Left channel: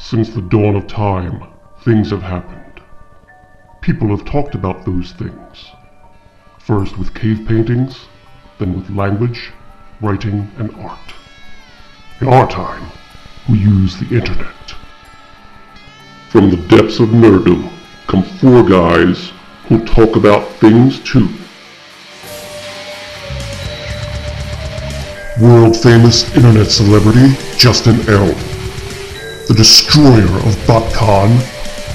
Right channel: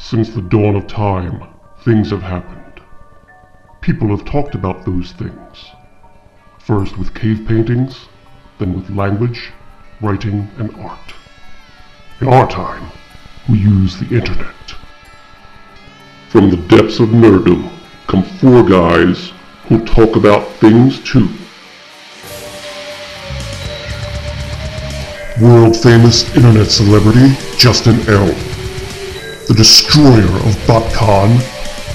Since the dawn of time, things have happened. People have talked about those things. First with cave paintings, then with language, writing, and art. In our time, we use the internet. From the depths of nerddom come four guys who talk about things too. World-famous internet celebrity Justin L. The destroyer of BotCon,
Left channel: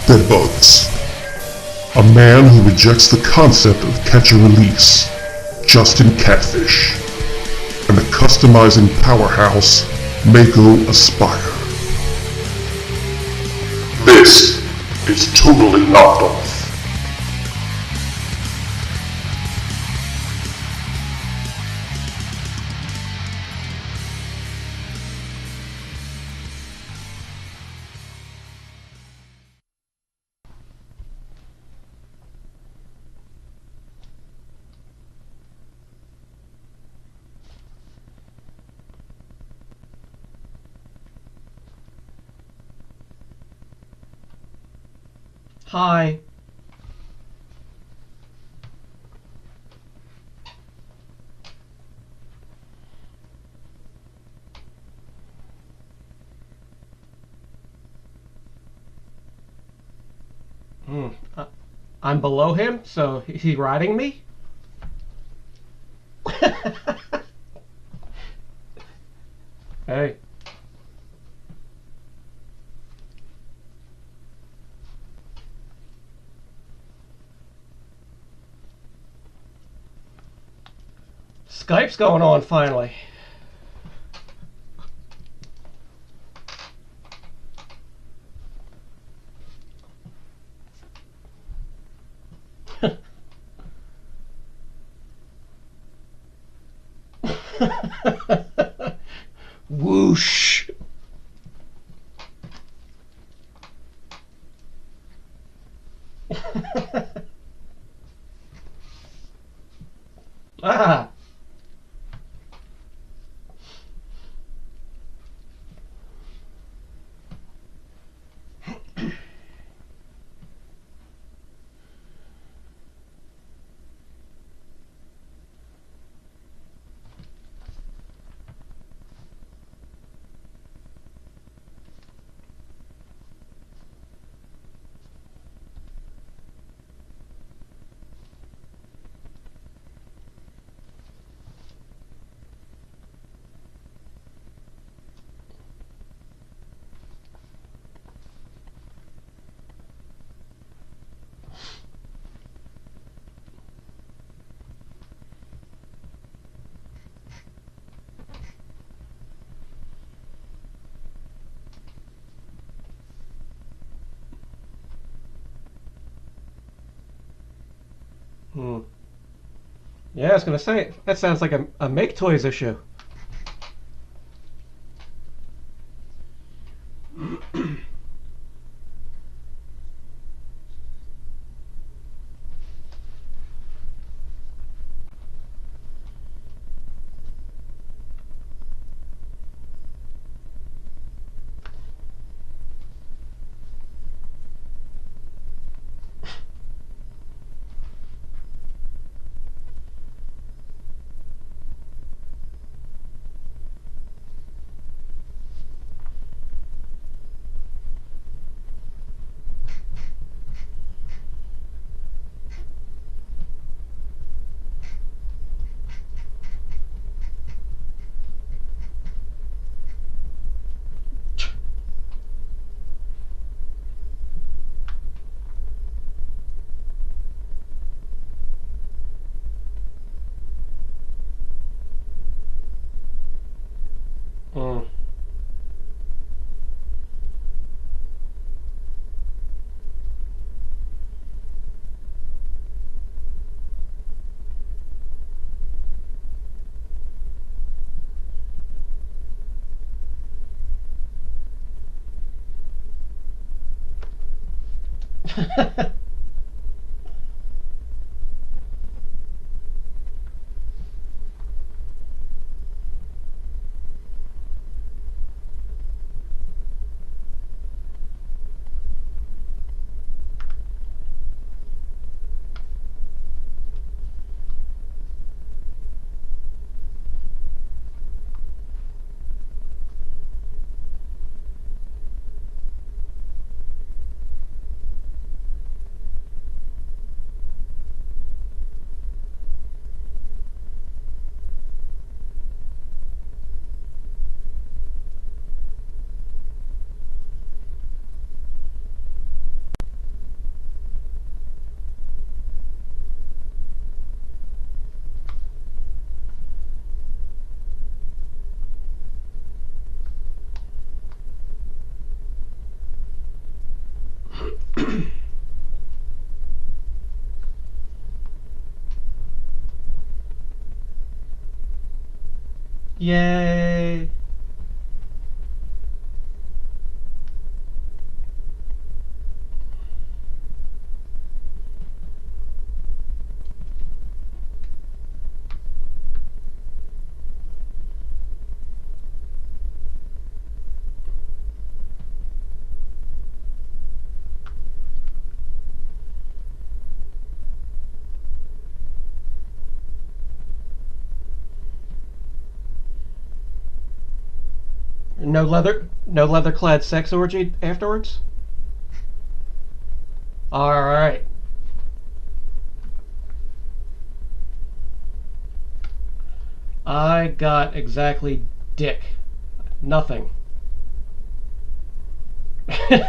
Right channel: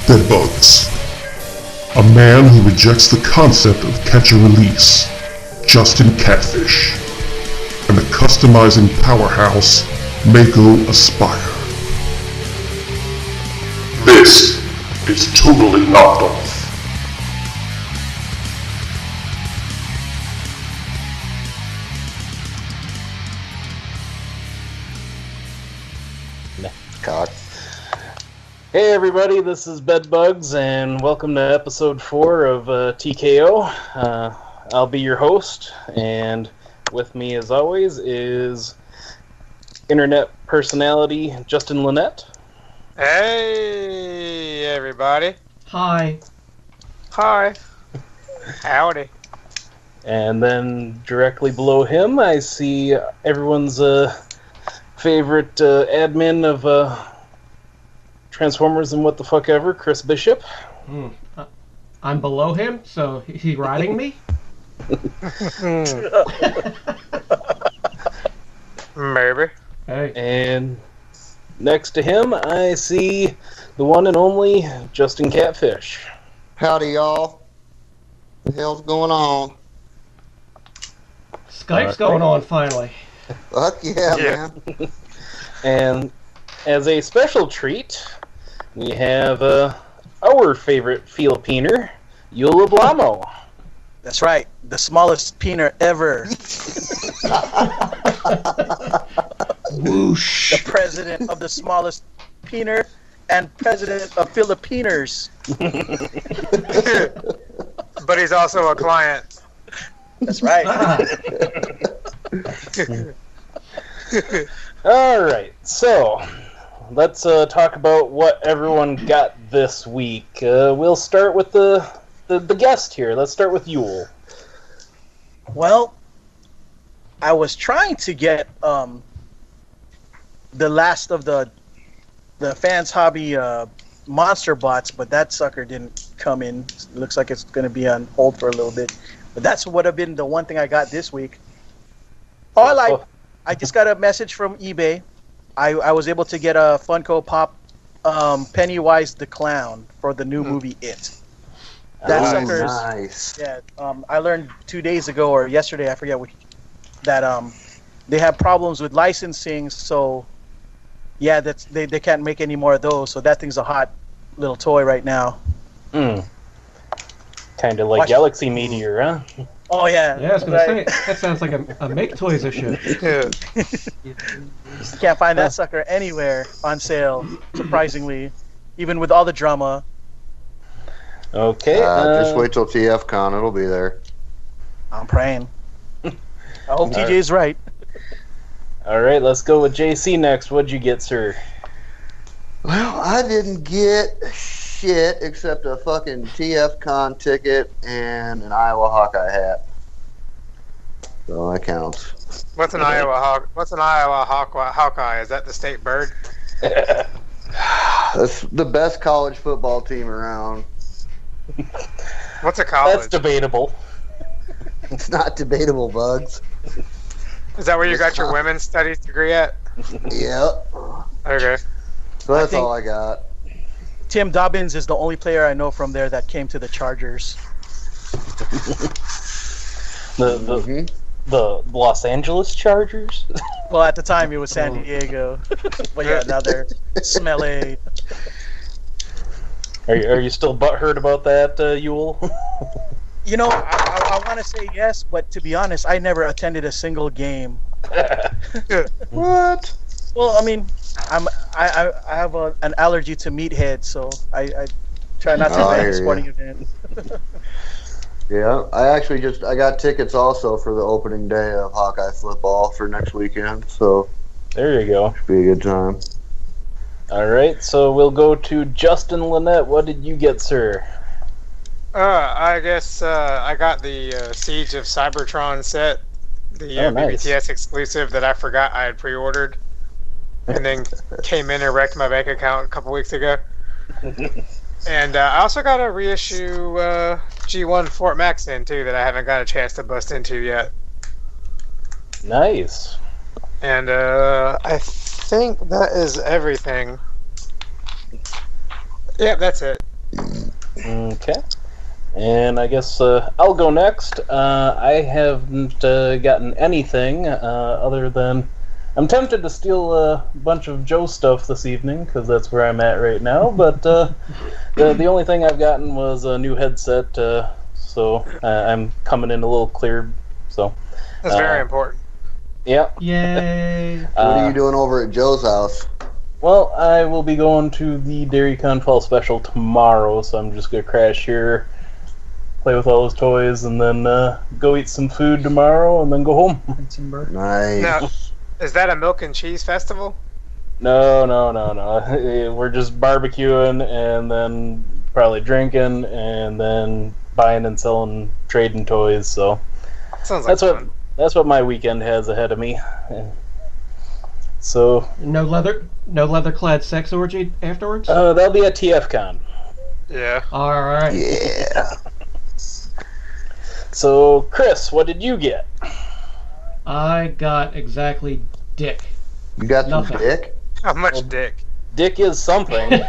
Bedbugs. A man who rejects the concept of catch and release, Justin Catfish. And the customizing powerhouse, Mako Aspire. This is Totally Knocked Off. God. Hey everybody, this is Bedbugs, and welcome to episode 4 of TKO. I'll be your host, and with me as always is internet personality Justin Lynette. Hey everybody. Hi. Hi. Howdy. And then directly below him I see everyone's favorite admin of Transformers and What the Fuck Ever, Chris Bishop. I'm below him, so is he riding me? Maybe. Hey. And next to him I see the one and only Justin Catfish. Howdy, y'all. What the hell's going on? Skype's going on finally. Fuck yeah, Yeah. man. And as a special treat, we have our favorite Filipiner, Yul Eblamo. That's right, the smallest peener ever. Whoosh. The president of the smallest peener and president of Filipiners. But he's also a client. That's right. Ah, All right, so let's talk about what everyone got this week. We'll start with the guest here. Let's start with Yul. Well, I was trying to get the last of the fans hobby monster bots, but that sucker didn't come in. It looks like it's going to be on hold for a little bit. But that's would have been the one thing I got this week. I just got a message from eBay. I was able to get a Funko Pop Pennywise the Clown for the new movie It. That Oh, sucker's nice. yeah. I learned 2 days ago or yesterday, I forget which, that they have problems with licensing. So yeah, they can't make any more of those. So that thing's a hot little toy right now. Kind of like Watch- Galaxy Meteor, huh? Oh yeah. yeah, I was gonna right. say that sounds like a make toys issue. Yeah. You can't find that sucker anywhere on sale. Surprisingly, even with all the drama. Okay. Just wait till TFCon, it'll be there. I'm praying. I hope TJ's right. All right, let's go with JC next. What'd you get, sir? Well, I didn't get shit except a fucking TFCon ticket and an Iowa Hawkeye hat. So that counts. What's an Iowa Hawkeye? Is that the state bird? That's the best college football team around. What's a college? That's debatable. It's not debatable, Bugs. Is that where you got your women's studies degree at? Yep. Okay. So that's think- all I got. Tim Dobbins is the only player I know from there that came to the Chargers. The Los Angeles Chargers? Well, at the time it was San Diego, but yeah, now they're smelly. Are you still butthurt about that, Yul? You know, I want to say yes, but to be honest, I never attended a single game. What? Well, I mean, I have an allergy to meathead, so I try not to Oh, I attend hear a sporting ya. event. Yeah, I got tickets also for the opening day of Hawkeye football for next weekend, so There you go. should be a good time. All right, so we'll go to Justin Lynette. What did you get, sir? I guess I got the Siege of Cybertron set, the Oh, nice. BBTS exclusive that I forgot I had pre-ordered, and then came in and wrecked my bank account a couple weeks ago. And I also got a reissue G1 Fort Max in too that I haven't got a chance to bust into yet. Nice. And I think that is everything. Yeah, that's it. Okay. And I guess I'll go next. I haven't gotten anything other than I'm tempted to steal a bunch of Joe stuff this evening because that's where I'm at right now. But the only thing I've gotten was a new headset, so I'm coming in a little clear. So That's very important. yeah. Yay! What are you doing over at Joe's house? Well, I will be going to the Dairy Con Fall Special tomorrow, so I'm just gonna crash here, play with all those toys, and then go eat some food tomorrow, and then go home. Nice. Now, is that a milk and cheese festival? No. We're just barbecuing, and then probably drinking, and then buying and selling, trading toys. So Sounds like fun. that's what my weekend has ahead of me. So No leather-clad sex orgy afterwards. that'll be at TF-Con. Yeah. All right. Yeah. So Chris, what did you get? I got exactly dick. You got Nothing. some dick? How much dick? Dick is something.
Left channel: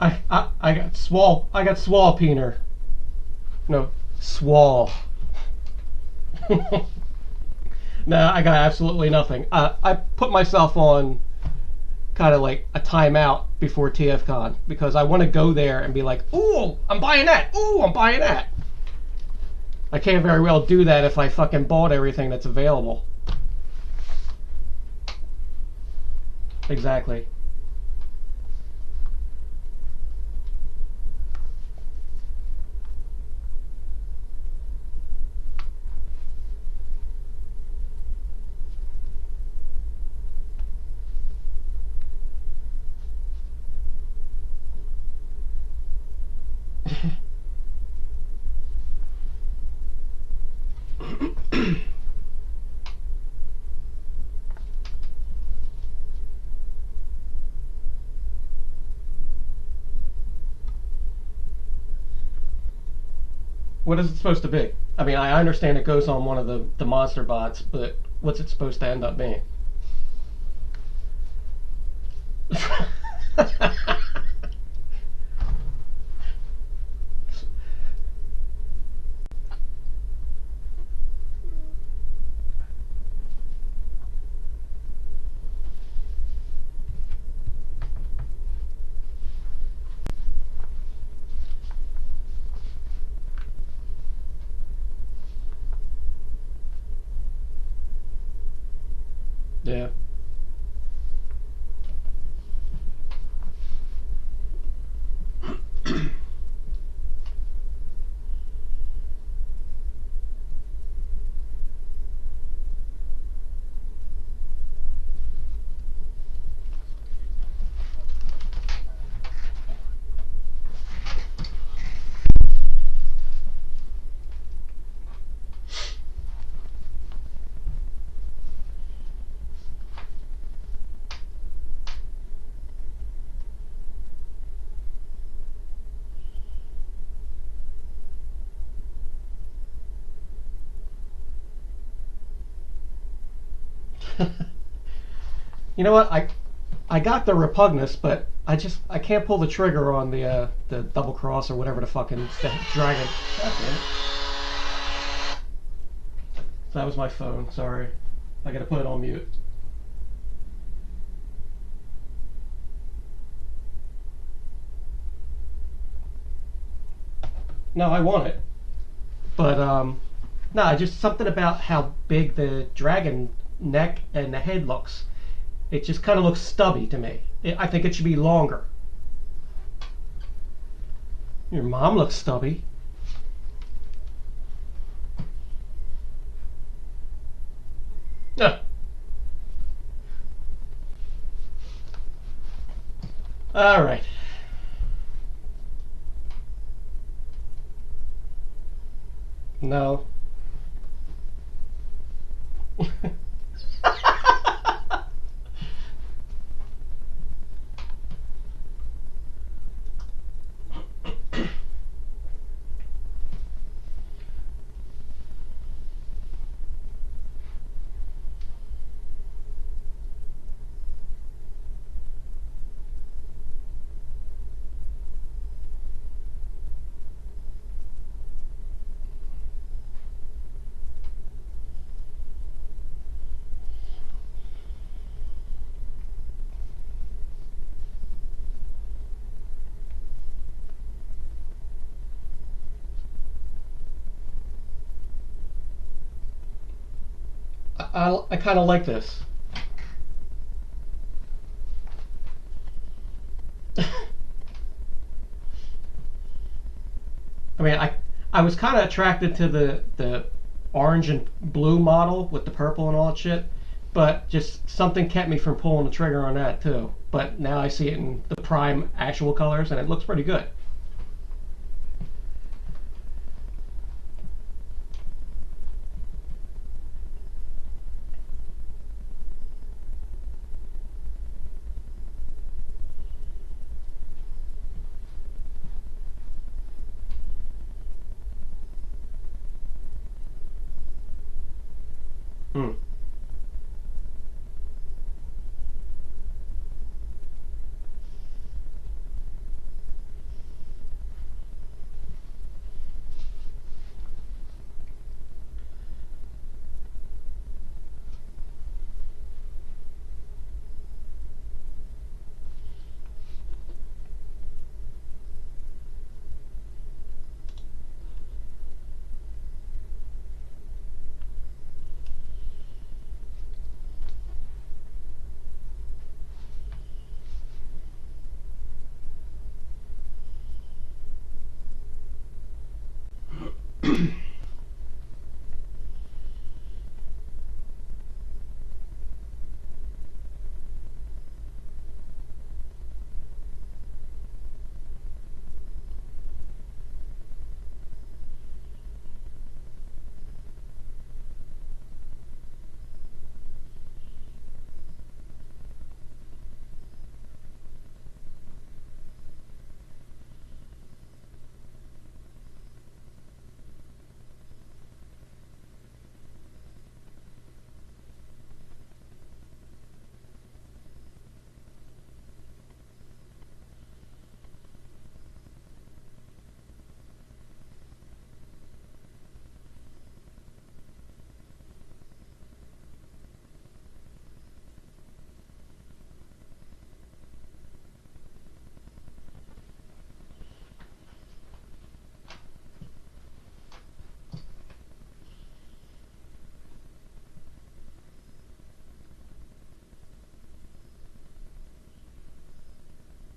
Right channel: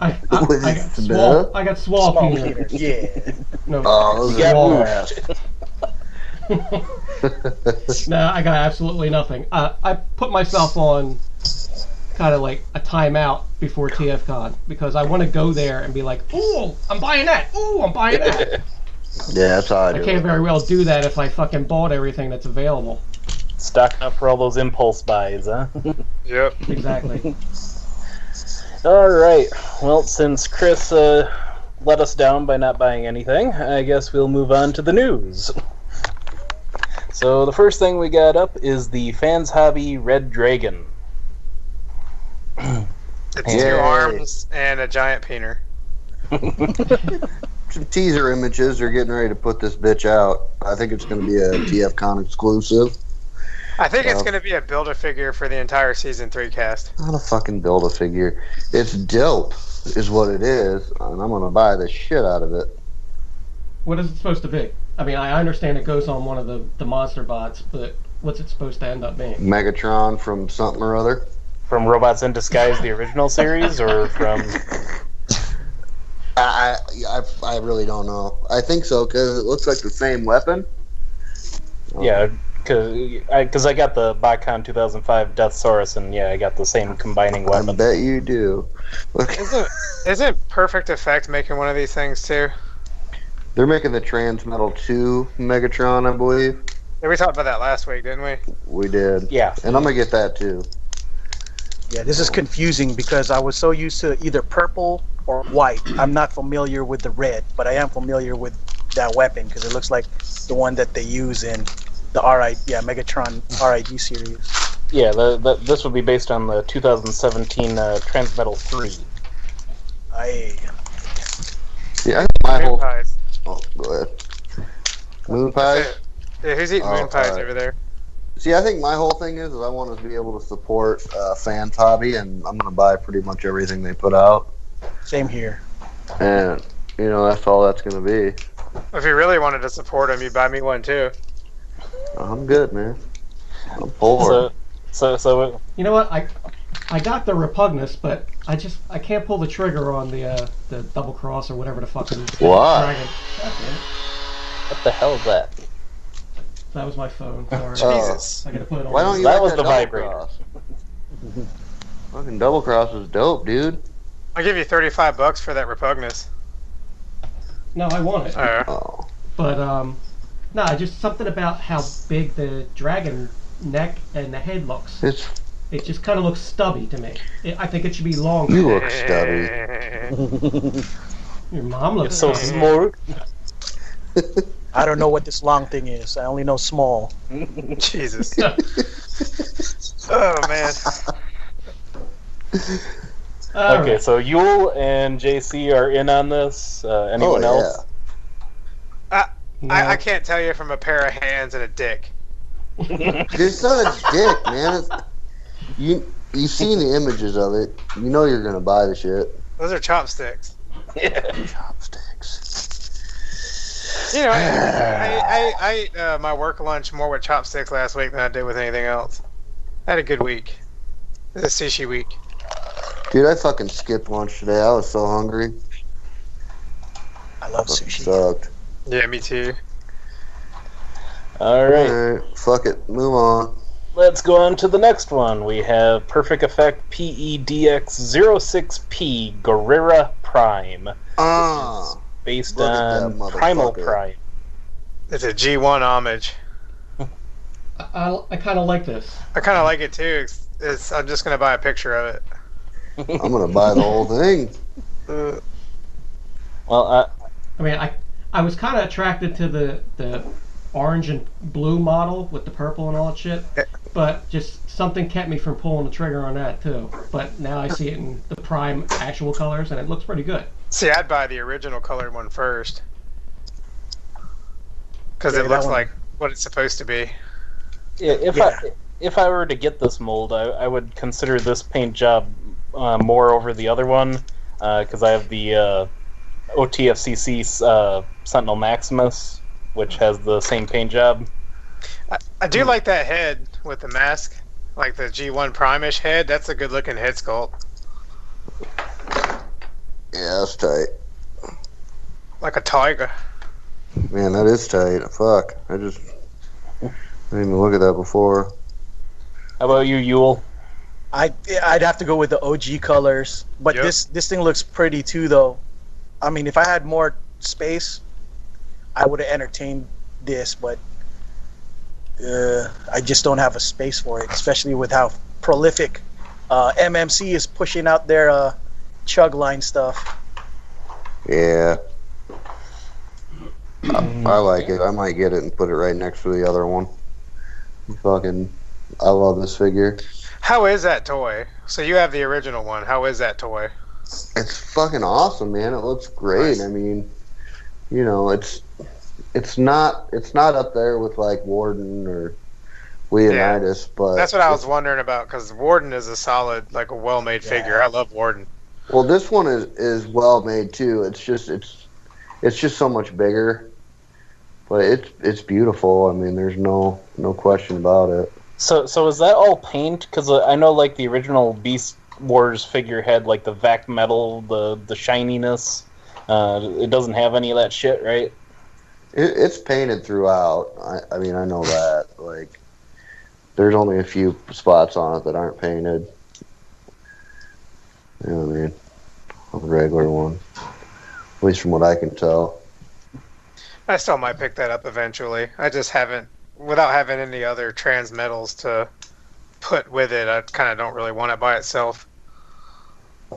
I got Small. I got swall peanut. Yeah. No, Oh, those Yeah. are swall. No, I got absolutely nothing. I put myself on kind of like a timeout before TFCon because I want to go there and be like, ooh, I'm buying that. Ooh, I'm buying that. Yeah, that's how I do. I can't very well do that if I fucking bought everything that's available. Stocking up for all those impulse buys, huh? Yep. Exactly. All right. Well, since Chris let us down by not buying anything, I guess we'll move on to the news. So the first thing we got up is the Fans Hobby Red Dragon. It's Yay. 2 arms and a giant peener. Some teaser images are getting ready to put this bitch out. I think it's going to be a TFCon exclusive. I think it's going to be a Build-A-Figure for the entire Season 3 cast. Not a fucking Build-A-Figure. It's dope, is what it is, and I'm going to buy the shit out of it. What is it supposed to be? I mean, I understand it goes on one of the monster bots, but what's it supposed to end up being? Megatron from something or other. From Robots in Disguise, the original series, or from... I really don't know. I think so, because it looks like the same weapon. Yeah, because I got the BotCon 2005 Deathsaurus, and yeah, I got the same combining I weapon. bet you do. Look, Isn't Perfect Effect making one of these things too? they're making the Transmetal 2 Megatron, I believe. Yeah, we talked about that last week, didn't we? We did. Yeah. And I'm going to get that too. Yeah, this is confusing because I was so used to either purple or white. I'm not familiar with the red, but I am familiar with that weapon because it looks like the one that they use in the Megatron RID series. Yeah, this would be based on the 2017 Transmetal 3. Yeah, I think my Moon whole... pies. Oh, go ahead. Moon pie? Yeah, who's eating moon pies alright. over there? See, I think my whole thing is I want to be able to support Fans Hobby, and I'm going to buy pretty much everything they put out. Same here. And, you know, that's all that's going to be. If you really wanted to support him, you'd buy me one too. I'm good, man. I'm poor. So You know what? I got the Repugnus, but I can't pull the trigger on the double cross or whatever the fucking Why? dragon. God damn it. what the hell is that? That was my phone. Sorry. Jesus. I gotta put it on. Why don't you That like was that the double vibrator. cross? Fucking double cross is dope, dude. I'll give you $35 for that Repugnus. No, I want it. Oh. But no, just something about how big the dragon neck and the head looks. It just kind of looks stubby to me. I think it should be longer. You look stubby. Your mom looks So stubby. small. I don't know what this long thing is. I only know small. Jesus. Oh man. All Okay, right. so Yul and JC are in on this. Anyone Oh, else? No. I can't tell you from a pair of hands and a dick. It's not a dick, man. You've seen the images of it. You know you're gonna buy the shit. Those are chopsticks. Chopsticks. You know, I ate my work lunch more with chopsticks last week than I did with anything else. I had a good week. It's a sushi week. Dude, I fucking skipped lunch today. I was so hungry. I love Fucking sushi. sucked. Yeah, me too. All right. Alright, fuck it. Move on. Let's go on to the next one. We have Perfect Effect PEDX06P Guerrera Prime. Based Look at that on Primal motherfucker. Prime. It's a G1 homage. I kind of like this. I kind of like it too. I'm just gonna buy a picture of it. I'm gonna buy the whole thing. Well, I mean, I was kind of attracted to the orange and blue model with the purple and all that shit, but just something kept me from pulling the trigger on that too. But now I see it in the prime actual colors, and it looks pretty good. See, I'd buy the original colored one first. Because Yeah, it that looks one- like what it's supposed to be. yeah, if I were to get this mold, I would consider this paint job more over the other one, because I have the OTFCC Sentinel Maximus, which has the same paint job. I do like that head with the mask. Like the G1 Prime-ish head. That's a good looking head sculpt. Yeah, that's tight. Like a tiger. Man, that is tight. Fuck. I didn't even look at that before. How about you, Yul? I'd have to go with the OG colors, but Yep. this thing looks pretty too, though. I mean, if I had more space, I would have entertained this, but I just don't have a space for it, especially with how prolific MMC is pushing out their chug line stuff. Yeah. I like it. I might get it and put it right next to the other one. Fucking, I love this figure. How is that toy? So you have the original one. How is that toy? It's fucking awesome, man. It looks great. Nice. I mean, you know, it's not up there with like Warden or Leonidas, but That's what I was wondering about, because Warden is a solid, like a well-made figure. I love Warden. well, this one is well made too. It's just so much bigger, but it's beautiful. I mean, there's no question about it. So is that all paint? Because I know like the original Beast Wars figure had like the vac metal, the shininess. It doesn't have any of that shit, right? It's painted throughout. I mean, I know that. Like, there's only a few spots on it that aren't painted. You know what I mean? A regular one. At least from what I can tell. I still might pick that up eventually. I just haven't, without having any other trans metals to put with it, I kind of don't really want it by itself.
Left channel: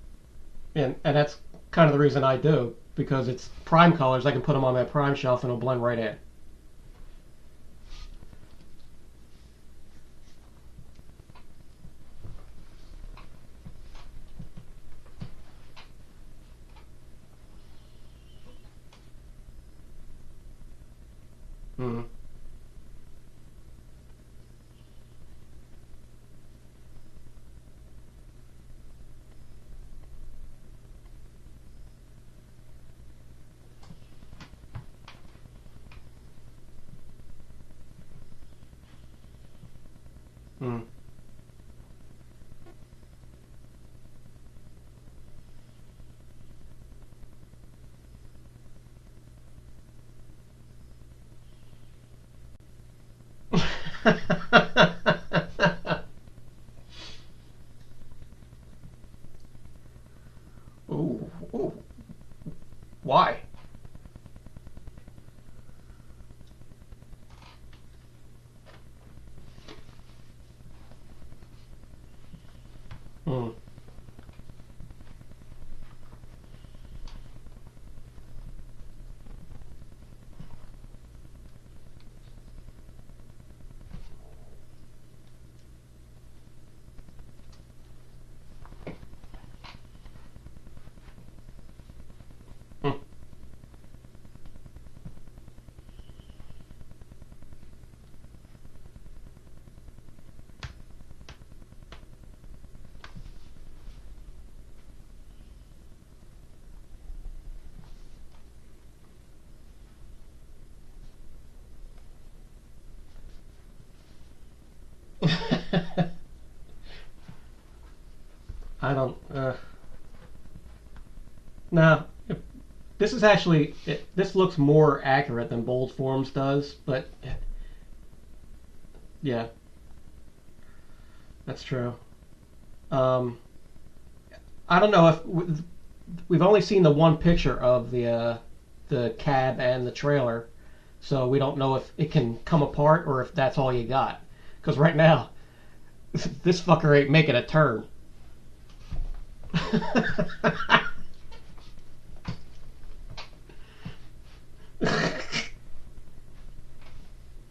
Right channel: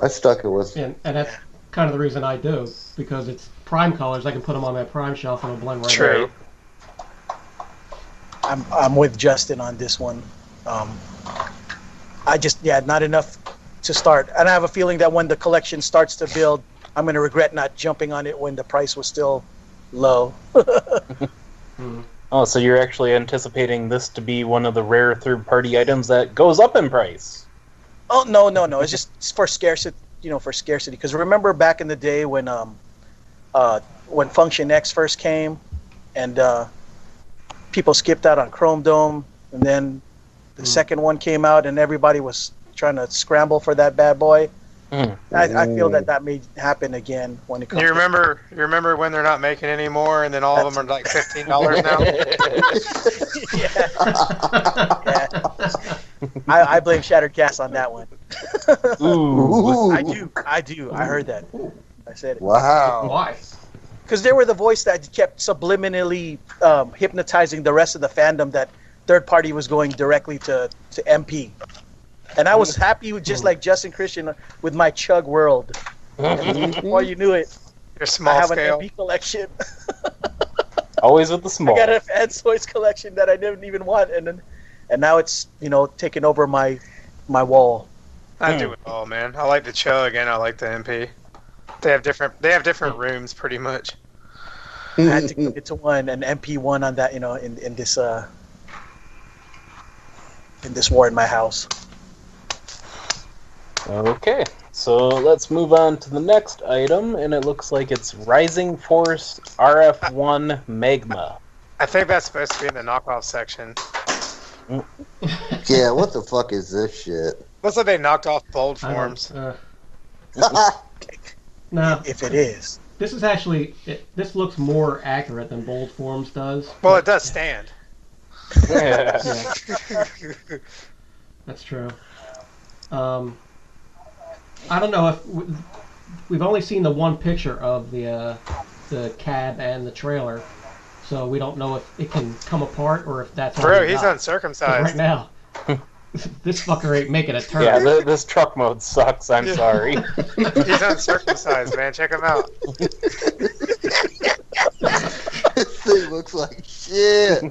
I stuck it with. And that's kind of the reason I do, because it's prime colors. I can put them on that prime shelf and it'll blend right True. in. I'm with Justin on this one. I just not enough to start, and I have a feeling that when the collection starts to build, I'm gonna regret not jumping on it when the price was still low. Oh, so you're actually anticipating this to be one of the rare third-party items that goes up in price? Oh no! It's just for scarcity, for scarcity. Because remember back in the day when Function X first came, and people skipped out on Chrome Dome, and then the second one came out, and everybody was trying to scramble for that bad boy. I feel that may happen again when it comes. You remember when they're not making any more, and then all of them are like $15 now? I blame Shattered Cast on that one. Ooh. I do. I heard that. I said it. Wow. Why? Because they were the voice that kept subliminally hypnotizing the rest of the fandom that third party was going directly to MP. And I was happy with just like Justin Christian with my Chug World. And before you knew it, Your I small have scale. an MP collection. Always with the small. I got a Fan Toys collection that I didn't even want, and now it's taking over my wall. I do it all, man. I like the Chug and I like the MP. They have different rooms, pretty much. I had to get to one, an MP1 on that, in this war in my house. Okay, so let's move on to the next item, and it looks like it's Rising Force RF1 Magma. I think that's supposed to be in the knockoff section. Yeah, what the fuck is this shit? Looks like they knocked off bold forms. No. If it is. This is actually, this looks more accurate than Bold Forms does. Well, it does stand. Yeah. Yeah, that's true. I don't know if we've only seen the one picture of the cab and the trailer, so we don't know if it can come apart or if that's all Bro, we he's got. uncircumcised. Right now, this fucker ain't making a turn. Yeah, this truck mode sucks. I'm sorry. He's uncircumcised, man. Check him out. This thing looks like shit.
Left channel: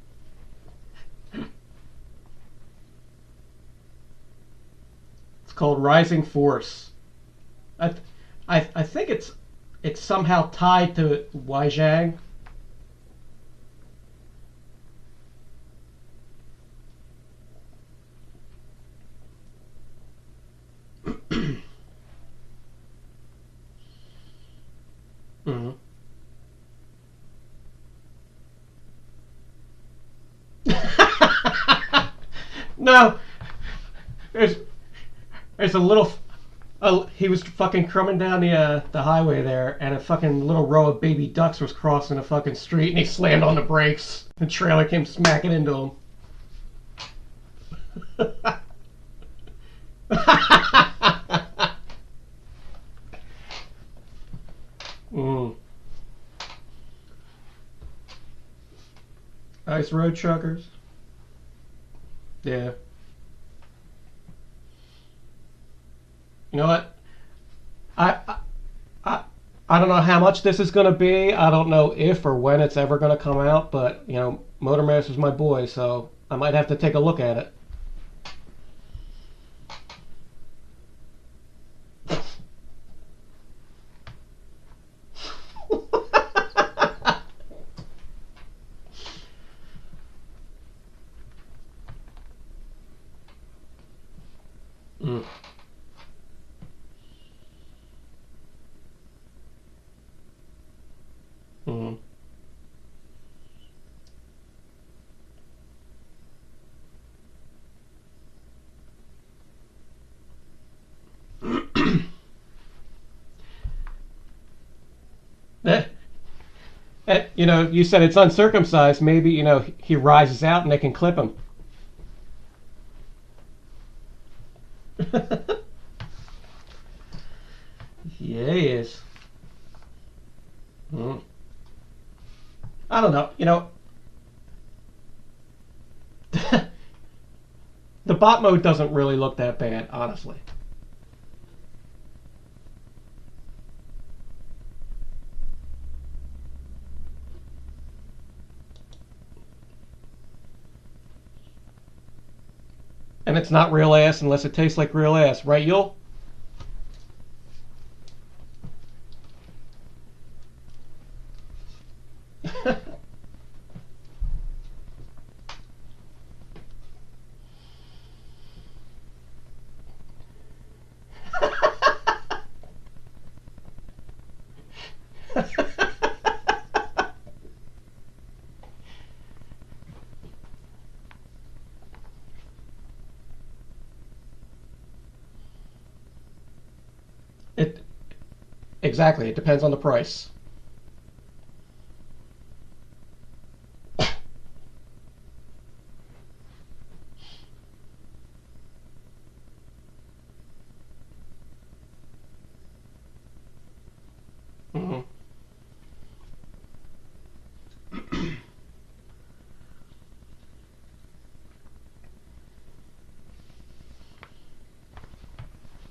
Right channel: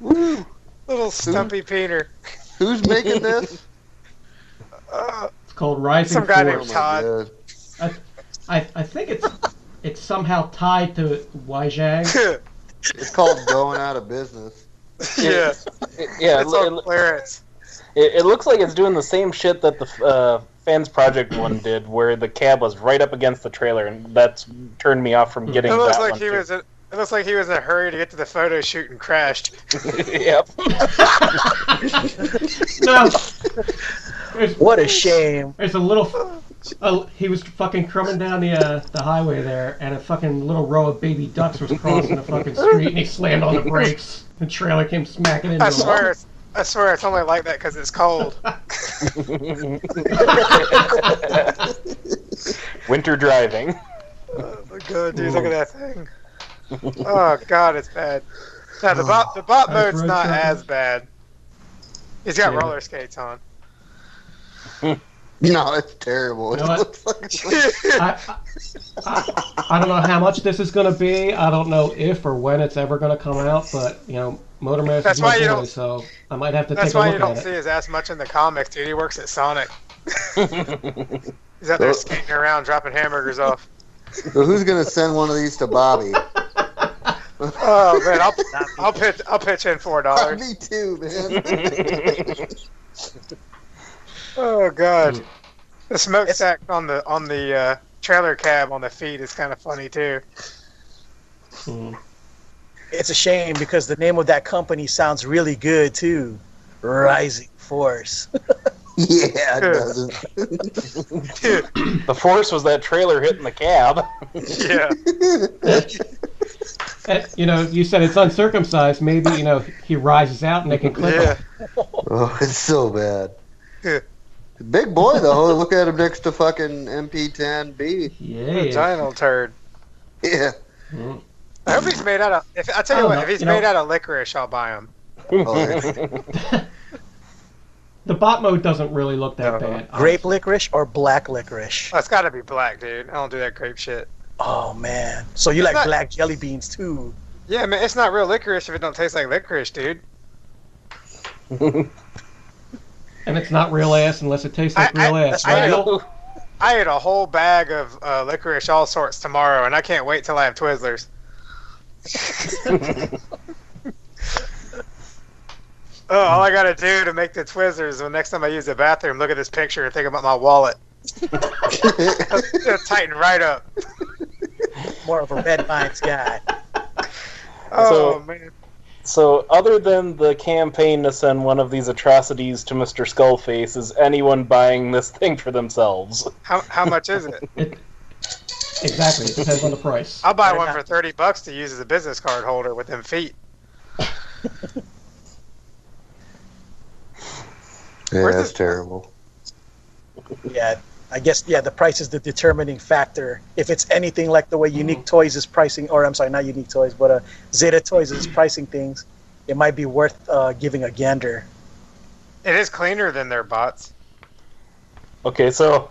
Woo. Little stumpy Peter. Who's making this? It's called Rising Some guy named Force. Todd. I think it's somehow tied to Weijang. It's called going out of business. Yeah. Yeah, It's on clearance. it looks like it's doing the same shit that the Fans Project one did, where the cab was right up against the trailer, and that's turned me off from getting It looks that like one he too. was. It looks like he was in a hurry to get to the photo shoot and crashed. Yep. No. What a shame. There's a little. He was fucking crumbing down the highway there, and a fucking little row of baby ducks was crossing the fucking street, and he slammed on the brakes. The trailer came smacking into I him. swear, it's only like that because it's cold. Winter driving. Oh my god, dude, look at that thing. Oh god, it's bad. Now the bot Nice mode's road not truck. as bad. He's got Yeah. roller skates on. No, it's terrible. You know what? It looks like I don't know how much this is going to be. I don't know if or when it's ever going to come out, but, Motormaster That's is my why you boy, don't- so I might have to That's take a why you look don't at see it. his ass much in the comics, dude. He works at Sonic. He's out there skating around, dropping hamburgers off. So who's gonna send one of these to Bobby? Oh man, I'll pitch in $4. Me too, man. Oh god, the smokestack on the trailer cab on the feet is kind of funny too. Hmm. It's a shame because the name of that company sounds really good too. Rising Force. Yeah, it doesn't. The force was that trailer hitting the cab. Yeah. You said it's uncircumcised. Maybe, he rises out and they can clip Yeah. him. Oh, it's so bad. Yeah. Big boy though. Look at him next to fucking MP10B. Yeah, he is. Giant turd. Yeah. Hmm. I hope he's made out of. I I tell you don't what, know, if he's you know- made out of licorice, I'll buy him. Oh, yeah. The bot mode doesn't really look that No. bad. Grape honestly. licorice or black licorice? Oh, it's got to be black, dude. I don't do that grape shit. Oh man. So you It's like not- black jelly beans too? Yeah, man, it's not real licorice if it don't taste like licorice, dude. And it's not real ass unless it tastes like real ass, right, Yul? I ate a whole bag of licorice all sorts tomorrow, and I can't wait till I have Twizzlers. Oh, all I gotta do to make the Twizzlers, the next time I use the bathroom, look at this picture and think about my wallet. It'll tighten right up. More of a red vines guy. Oh, man. So, other than the campaign to send one of these atrocities to Mr. Skullface, is anyone buying this thing for themselves? How much is it? Exactly. It depends on the price. I'll buy one for $30 to use as a business card holder with them feet. Yeah, Where's that's this- terrible. Yeah, I guess the price is the determining factor. If it's anything like the way Unique Toys is pricing, or I'm sorry, not Unique Toys, but Zeta Toys is pricing things, it might be worth giving a gander. It is cleaner than their bots. Okay, so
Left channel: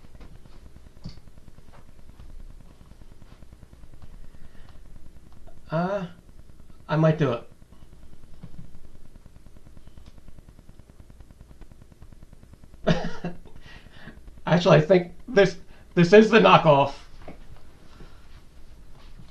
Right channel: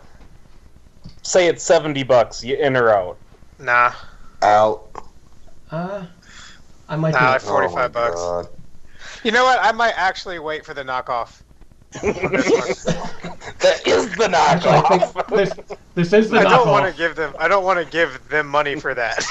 say it's $70, you in or out? Nah, Out. I might do nah, like it. 45 Oh my bucks. God. You know what? I might actually wait for the knockoff. On this one. That is the knockoff. Actually, I think this is the I don't want knockoff. to give them. I don't want to give them money for that.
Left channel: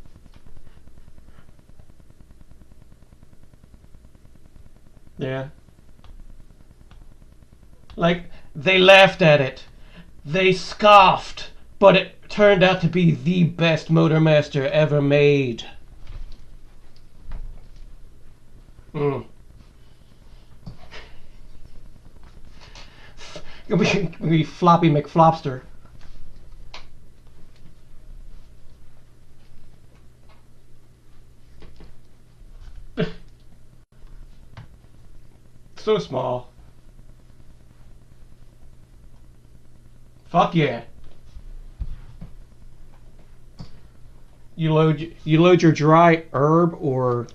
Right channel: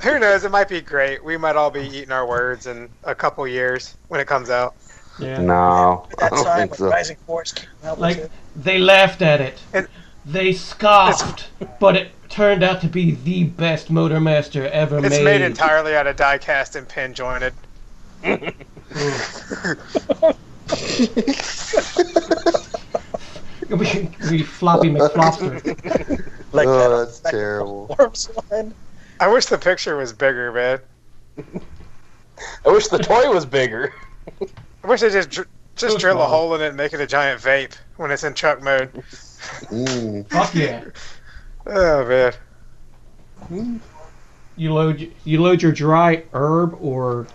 Who knows? It might be great. We might all be eating our words in a couple years when it comes out. Yeah. No, I At that don't time, think when so. Rising Force came out, Like, they laughed at it. And- They scoffed, but it turned out to be the best Motormaster ever It's made. made entirely out of die cast and pin jointed. We floppy McFlopster. like Oh, that, that's like terrible. the Worms one. I wish the picture was bigger, man. I wish the toy was bigger. I wish they just So drill a small. hole in it and make it a giant vape when it's in truck mode. Mm. Fuck yeah. Oh man. You load your dry herb or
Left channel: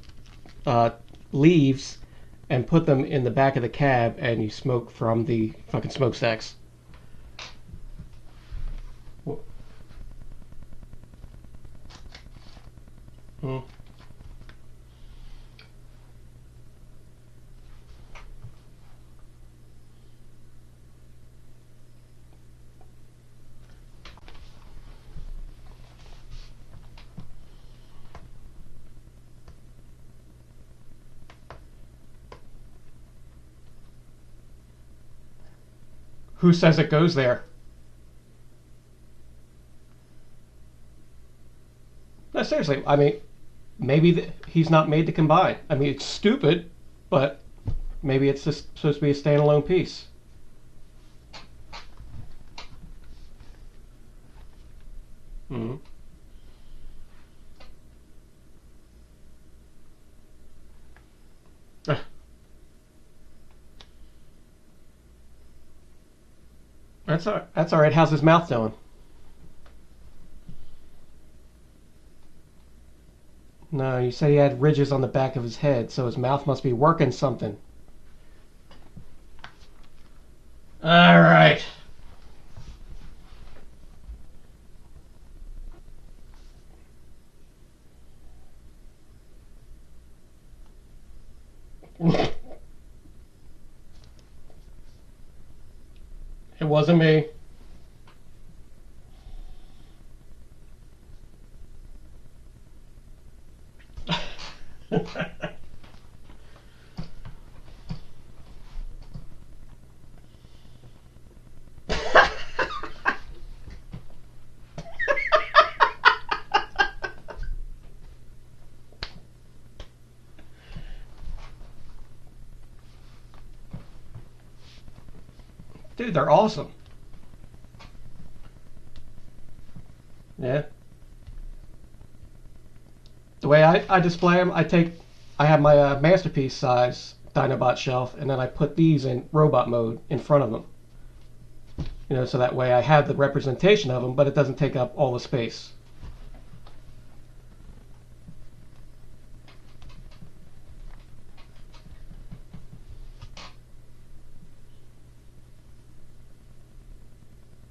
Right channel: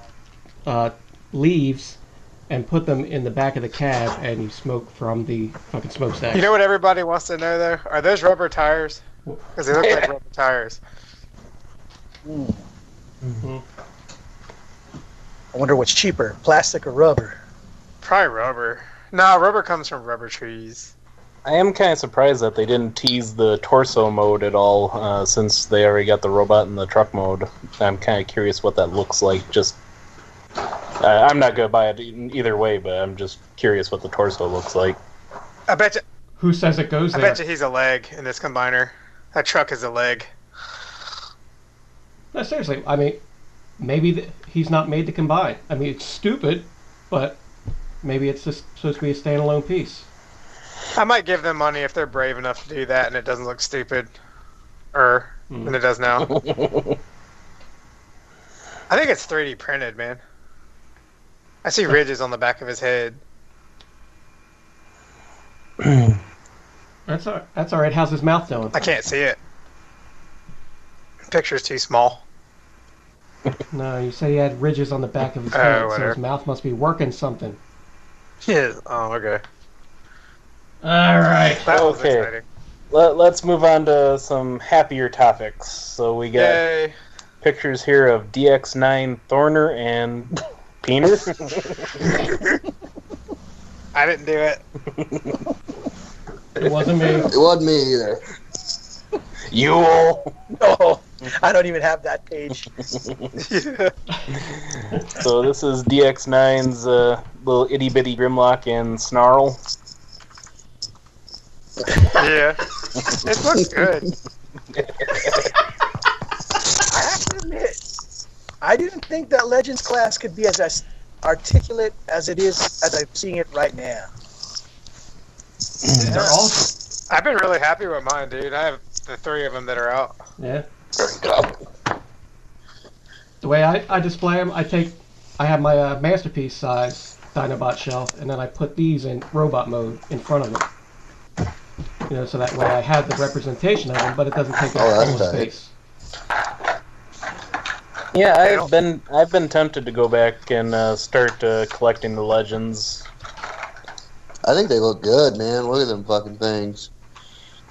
leaves and put them in the back of the cab, and you smoke from the fucking smokestacks. You know what everybody wants to know though? Are those rubber tires? Because they look like rubber tires. Mhm. I wonder what's cheaper, plastic or rubber. Probably rubber. Nah, rubber comes from rubber trees. I am kind of surprised that they didn't tease the torso mode at all, since they already got the robot in the truck mode. I'm kind of curious what that looks like. Just, I'm not gonna buy it either way, but I'm just curious what the torso looks like. I bet you. Who says it goes I there? bet you he's a leg in this combiner. That truck is a leg. No, seriously. I mean, maybe he's not made to combine. I mean, it's stupid, but maybe it's just supposed to be a standalone piece. I might give them money if they're brave enough to do that and it doesn't look stupid. Than it does now. I think it's 3D printed, man. I see ridges on the back of his head. That's all right. How's his mouth doing? I can't see it. Picture's too small. No, you said he had ridges on the back of his Oh, head, so whatever. his mouth must be working something. Yeah. Oh, okay. All right. That was Okay. exciting. Let's move on to some happier topics. So we got Yay. pictures here of DX9 Thorner and Peener. I didn't do it. It wasn't me. It wasn't me either. Yule. No, I don't even have that page. So this is DX9's little itty bitty Grimlock and Snarl. Yeah. It looks good. I have to admit, I didn't think that Legends class could be as articulate as it is as I'm seeing it right now. They're awesome. I've been really happy with mine, dude. I have the 3 of them that are out. Yeah. The way I display them, I have my masterpiece size Dinobot shelf, and then I put these in robot mode in front of them. You know, so that way I have the representation of them, but it doesn't take up Oh, that's all the tight. space. Yeah, I've been tempted to go back and start collecting the Legends. I think they look good, man. Look at them fucking things.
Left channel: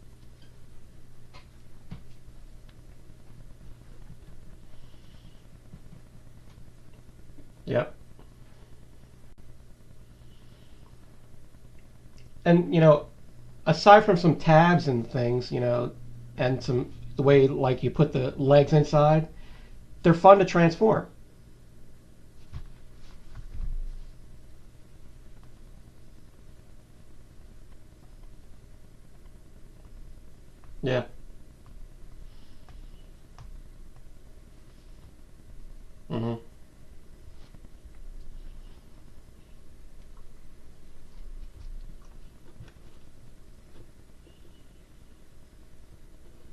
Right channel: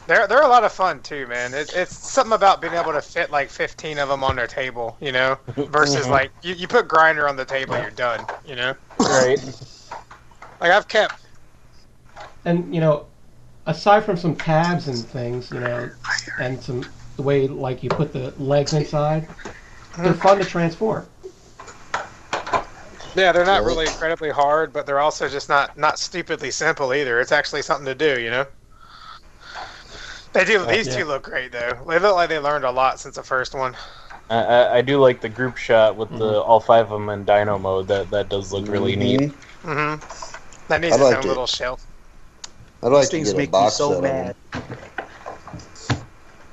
They're a lot of fun too, man. It's something about being able to fit like 15 of them on their table, you know, versus like you put Grinder on the table, Yeah. you're done, you know. Right. Like I've kept. And you know, aside from some tabs and things, you know, and the way like you put the legs inside, they're fun to transform. Yeah, they're not really incredibly hard, but they're also just not stupidly simple either. It's actually something to do, you know. They do. These Yeah. two look great though. They look like they learned a lot since the first one. I do like the group shot with the all 5 of them in Dino mode. That does look really neat. Mm-hmm. That needs I its like own it. little shelf. I'd like These to things get a make me box so set of mad. them.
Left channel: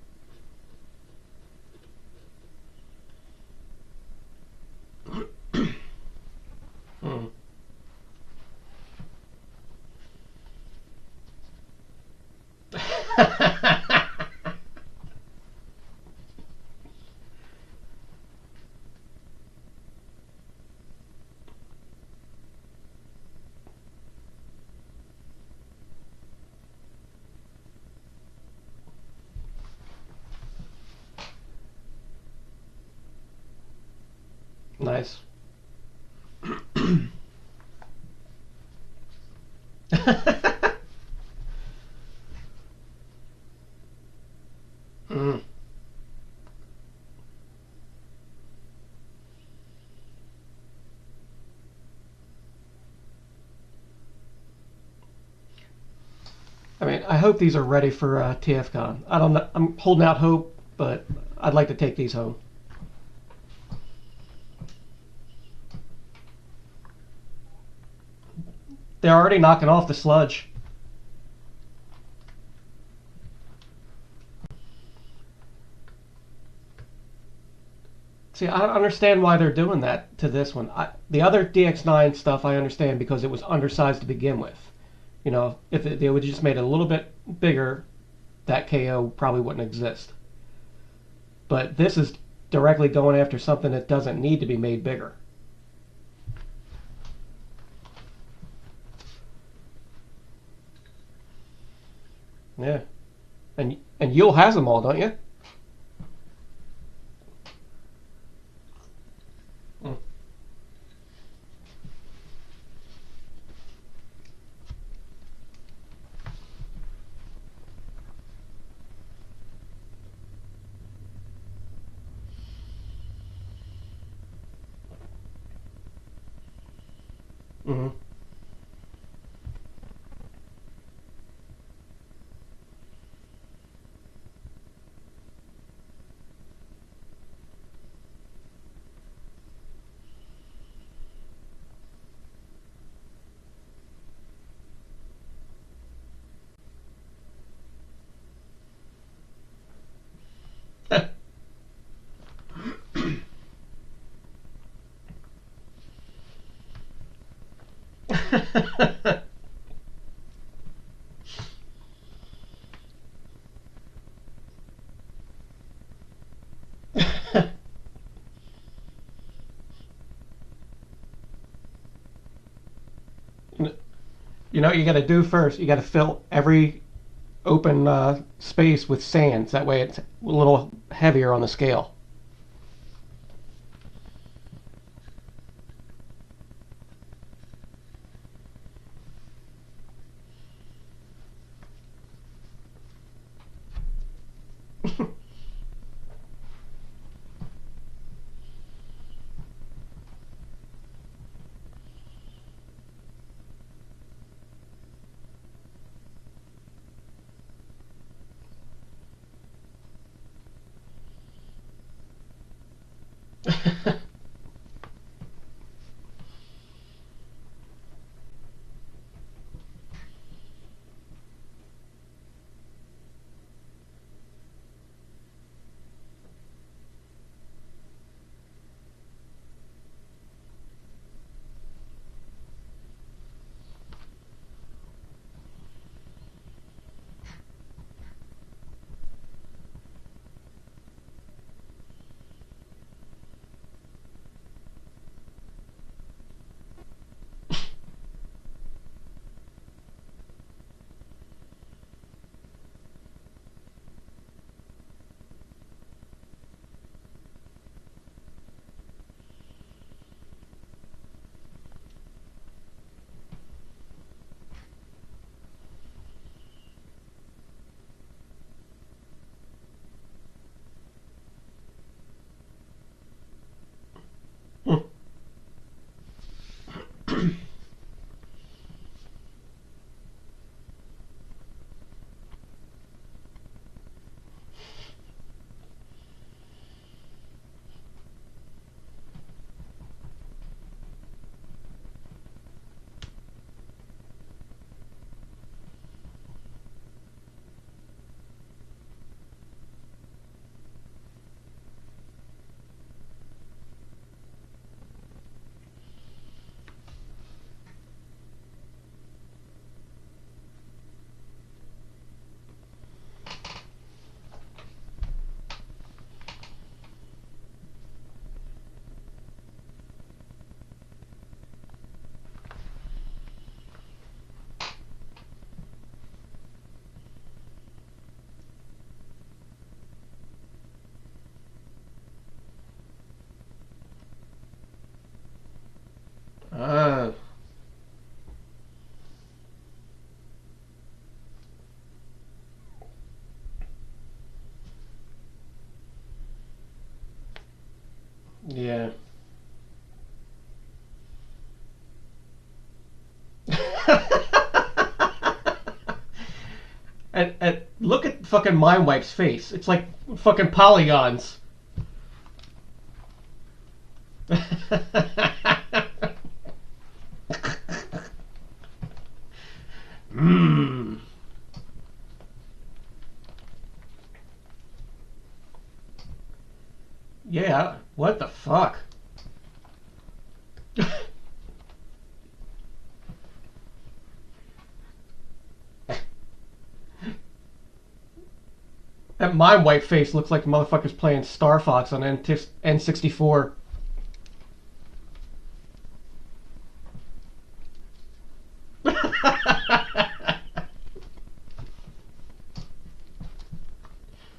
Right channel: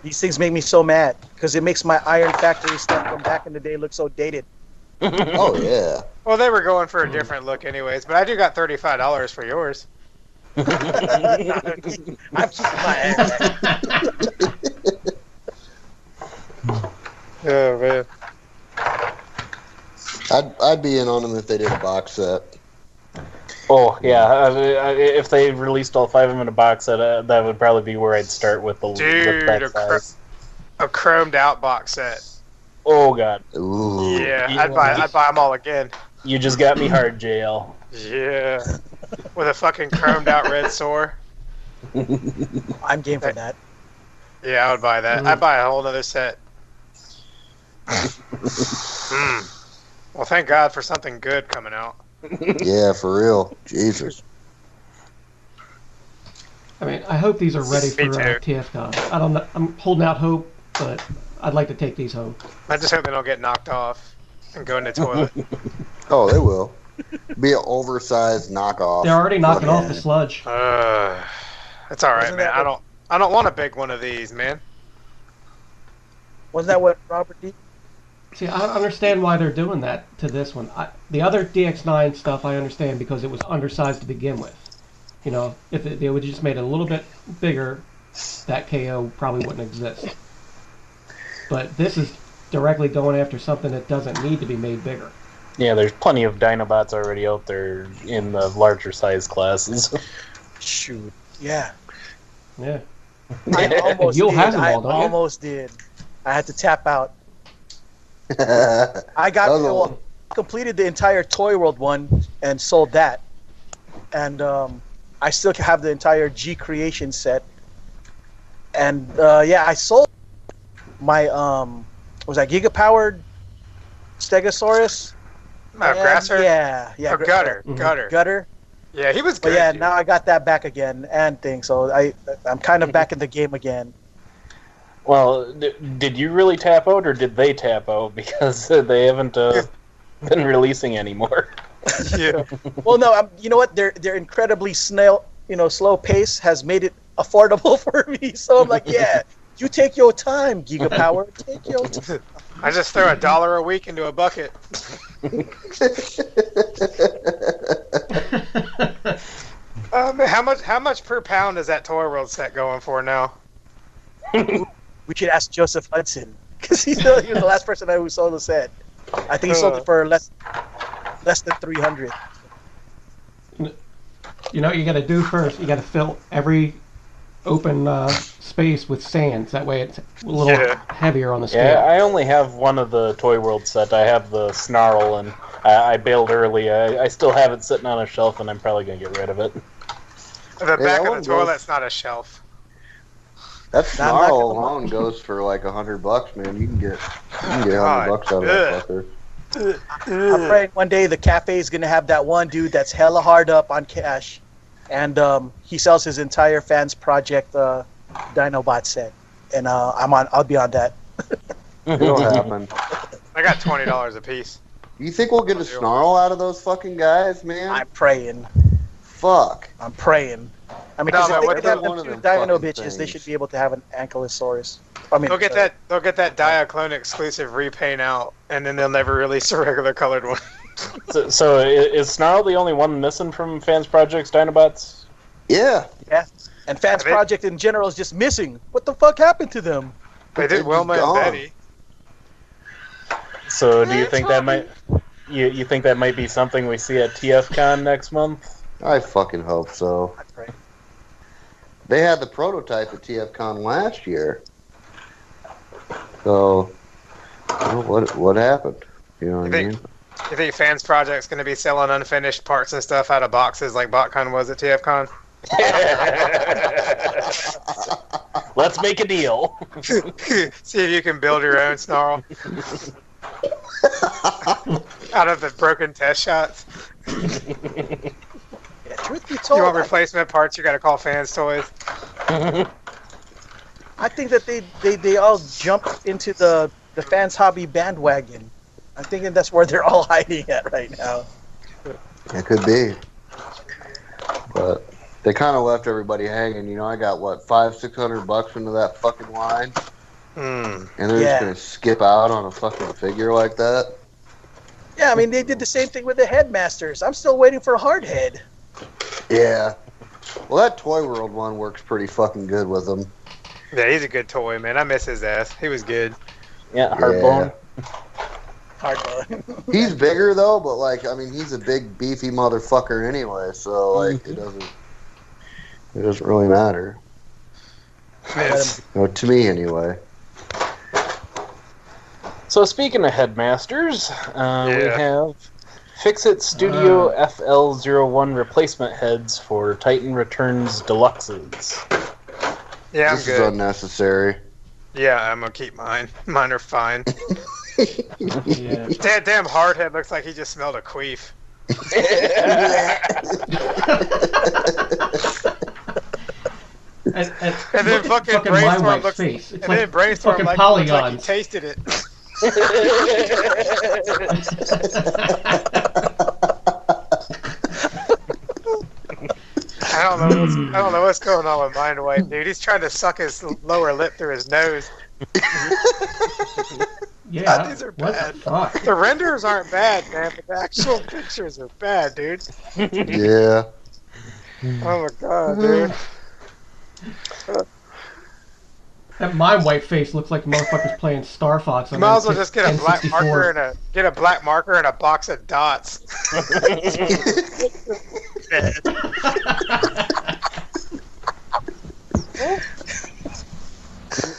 These things make me so mad because it makes my Iron Factory stuff from back in the day look so dated. Oh yeah. Well, they were going for a different look anyways, but I do got $35 for yours. I'm keeping my ass. Oh man. I'd be in on them if they did a box set. Oh yeah, if they released all 5 of them in a box set, that would probably be where I'd start with the Dude, with that size. a chromed out box set. Oh god, Ooh. Yeah, Yeah, I'd buy them all again. you just got me hard, JL. Yeah. with a fucking chromed out red sore. I'm game for that. Yeah, I would buy that. I'd buy a whole other set. Well, thank God for something good coming out. Yeah, for real. Jesus. I mean, I hope these are ready Me for too. TFCon. I don't know. I'm holding out hope, but I'd like to take these home. I just hope they don't get knocked off and go in the toilet. Oh, they will. Be an oversized knockoff. They're already knocking off the sludge. It's all right, Isn't man. that I don't want a big one of these, man. Wasn't that what Robert D? See, I don't understand why they're doing that to this one. The other DX9 stuff I understand because it was undersized to begin with. You know, if they would have just made it a little bit bigger, that KO probably wouldn't exist. But this is directly going after something that doesn't need to be made bigger. Yeah, there's plenty of Dinobots already out there in the larger size classes. Shoot. Yeah. Yeah. I And almost Yul did. has them all, don't you? I almost did. I had to tap out. That I got was a- completed the entire Toy World one and sold that. And I still have the entire G Creation set. And yeah, I sold my was that Giga Powered Stegosaurus? Grasser? Yeah. Or Gutter. Mhm. Gutter. Yeah, he was But good. yeah, dude. now I got that back again and things. So I'm kind of back in the game again. Well, did you really tap out, or did they tap out? Because they haven't been releasing anymore. Yeah. Well, no, you know what? Their incredibly slow pace has made it affordable for me. So I'm like, yeah, you take your time, Giga Power. Take your time. I just throw $1 a week into a bucket. How much per pound is that Toy World set going for now? We should ask Joseph Hudson because he's the last person who sold the set. I think he sold it for less than 300. You know what you got to do first? You got to fill every open space with sands. That way it's a little heavier on the scale. Yeah, I only have one of the Toy World set. I have the Snarl, and I bailed early. I still have it sitting on a shelf, and I'm probably going to get rid of it. The back that of one the goes- toilet's not a shelf. That Not like snarl a- alone goes for like $100, man. You can get $100 out of that fucker. I'm praying one day the cafe is gonna have that one dude that's hella hard up on cash, and he sells his entire Fans Project Dinobot set, and I'll be on that. It'll happen. I got $20 a piece. You think we'll get a snarl out of those fucking guys, man? I'm praying. Fuck. I'm praying. I mean, No, 'cause man, if what they can have about one them of two them Dino fucking bitches, they things? should be able to have an Ankylosaurus. I mean, They'll get that Diaclone exclusive repaint out, and then they'll never release a regular colored one. So is Snarl the only one missing from Fans Project's Dinobots? Yeah. Yeah. And Fans They- Project in general is just missing. What the fuck happened to them? They They're did Wilma just and gone. Betty. So do you think that might you think that might be something we see at TFCon next month? I fucking hope so. I pray. They had the prototype at TFCon last year. So, what happened? You know what I think- mean? You think Fans Project's going to be selling unfinished parts and stuff out of boxes like BotCon was at TFCon? Let's make a deal. See if you can build your own Snarl out of the broken test shots. Yeah, truth be You told, want replacement parts, you got to call Fans Toys. I think that they all jumped into the Fans Hobby bandwagon. I think that's where they're all hiding at right now. It could be. But they kind of left everybody hanging. You know, I got, what, $500-600 into that fucking line? Hmm. And they're Yeah. just going to skip out on a fucking figure like that? Yeah, I mean, they did the same thing with the Headmasters. I'm still waiting for Hardhead. Yeah. Well, that Toy World one works pretty fucking good with them. Yeah, he's a good toy, man. I miss his ass. He was good. Yeah, Hardbone. Hardhead. He's bigger, though, but, like, I mean, he's a big, beefy motherfucker anyway, so, like, it doesn't really matter. It's- No, to me, anyway. So speaking of Headmasters, we Yeah. have Fix-It Studio FL01 replacement heads for Titan Returns Deluxes. Yeah, I'm This good. is unnecessary. Yeah, I'm gonna keep mine. Mine are fine. Yeah. Damn hardhead looks like he just smelled a queef. And And look then at fucking my Brainstorm wife's looks- face. It's and like then Brainstorm fucking looks polygons. like he tasted it. I don't know what's going on with Mind Wipe, dude. He's trying to suck his lower lip through his nose. Yeah, These are what the bad. fuck? The renders aren't bad, man, but the actual pictures are bad, dude. Yeah. Oh my god, dude. That mind wipe face looks like the motherfucker's playing Star Fox You on might as well just get a black marker N64. and a black marker and a box of dots.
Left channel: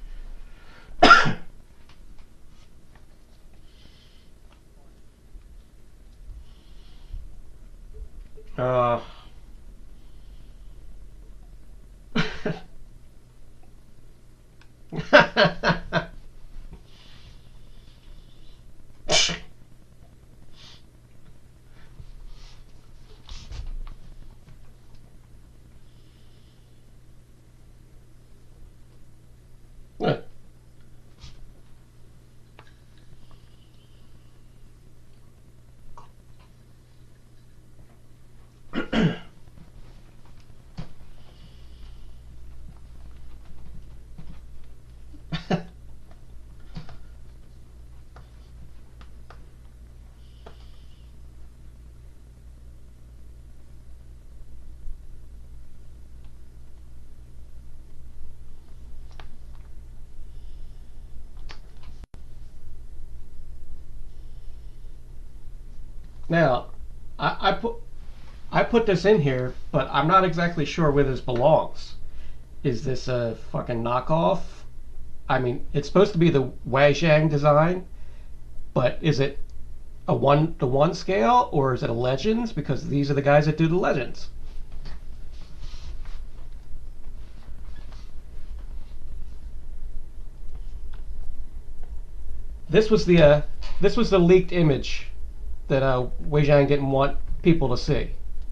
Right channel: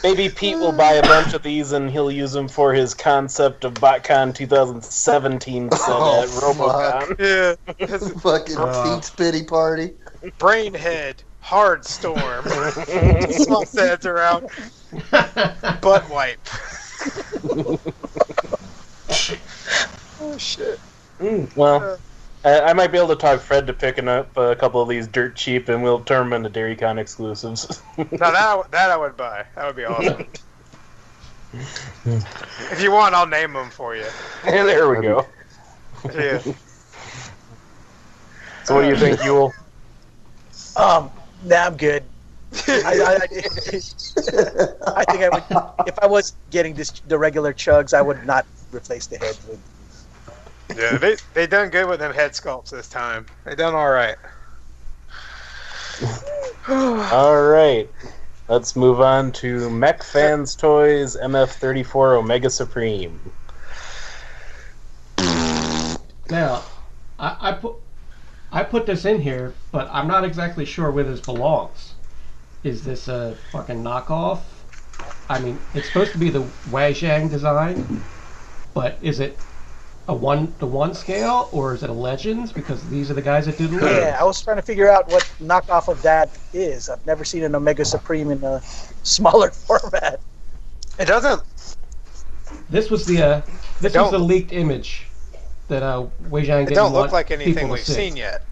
Maybe Pete will buy a bunch of these and he'll use them for his concept of BotCon 2017 set at RoboCon. Yeah. Fucking Pete's pity party. Brainhead, hard storm. Swap heads around. Butt wipe. Oh shit. Well, I might be able to talk Fred to picking up a couple of these dirt cheap, and we'll turn them into DairyCon exclusives. Now that I would buy. That would be awesome. If you want, I'll name them for you. And there we go. Yeah. So what do you think, Yul? Nah, I'm good. I think I would, if I was getting the regular chugs, I would not replace the head with. Yeah, they done good with them head sculpts this time. They done all right. All right. Let's move on to Mech Fans Toys MF34 Omega Supreme. Now, I put this in here, but I'm not exactly sure where this belongs. Is this a fucking knockoff? I mean, it's supposed to be the Wajang design, but is it a 1-to-1 scale, or is it a Legends? Because these are the guys that do the Legends. Yeah, I was trying to figure out what knockoff of that is. I've never seen an Omega Supreme in a smaller format. It doesn't. This was the leaked image that Wajang It didn't don't want look like anything people to we've see. seen yet.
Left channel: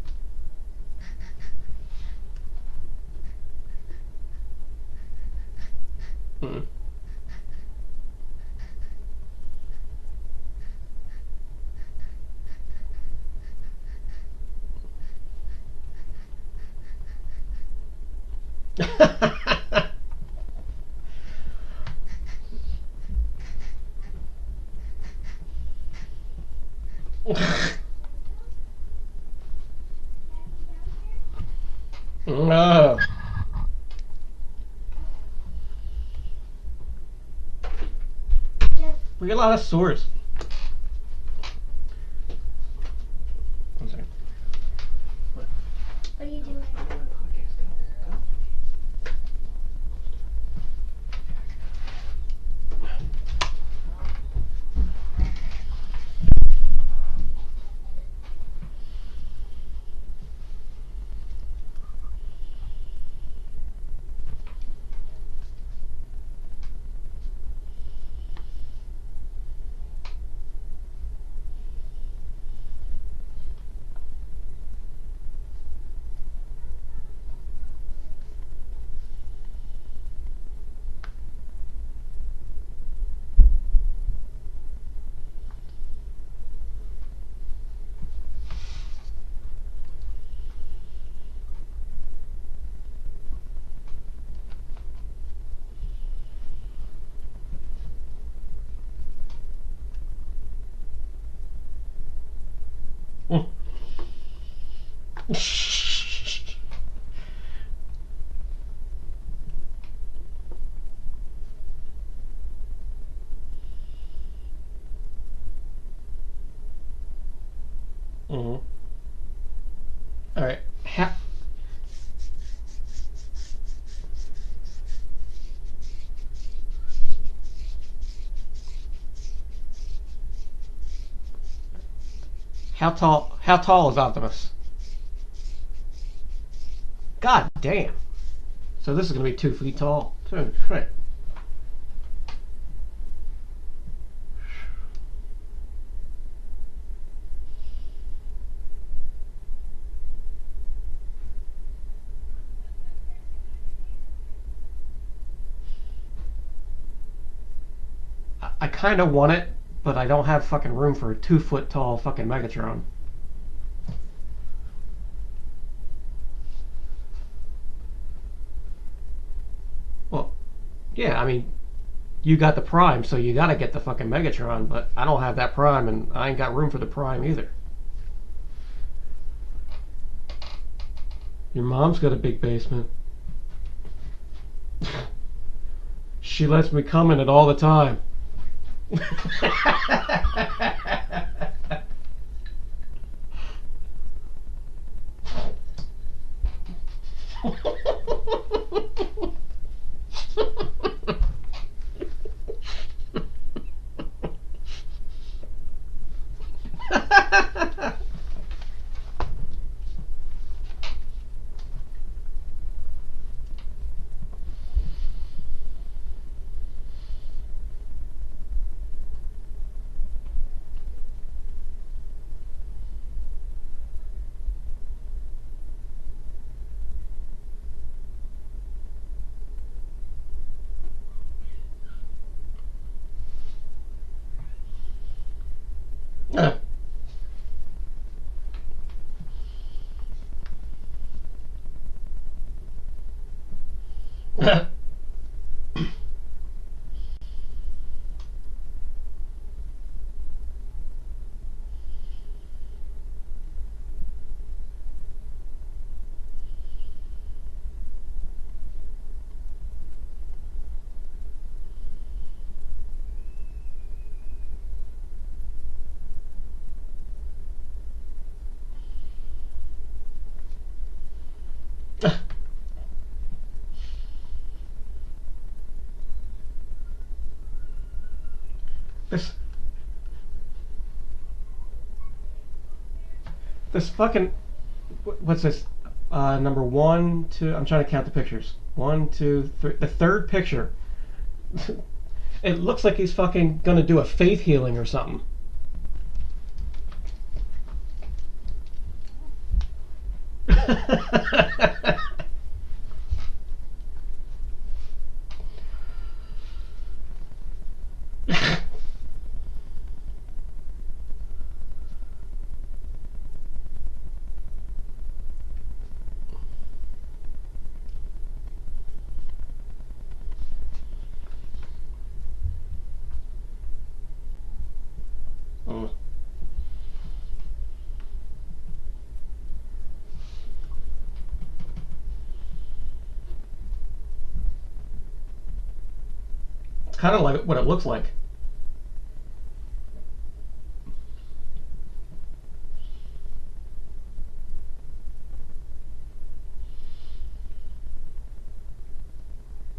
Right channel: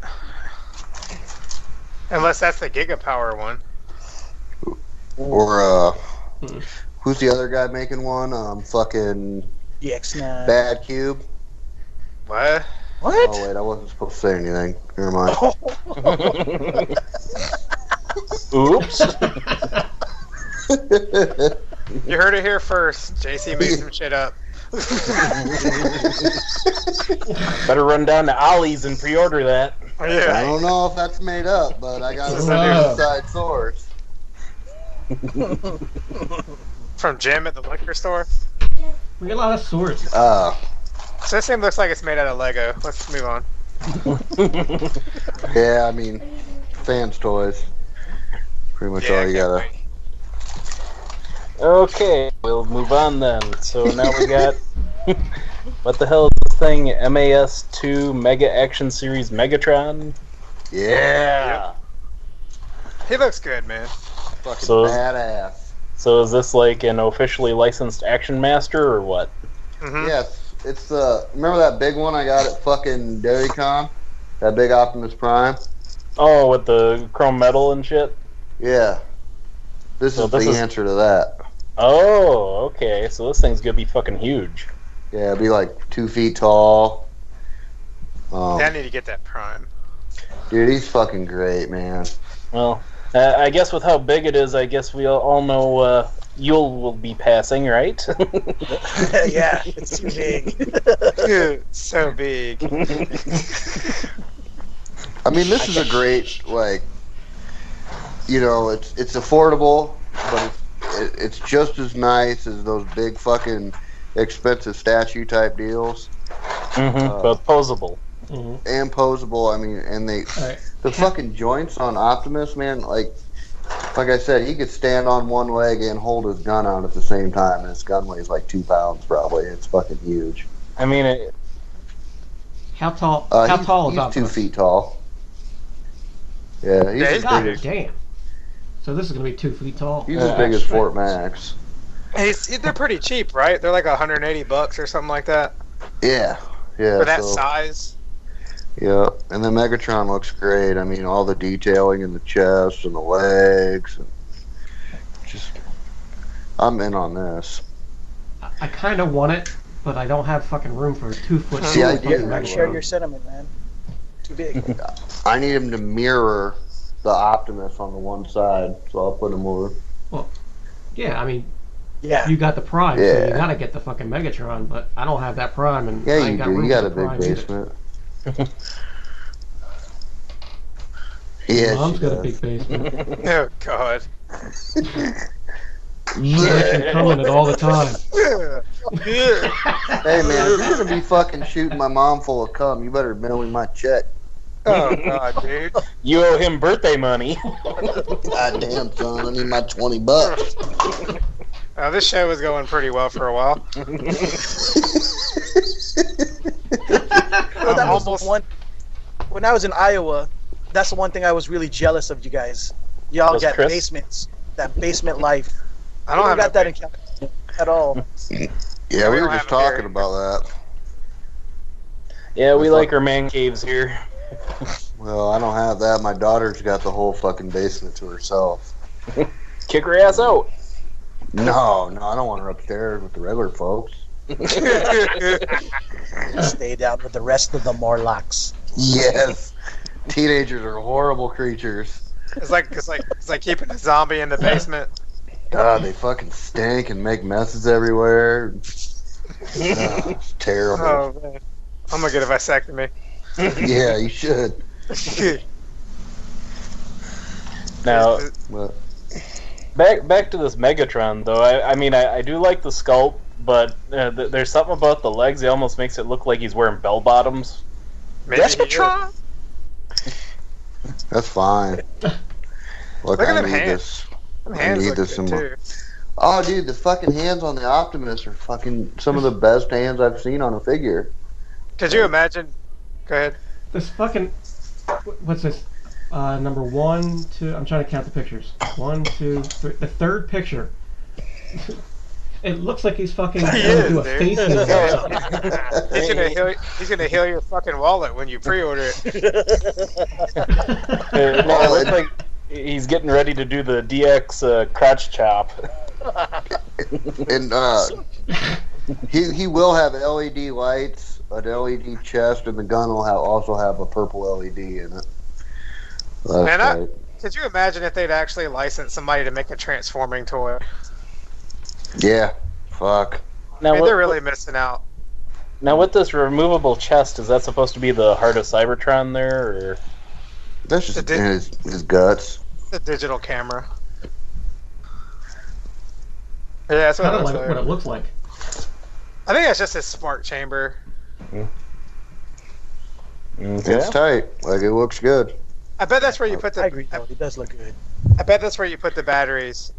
Unless that's the Gigapower one. Or, who's the other guy making one? Fucking EX9. Bad Cube. What? What? Oh, wait, I wasn't supposed to say anything. Never mind. Oops. You heard it here first. JC made some shit up. Better run down to Ollie's and pre-order that. I Yeah. don't know if that's made up, but I got a Oh. inside source. From Jim at the liquor store. We got a lot of swords. So this thing looks like it's made out of Lego. Let's move on. Yeah, I mean, fans toys. Pretty much Yeah, all you can't gotta. wait. Okay, we'll move on then. So now we got... what the hell is this thing? MAS2 Mega Action Series Megatron? Yeah. He looks good, man. Fucking So- badass. So is this like an officially licensed Action Master or what? Mm-hmm. Yes, it's the. Remember that big one I got at fucking DairyCon? That big Optimus Prime? Oh, with the chrome metal and shit? Yeah. This So is this the is- answer to that. Oh, okay. So this thing's gonna be fucking huge. Yeah, it'd be like 2 feet tall. I need to get that Prime. Dude, he's fucking great, man. Well, I guess with how big it is, I guess we all know Yul will be passing, right? Yeah, it's too big. So big. I mean, this is a great, like, you know, it's affordable, but it's just as nice as those big fucking expensive statue type deals. But posable. Mm-hmm. And posable, I mean, and All right. the fucking joints on Optimus, man, like I said, he could stand on one leg and hold his gun out at the same time, and his gun weighs like 2 pounds probably. It's fucking huge. I mean, How tall? How tall is he's Optimus? 2 feet tall. Yeah, he's as God big as, damn. So this is gonna be 2 feet tall. he's as big as Fort Max. They're pretty cheap, right? They're like $180 or something like that Yeah, yeah. for that so, size. Yeah, and the Megatron looks great. I mean, all the detailing in the chest and the legs. Just, I'm in on this. I kind of want it, but I don't have fucking room for a 2 foot See, tall I fucking I share your Megatron. sentiment, man. Too big. I need him to mirror the Optimus on the one side, so I'll put him over. Well, yeah, I mean, Yeah. you got the Prime, so you Yeah. gotta get the fucking Megatron, but I don't have that Prime, and Yeah, I you ain't got do. room You for got the a Prime big either. basement. Yeah, Mom's she got a does. big basement. Oh God. She lets me come in it all the time. Hey man, if you're gonna be fucking shooting my mom full of cum, you better mail me my check. Oh God, dude. You owe him birthday money. Goddamn son, I need my $20. This show was going pretty well for a while. Well, that was the one. When I was in Iowa, that's the one thing I was really jealous of you guys. Y'all Was got Chris? basements, that basement life. I don't have got no that in California at all. Yeah, we We were don't just have it here. talking about that. Yeah, we like our man caves here. Well, I don't have that. My daughter's got the whole fucking basement to herself. Kick her ass out. No, I don't want her upstairs with the regular folks. Stay down with the rest of the Morlocks. Yes, teenagers are horrible creatures. It's like keeping a zombie in the basement. God, they fucking stink and make messes everywhere. It's terrible. Oh man, I'm gonna get a vasectomy. Yeah, you should. Now, But, back to this Megatron, though. I mean, I do like the sculpt, but there's something about the legs that almost makes it look like he's wearing bell bottoms. Maybe he is. Megatron? that's fine. Look, Look at I them need hands. this. Them I hands need look this good in my- too. Oh, dude, the fucking hands on the Optimus are fucking some of the best hands I've seen on a figure. Could you imagine? Go ahead. This fucking. What's this? Number 1, 2. I'm trying to count the pictures. 1, 2, 3. The third picture. It looks like he's fucking gonna do a dude. faith healing or something. He's gonna heal your fucking wallet when you pre-order it. It looks like he's getting ready to do the DX crotch chop. And he will have LED lights, an LED chest, and the gun will also have a purple LED in it. That's Man, right. Could you imagine if they'd actually licensed somebody to make a transforming toy? Yeah, fuck. Now, I mean, what, they're really missing out. now with this removable chest, is that supposed to be the heart of Cybertron there, or? That's just It in his guts. The digital camera. Yeah, that's what Kind it of looks like what it looks like. I think that's just his smart chamber. It's tight. Like, it looks good. I bet that's where you put I the. agree, though. He does look good. I bet that's where you put the batteries.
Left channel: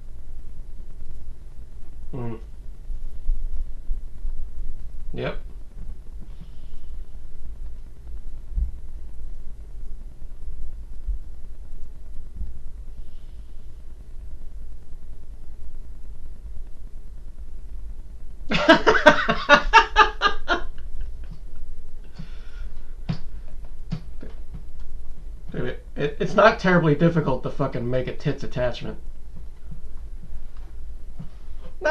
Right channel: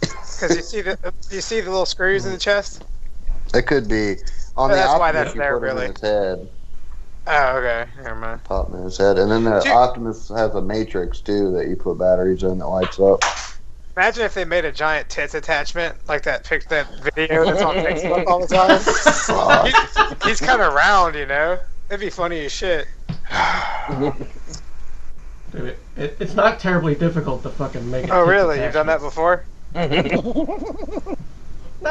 Because you see the little screws in the chest. It could be. On Yeah, the that's why Optimus, that's you there, put him really. in his head. Oh, okay. Never mind. Pop him in his head. And then the Dude. Optimus has a matrix, too, that you put batteries in that lights up. Imagine if they made a giant tits attachment like that video that's on Facebook all the time. he's kind of round, you know. It'd be funny as shit. Dude, it's not terribly difficult to fucking make it. Oh, really? You've done that before? No,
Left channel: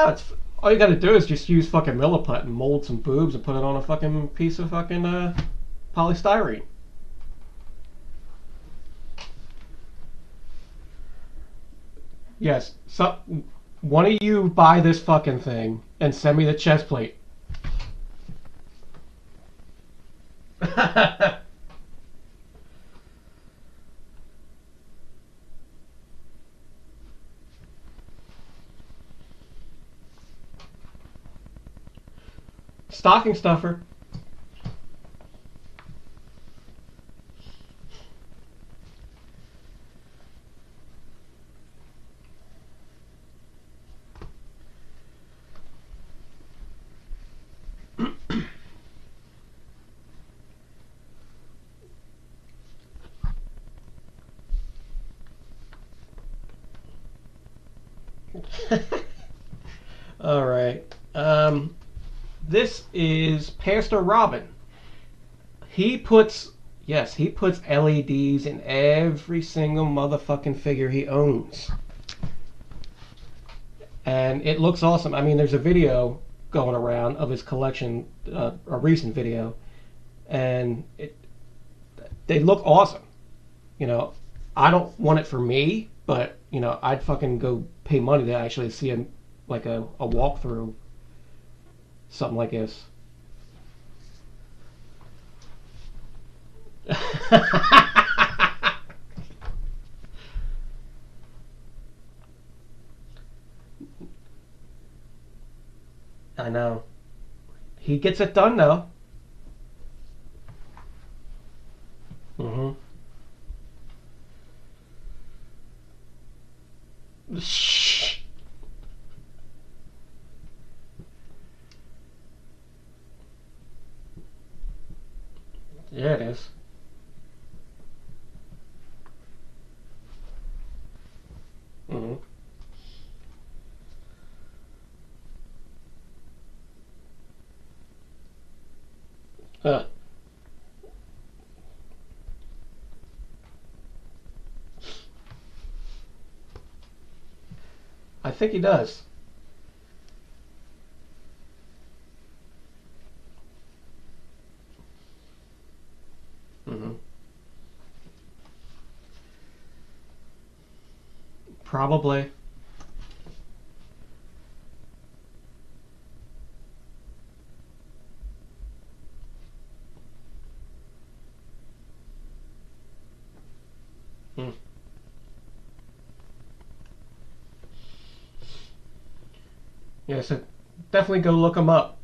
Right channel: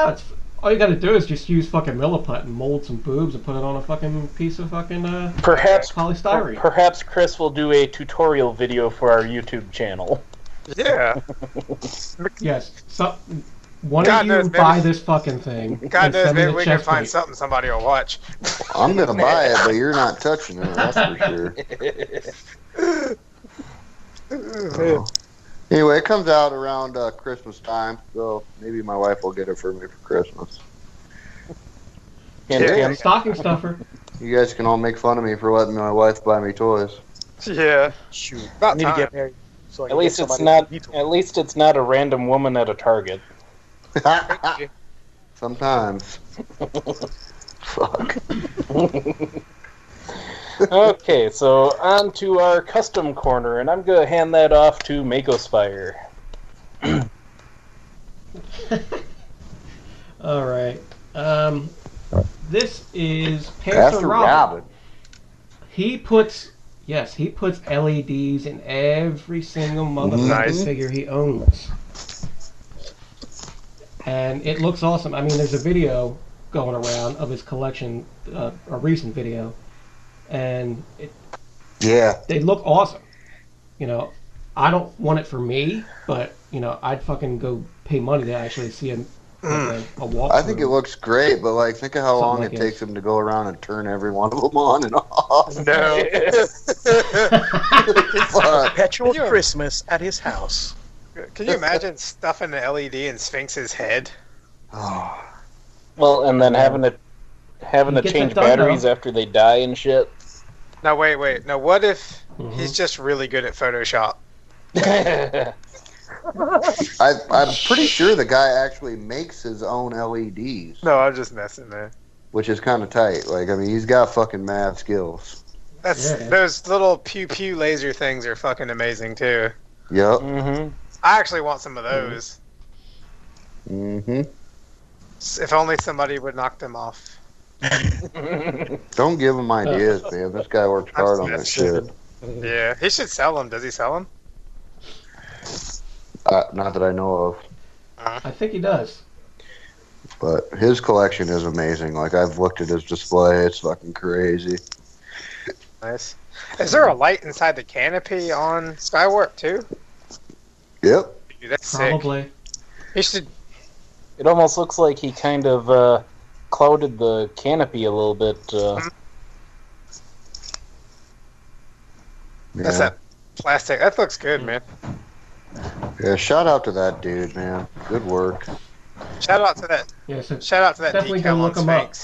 it's all you got to do is just use fucking Milliput and mold some boobs and put it on a fucking piece of fucking Perhaps polystyrene. Perhaps Chris will do a tutorial video for our YouTube channel. Yeah. Yes. So, one God of you knows, maybe- buy this fucking thing God and knows, send me maybe the we can chest find plate. something somebody will watch. I'm going to buy it, but you're not touching it, that's for sure. Anyway, it comes out around Christmas time, so maybe my wife will get it for me for Christmas. Hint, Yeah. hint. Stocking stuffer. You guys can all make fun of me for letting my wife buy me toys. Yeah. Shoot. About I need time. to get married. So I At can least get it's somebody not. to veto. At least it's not a random woman at a Target. Sometimes. Fuck. Okay, so on to our custom corner, and I'm gonna hand that off to Makospire. All right. This is Pastor Robin. He puts LEDs in every single motherfucking figure he owns. And it looks awesome. I mean, there's a video going around of his collection, a recent video, and they look awesome. You know, I don't want it for me, but you know, I'd fucking go pay money to actually see a walkthrough. I think it looks great, but like, think of how long it takes him to go around and turn every one of them on and off. No. Perpetual Christmas at his house. Can you imagine stuffing an LED in Sphinx's head? Oh. Well, and then having to change batteries after they die and shit. Now wait. Now what if he's just really good at Photoshop? I'm pretty sure the guy actually makes his own LEDs. No, I'm just messing, man. Which is kind of tight. Like, I mean, he's got fucking mad skills. Those little pew laser things are fucking amazing too. Yep. I actually want some of those. If only somebody would knock them off. Don't give him ideas, man. This guy works hard on this shit. Yeah, he should sell them. Does he sell them? Not that I know of. I think he does. But his collection is amazing. Like, I've looked at his display. It's fucking crazy. Nice. Is there a light inside the canopy on Skywarp too? Yep. Dude, that's Probably. sick. He should. It almost looks like he kind of clouded the canopy a little bit. That's that plastic. That looks good, man. Yeah, shout out to that dude, man. Good work. Shout out to that. Yeah, so shout out to that. definitely go look him up.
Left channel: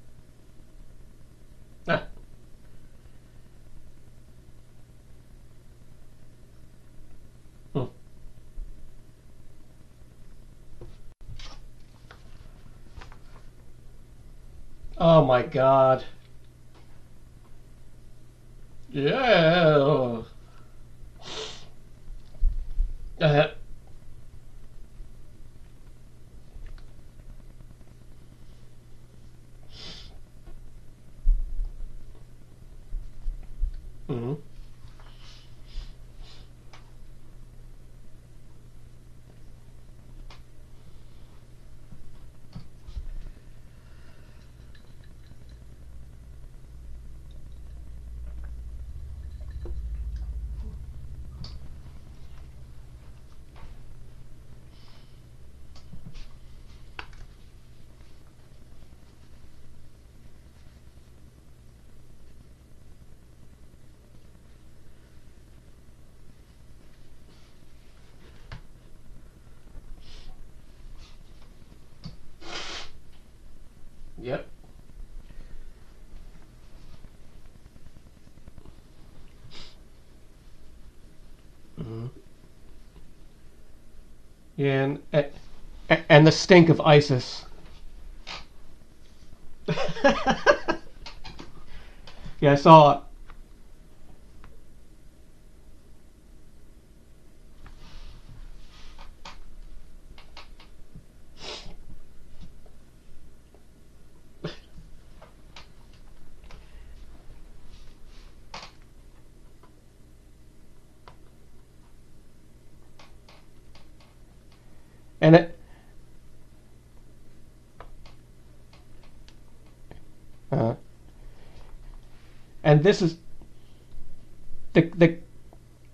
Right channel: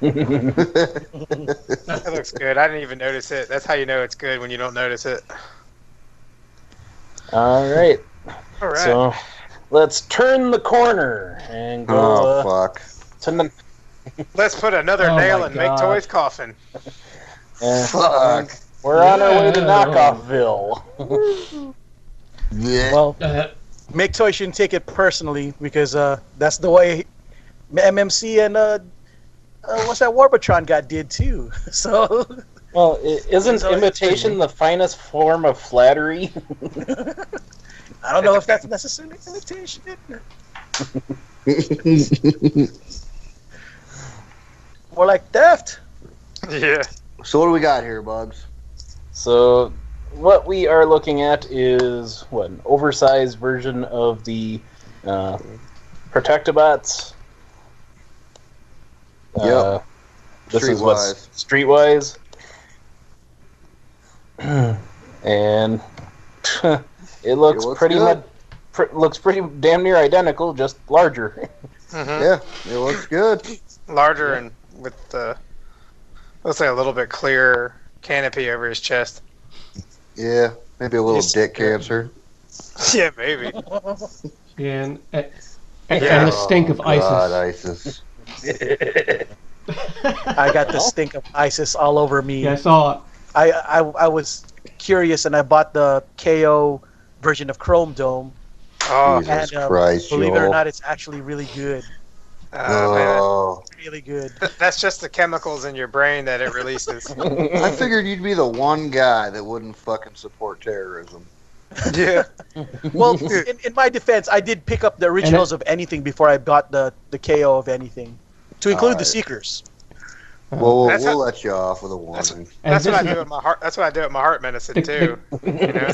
That looks good. I didn't even notice it. That's how you know it's good, when you don't notice it. All right. All right. So let's turn the corner and go. Fuck. Let's put another nail in Make Toys' coffin. Fuck. We're on our way to Knockoffville. Well, Make Toys shouldn't take it personally, because that's the way MMC and what's that Warbotron guy did too. So. Well, isn't imitation the finest form of flattery? I don't know if that's necessarily imitation. More like theft. Yeah. So what do we got here, Bugs? So what we are looking at is an oversized version of the Protectobots. Yep. This is what's Streetwise. And it looks pretty much looks pretty damn near identical, just larger. Yeah, it looks good. Larger and with looks like a little bit clearer canopy over his chest. Yeah, maybe a little dick cancer. Yeah, maybe. And the stink of ISIS. ISIS. I got the stink of ISIS all over me. Yeah, I saw it. I was curious, and I bought the KO version of Chrome Dome. Oh, Jesus Christ, believe it or not, it's actually really good. Oh. Really good. That's just the chemicals in your brain that it releases. I figured you'd be the one guy that wouldn't fucking support terrorism. Yeah. Well, in my defense, I did pick up the originals of anything before I got the KO of anything, to include the Seekers. Well, we'll let you off with a warning. That's what I do with my heart. That's what I do with my heart medicine too. You know?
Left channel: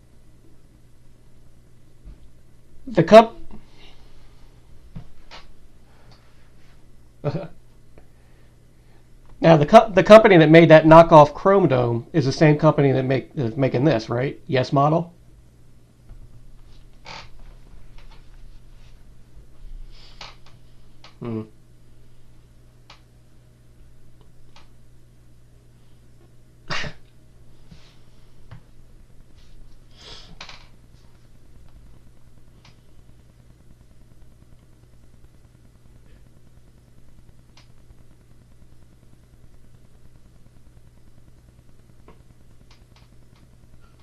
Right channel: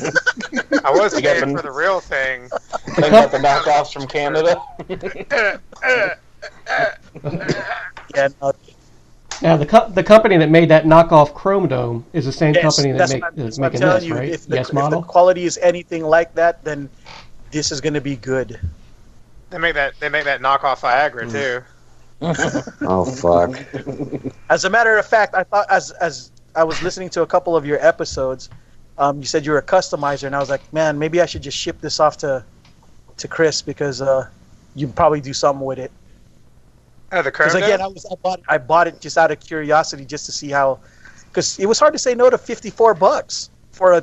I was paying for the real thing. I got the knockoffs from Canada. Yeah. Now the company that made that knockoff Chrome Dome is the same company that is making this, right? If Model. If the quality is anything like that, then this is going to be good. They make that knockoff Viagra too. Oh fuck! As a matter of fact, I thought as I was listening to a couple of your episodes, you said you were a customizer, and I was like, man, maybe I should just ship this off to Chris, because you probably do something with it. Oh, the Chrome Because again, I bought it just out of curiosity, just to see how because it was hard to say no to $54 for a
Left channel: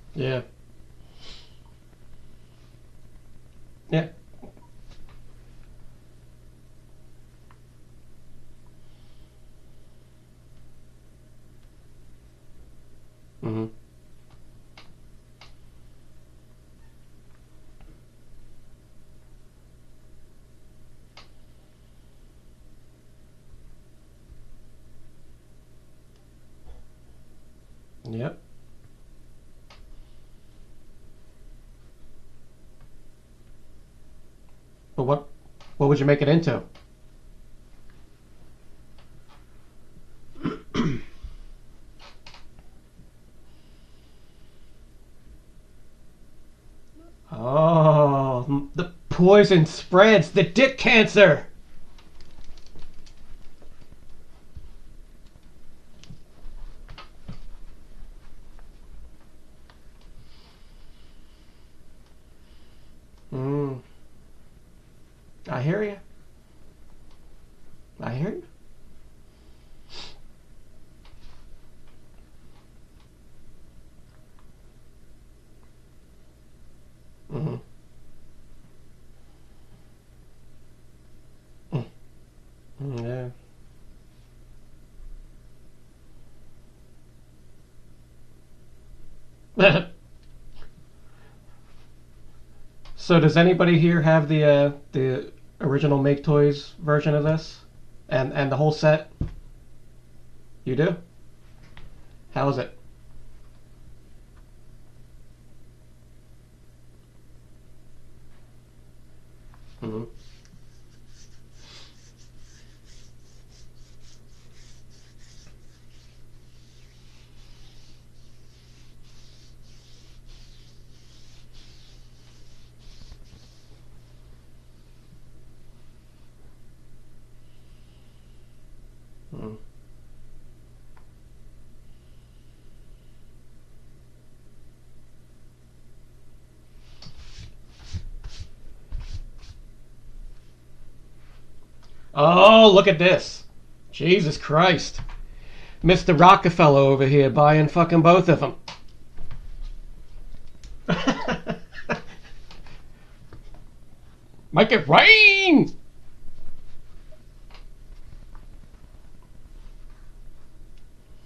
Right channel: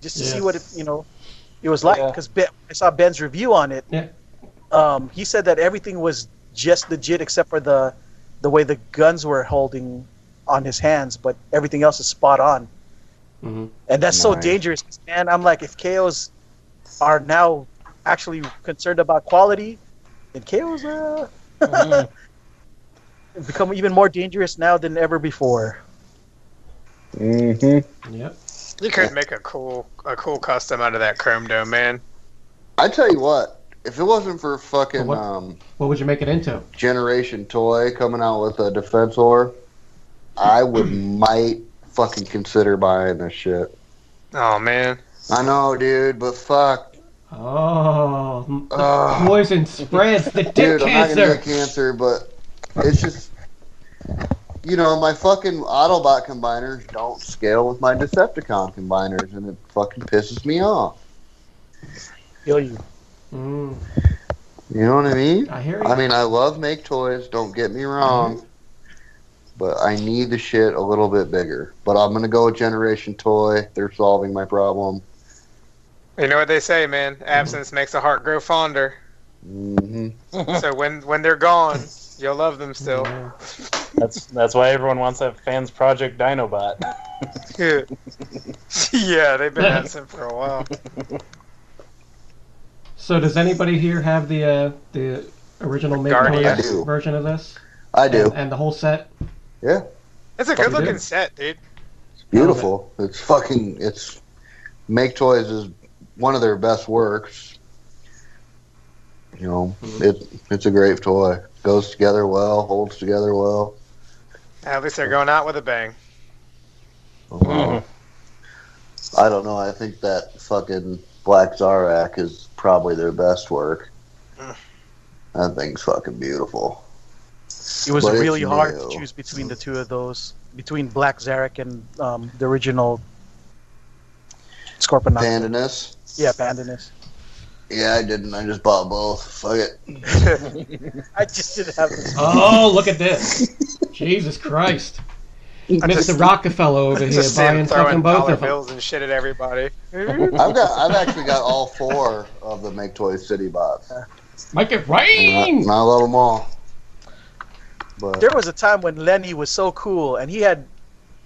just to see what it was like. Because I saw Ben's review on it. Yeah. He said that everything was just legit except for the way the guns were holding on his hands, but everything else is spot on. Mm-hmm. And that's so dangerous, man. I'm like, if KOs are now actually concerned about quality, then KOs become even more dangerous now than ever before. Mm-hmm. Yep. You could make a cool custom out of that chrome dome, man. I tell you what, if it wasn't for fucking What would you make it into? Generation Toy coming out with a Defensor, I might fucking consider buying this shit. Oh man. I know, dude, but fuck. Oh, the poison spreads, the dick Dude, cancer. I'm not gonna get cancer, but it's just, my fucking Autobot combiners don't scale with my Decepticon combiners, and it fucking pisses me off. Feel you. Mm. You know what I mean? I hear you. I mean, I love make toys, don't get me wrong, but I need the shit a little bit bigger. But I'm gonna go with Generation Toy. They're solving my problem. You know what they say, man? Absence makes a heart grow fonder. Mm-hmm. So when they're gone, you'll love them still. Yeah. That's why everyone wants to have Fans Project Dinobot. Yeah, they've been absent for a while. So does anybody here have the original Make Guardian. Toys version of this? I do. And the whole set? Yeah. It's a You good looking do? set, dude. Beautiful. It's Make Toys is one of their best works. It's a great toy. Goes together well, holds together well. At least they're going out with a bang. I don't know. I think that fucking Black Zarak is probably their best work. That thing's fucking beautiful. It was But it's really hard new. to choose between the two of those, between Black Zarak and the original Scorpion. Pandanus. Yeah, Pandanus. Yeah, I didn't. I just bought both. Fuck it. I just didn't have this. Oh, look at this. Jesus Christ. Mr. Rockefeller over here Just see him buying throwing fucking both dollar of them. bills and shit at everybody. I've actually got all 4 of the Make Toys City bots. Make it rain! And I love them all. But There was a time when Lenny was so cool, and he had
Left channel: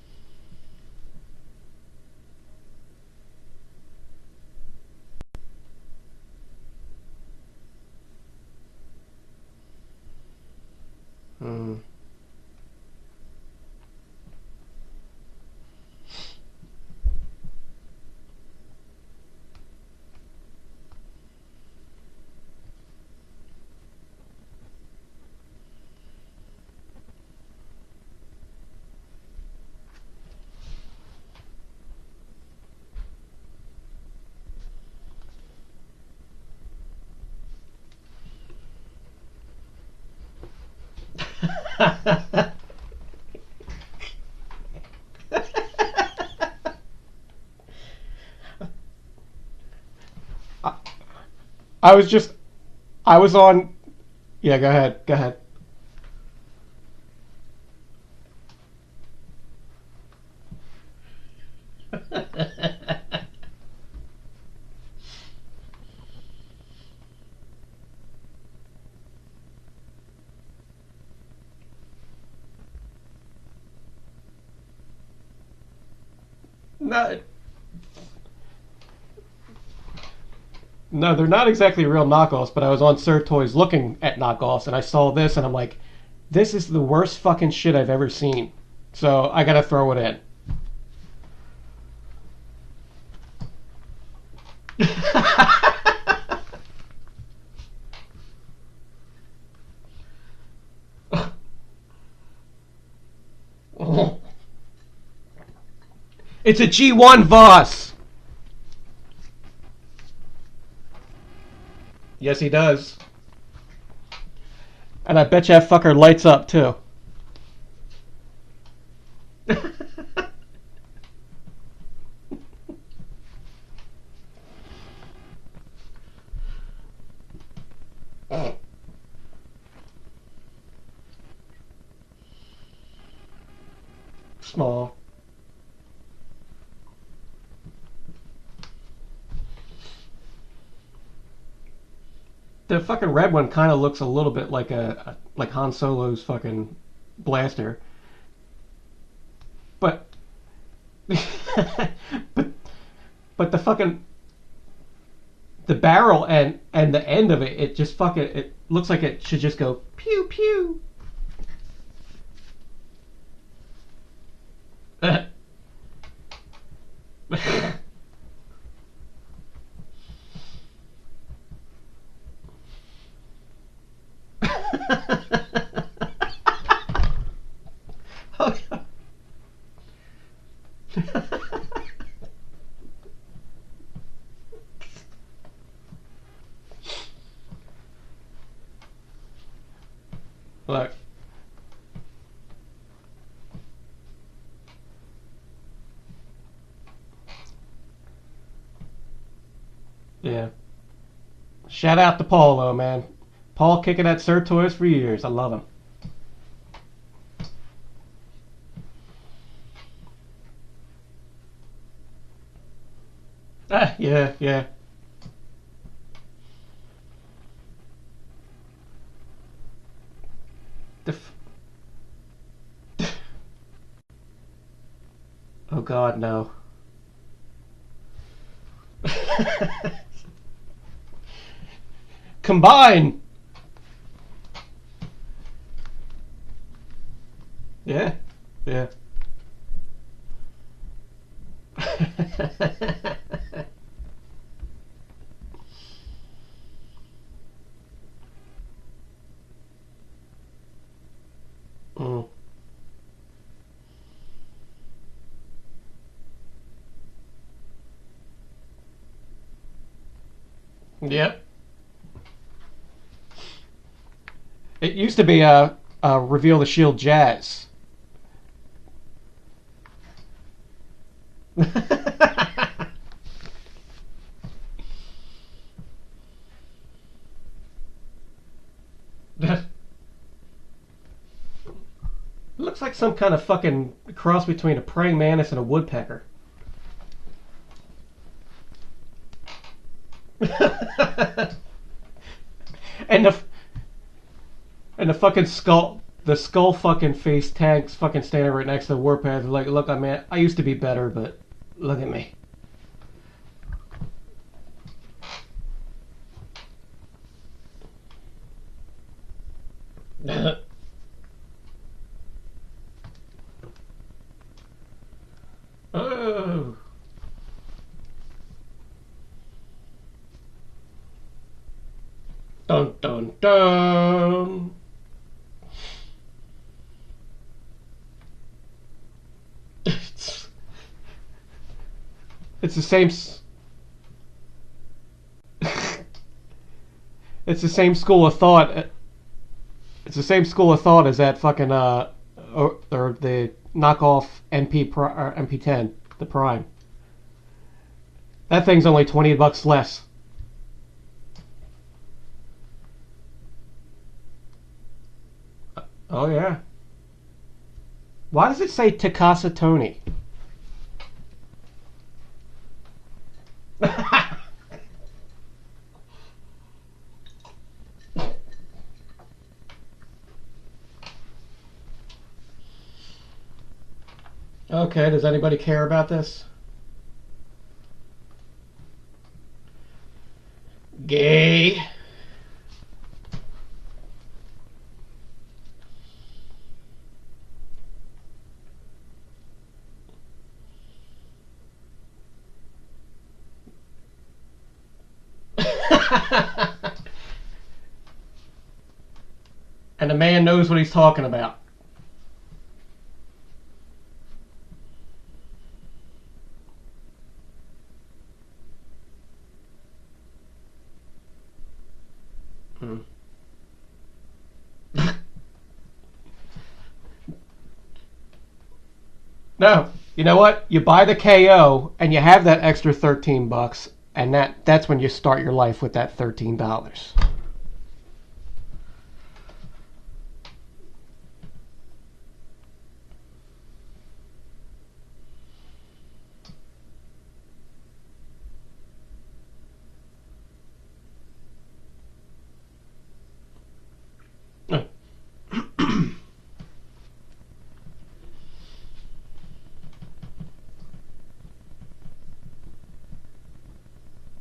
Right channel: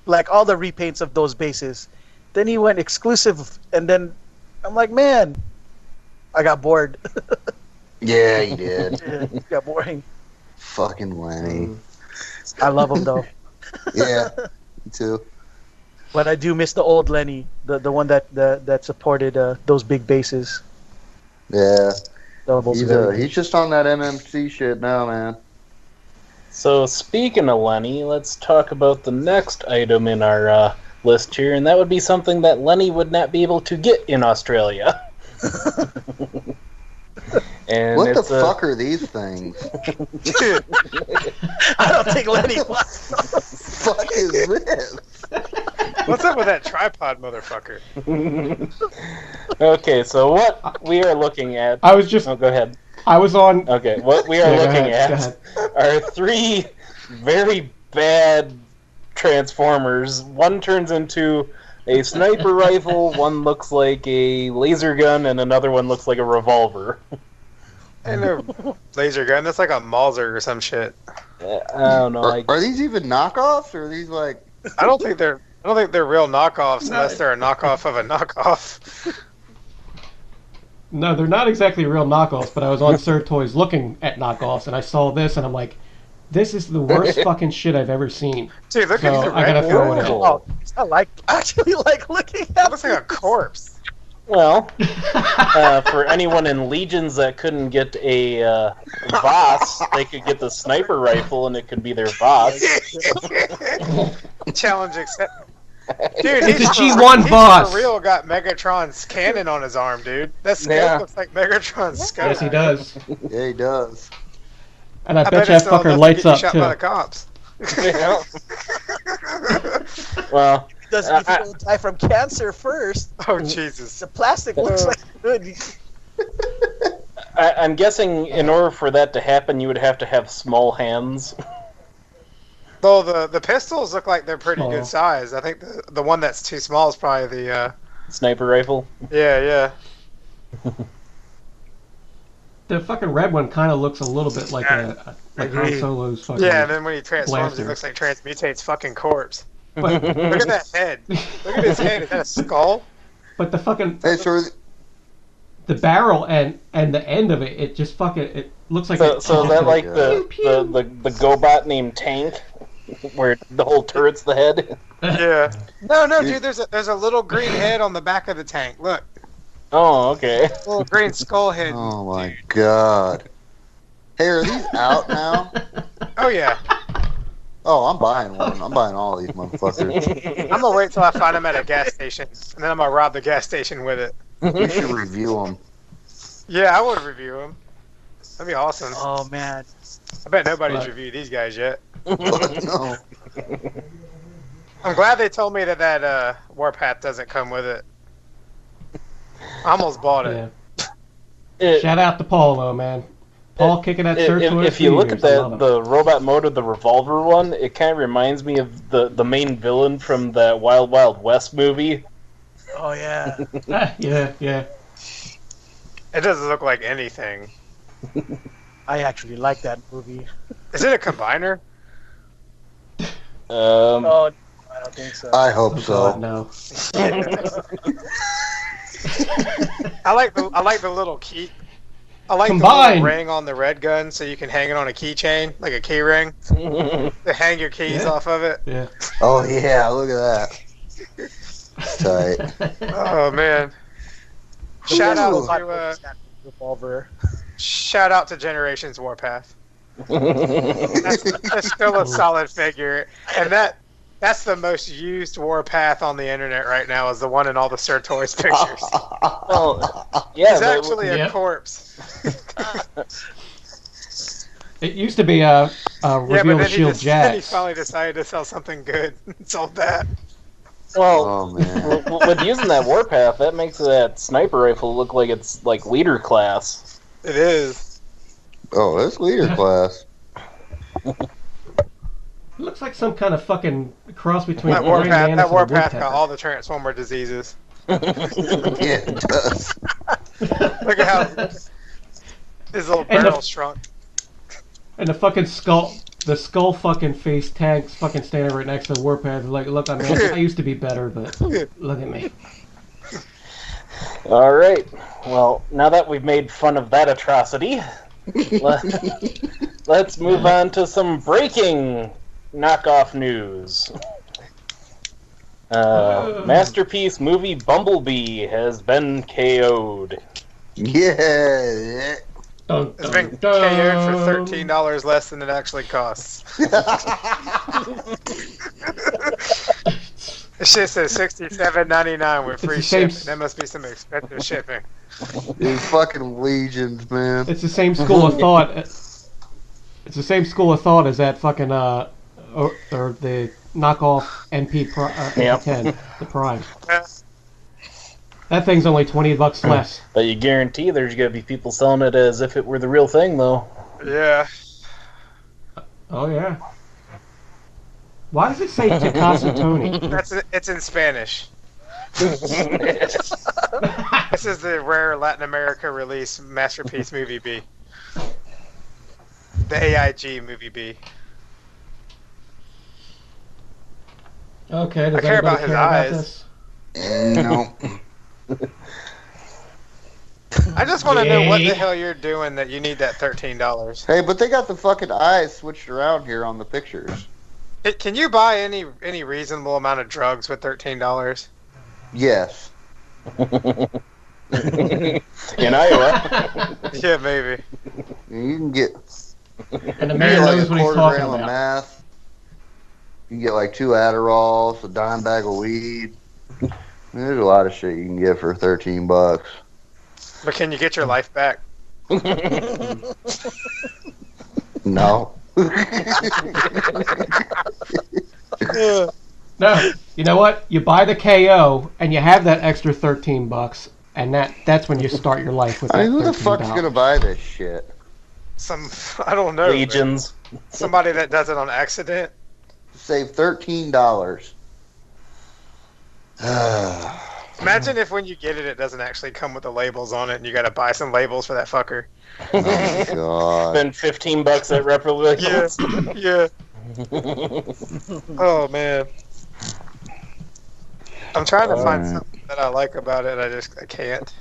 like all the repaints of those bases. Then he went exclusive, and then I'm like, man, I got bored. yeah, he did. It got boring. Fucking Lenny. I love him though, Yeah, me too. but I do miss the old Lenny, the one that supported those big bases. Yeah. That was very good. He's just on that MMC shit now, man. So speaking of Lenny, let's talk about the next item in our list here, and that would be something that Lenny would not be able to get in Australia. And What the it's fuck are these things? I don't think Lenny wants. Fuck is this? What's up with that tripod, motherfucker? Okay, so what we are looking at... I was just... Oh, go ahead. I was on... Okay, what we are Yeah, looking go ahead. are 3 very bad Transformers. One turns into a sniper rifle, one looks like a laser gun, and another one looks like a revolver. And a laser gun. That's like a Mauser or some shit. I don't know. Are these even knockoffs, or are these like? I don't think they're real knockoffs unless they're a knockoff of a knockoff. No, they're not exactly real knockoffs, but I was on Sir Toys looking at knockoffs, and I saw this, and I'm like, this is the worst fucking shit I've ever seen. Dude, look So at I gotta throw it in. Oh, I actually like looking It at looks like a corpse. Well, for anyone in Legions that couldn't get a Voss, they could get the sniper rifle, and it could be their Voss. Challenge accepted. Dude, It's a he's G1 boss. For real got Megatron's cannon on his arm, dude. That scope Yeah. looks like Megatron's scope. Yes, he does. Yeah, he does. And I bet you it's that still fucker enough to lights get you up, shot too. by the cops. Well, Doesn't if you don't die from cancer first. Oh Jesus! The plastic looks like good. I'm guessing in order for that to happen, you would have to have small hands. Though the pistols look like they're pretty Small. good size. I think the one that's too small is probably the Sniper rifle. yeah. The fucking red one kind of looks a little bit like like Han Solo's fucking. Yeah, and then when he transforms, blaster. it looks like Transmutate's fucking corpse. But Look at that head. Look at his head. Is that a skull? but the fucking Hey, so the barrel and the end of it, it just fucking it looks like it So should is just that go like pew, pew. the GoBot named Tank, where the whole turret's the head? Yeah. No, dude. There's a little green head on the back of the tank. Look, Oh, okay. little green skull head. oh my god. Hey, are these out now? Oh yeah. Oh, I'm buying one. I'm buying all these motherfuckers. I'm gonna wait till I find them at a gas station, and then I'm gonna rob the gas station with it. You should review them. Yeah, I would review them. That'd be awesome. Oh man. I bet nobody's But- reviewed these guys yet. No. I'm glad they told me that Warpath doesn't come with it. I almost bought it. Yeah. Shout out to Paul though, man. Paul kicking that Sertoys If for you look years. at I love him. the robot mode of the revolver one, it kind of reminds me of the main villain from that Wild Wild West movie. Oh yeah. Yeah. It doesn't look like anything. I actually like that movie. Is it a combiner? Oh, I don't think so. I hope Oh so. God, no. I like the little key. I like Combine. the little ring on the red gun, so you can hang it on a keychain, like a key ring, to hang your keys Yeah. off of it. Yeah. Oh yeah, look at that. Tight. Oh man! Shout out to Revolver. shout out to Generations Warpath. That's still a solid figure, and that's the most used Warpath on the internet right now. Is the one in all the Sertoys pictures. Well, yeah, He's actually a Yep. corpse. It used to be a Yeah, reveal but the then shield then he jacks. finally decided to sell something good. Sold that. well, Oh man. with using that Warpath, that makes that sniper rifle look like it's like leader class. It is. Oh, that's leader class. It looks like some kind of fucking cross between That Praying Warpath, Mantis that and a Warpath got woodpecker. all the Transformer diseases. Yeah, it does. Look at how his little And the- barrel shrunk. And the fucking skull fucking face tags fucking standing right next to the Warpath. Like, look, I used to be better, but look at me. All right. Well, now that we've made fun of that atrocity, let's move on to some breaking knockoff news. Masterpiece movie Bumblebee has been KO'd. Yeah. Dun, It's been dun, KO'd for dun. $13 less than it actually costs. It shit says $67.99 with It's free the same shipping. That must be some expensive shipping. These fucking legions, man. It's the same school of thought. It's the same school of thought as that fucking or the knockoff MP10, the Prime. Yeah. That thing's only $20 less. But you guarantee there's gonna be people selling it as if it were the real thing, though. Yeah. Oh yeah. Why does it say Takasa Tony? It's in Spanish. This is the rare Latin America release Masterpiece Movie B. The AIG Movie B. Okay, does I care anybody about his care about eyes. this? No. I just want to know what the Yay. hell you're doing that you need that $13. Hey, but they got the fucking eyes switched around here on the pictures. Can you buy any reasonable amount of drugs with $13? Yes. In Iowa. Yeah, maybe. You can get. And the man knows what he's talking about. Math. You can get like 2 Adderalls, a dime bag of weed. There's a lot of shit you can get for $13. But can you get your life back? No. No, you know what? You buy the KO and you have that extra $13, and that's when you start your life with I that mean, who the fuck's gonna $13. buy this shit? I don't know. man. Legions. Somebody that does it on accident. save $13. Imagine if when you get it, it doesn't actually come with the labels on it, and you got to buy some labels for that fucker. Oh God! Spend $15 at replicas. Yeah. Oh man. I'm trying to find man. something that I like about it. I can't.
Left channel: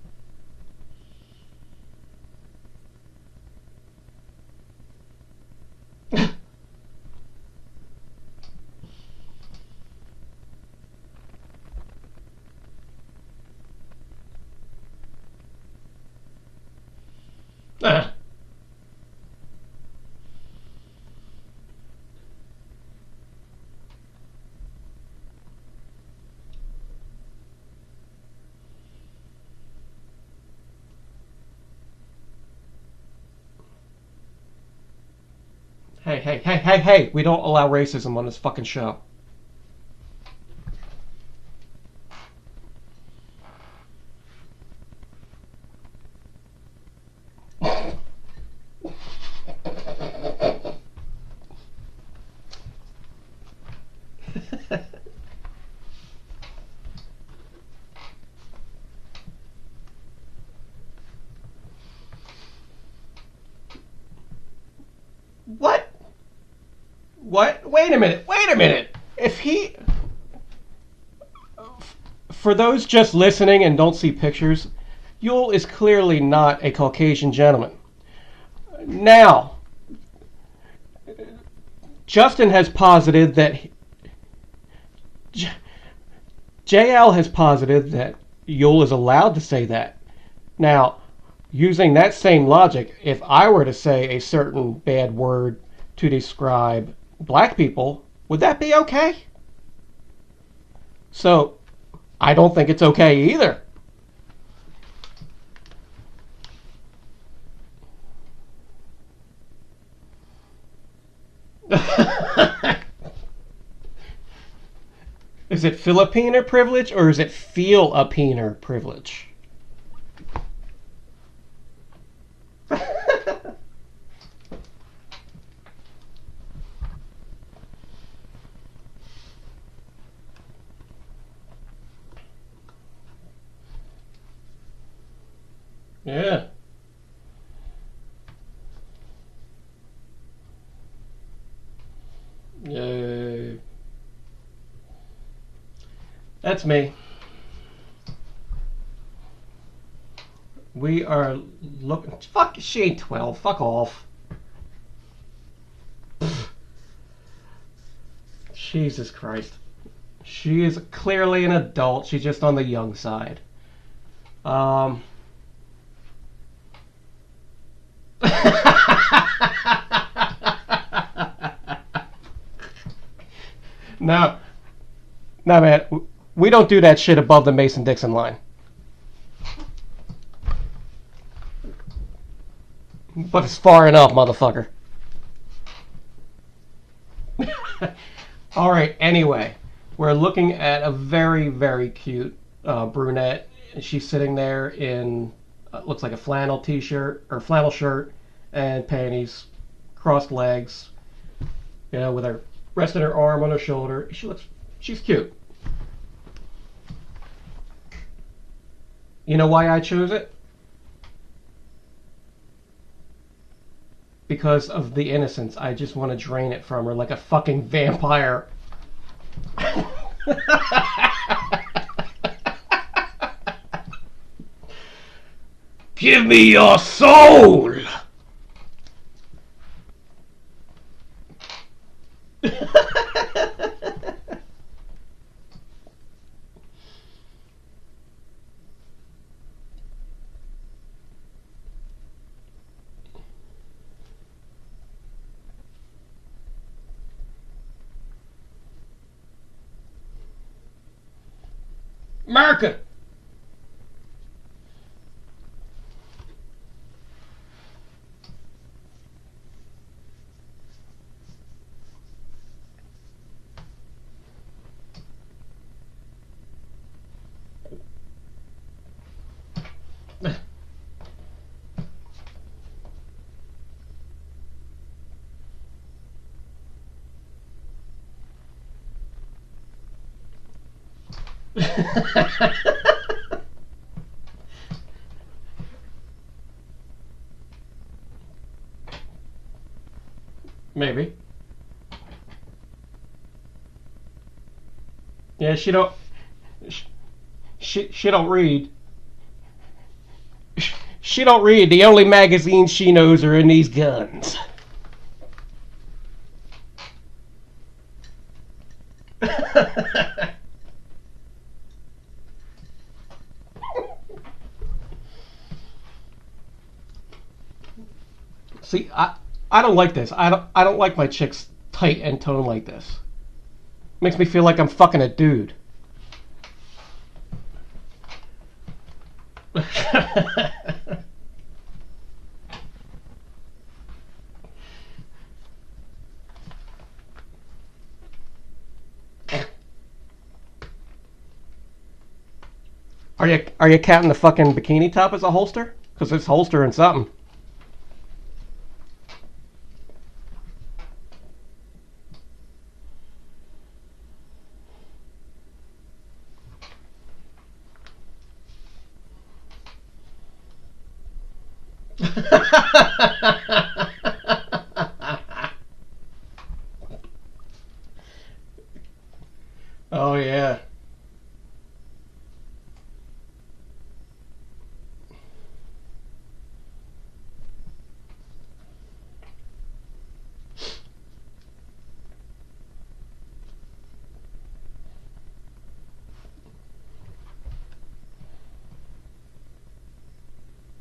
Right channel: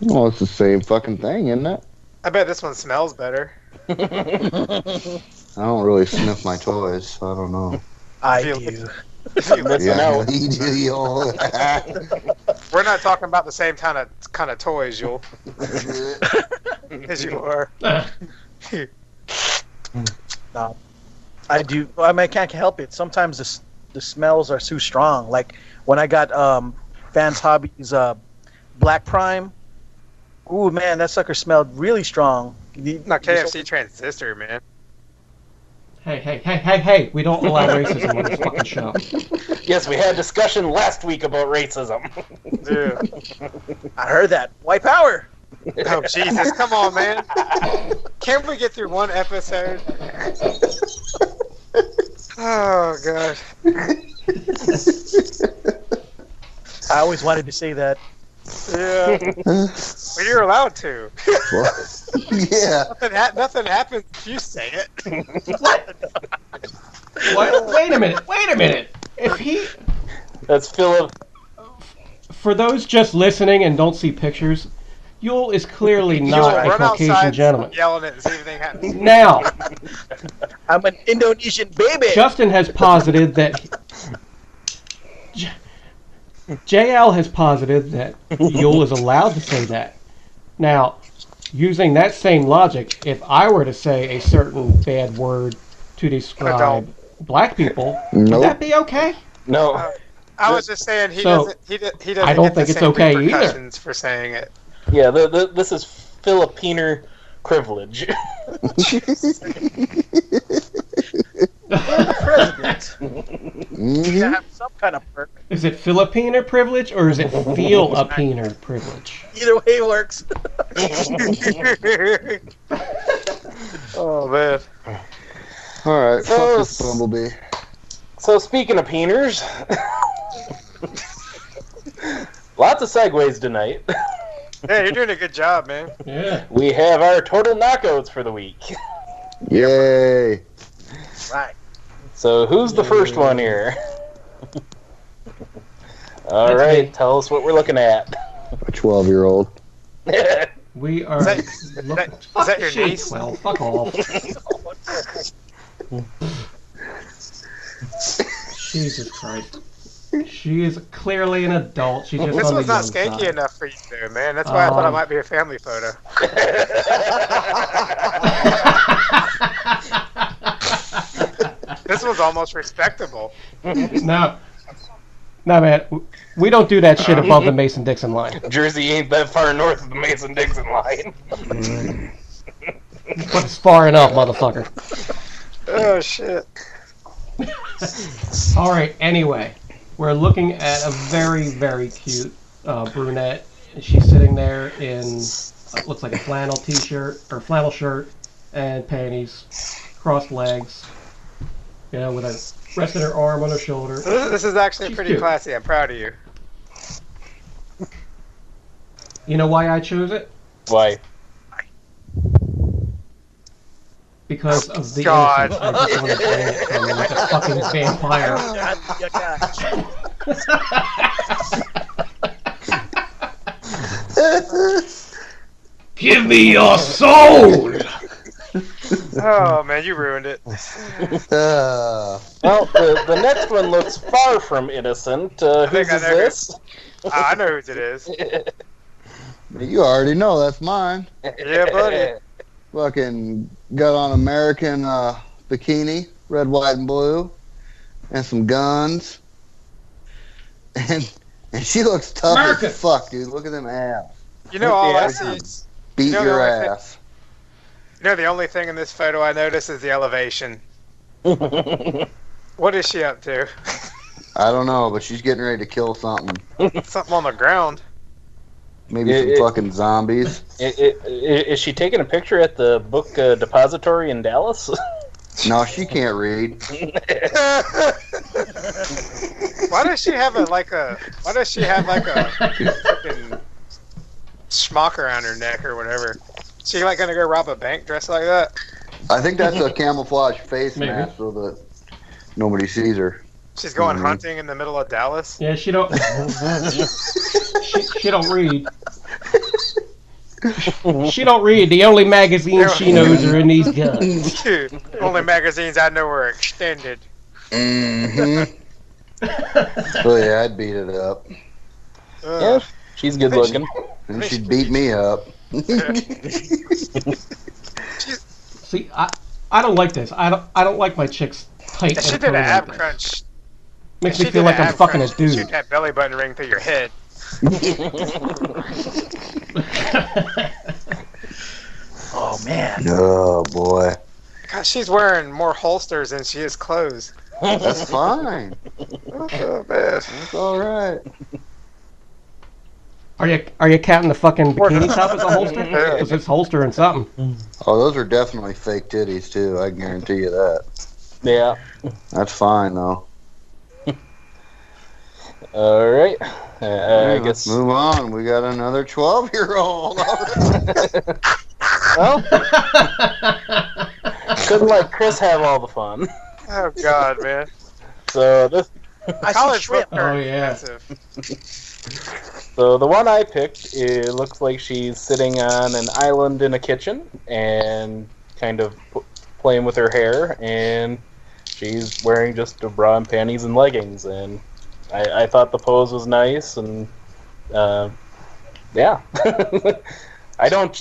Well, it's the same fucking thing, isn't it? I bet this one smells better. I don't really sniff my toys, so I don't know. I Feel- do. Listen out. you do, y'all. We're not talking about the same kind of toys, Yul. As you are. No, I do. I mean, I can't help it. Sometimes the smells are too strong. Like when I got Vans Hobbies Black Prime. Ooh, man, that sucker smelled really strong. Not KFC Transistor, man. Hey, we don't allow racism on this fucking show. Yes, we had a discussion last week about racism. Dude. I heard that. White power. Oh, Jesus. Come on, man. Can't we get through one episode? Oh, God. I always wanted to say that. Yeah. Well, you're allowed to. Yeah. Nothing happens if you say it. What? Wait a minute. If he... That's Philip. For those just listening and don't see pictures, Yul is clearly not a Run Caucasian outside, gentleman. Yelling it and see if anything happens. Now, I'm an Indonesian baby. Justin has posited that... JL has posited that Yul is allowed to say that. Now, using that same logic, if I were to say a certain bad word to describe black people, would that be okay? No. I was just saying he So, doesn't. He doesn't I don't get the think it's same okay either. repercussions for saying it. Yeah, this is Filipiner privilege. You have some kind of perk. Is it Filipiner privilege or is it feel-a-peener privilege? Either way works. Oh man. All right. So- Fuck this bumblebee. So speaking of peeners, lots of segues tonight. Yeah, you're doing a good job, man. Yeah. We have our total knockouts for the week. Yay. Right. So who's the first one here? All That's right, me. tell us what we're looking at. A 12-year-old. We are looking... is Fuck, that your she ain't niece? 12. Fuck off. Jesus Christ. She is clearly an adult. She's just This on the one's not young skanky side. enough for you, though, man. That's why I thought it might be a family photo. This one's almost respectable. No, man. We don't do that shit above the Mason-Dixon line. Jersey ain't that far north of the Mason-Dixon line. But it's far enough, motherfucker. Oh shit. All right. Anyway, we're looking at a very, very cute brunette. She's sitting there in looks like a flannel t-shirt or flannel shirt and panties, crossed legs. You know, with her resting her arm on her shoulder. This is actually She's pretty cute. classy. I'm proud of you. You know why I chose it? Why? Because of the God. innocence. I just want to drain it from her like a fucking vampire. Give me your soul! Oh man, you ruined it. Well, the next one looks far from innocent. Whose think I is know this? I know whose it is. You already know that's mine. Yeah, buddy. Fucking got on American bikini, red, white, and blue, and some guns. And she looks tough America. as fuck, dude. Look at them ass. You know, all I Yeah. see is, Beat You know, your I think- ass. the only thing in this photo I notice is the elevation. What is she up to? I don't know, but she's getting ready to kill something. Something on the ground. Maybe It- some fucking zombies. Is she taking a picture at the book depository in Dallas? No, she can't read. Why does she have a fucking schmuck around her neck or whatever? She like gonna go rob a bank dressed like that? I think that's a camouflage face Maybe. mask so that nobody sees her. She's going hunting in the middle of Dallas. Yeah, she don't. she don't read. She don't read. The only magazines she knows are in these guns. Dude, only magazines I know are extended. Mm-hmm. Oh yeah, I'd beat it up. Yeah, she's good looking. And she'd beat me up. See, I don't like this. I don't like my chicks tight If she and did an toned like ab this. crunch. Makes if me she feel did like an I'm ab fucking a crunch, dude. Shoot that belly button ring through your head. Oh man. Oh boy. God, she's wearing more holsters than she is clothes. That's fine. Oh man. That's alright. Are you counting the fucking bikini top as a holster? Because it's holstering something. Oh, those are definitely fake titties too, I guarantee you that. Yeah. That's fine though. All right. I Let's guess. move on. We got another 12-year-old. Well, couldn't let Chris have all the fun. Oh god, man. So this. I see College shrimp. book Oh, are yeah. expensive. So the one I picked, it looks like she's sitting on an island in a kitchen and kind of playing with her hair, and she's wearing just a bra and panties and leggings. And I thought the pose was nice, and yeah. I don't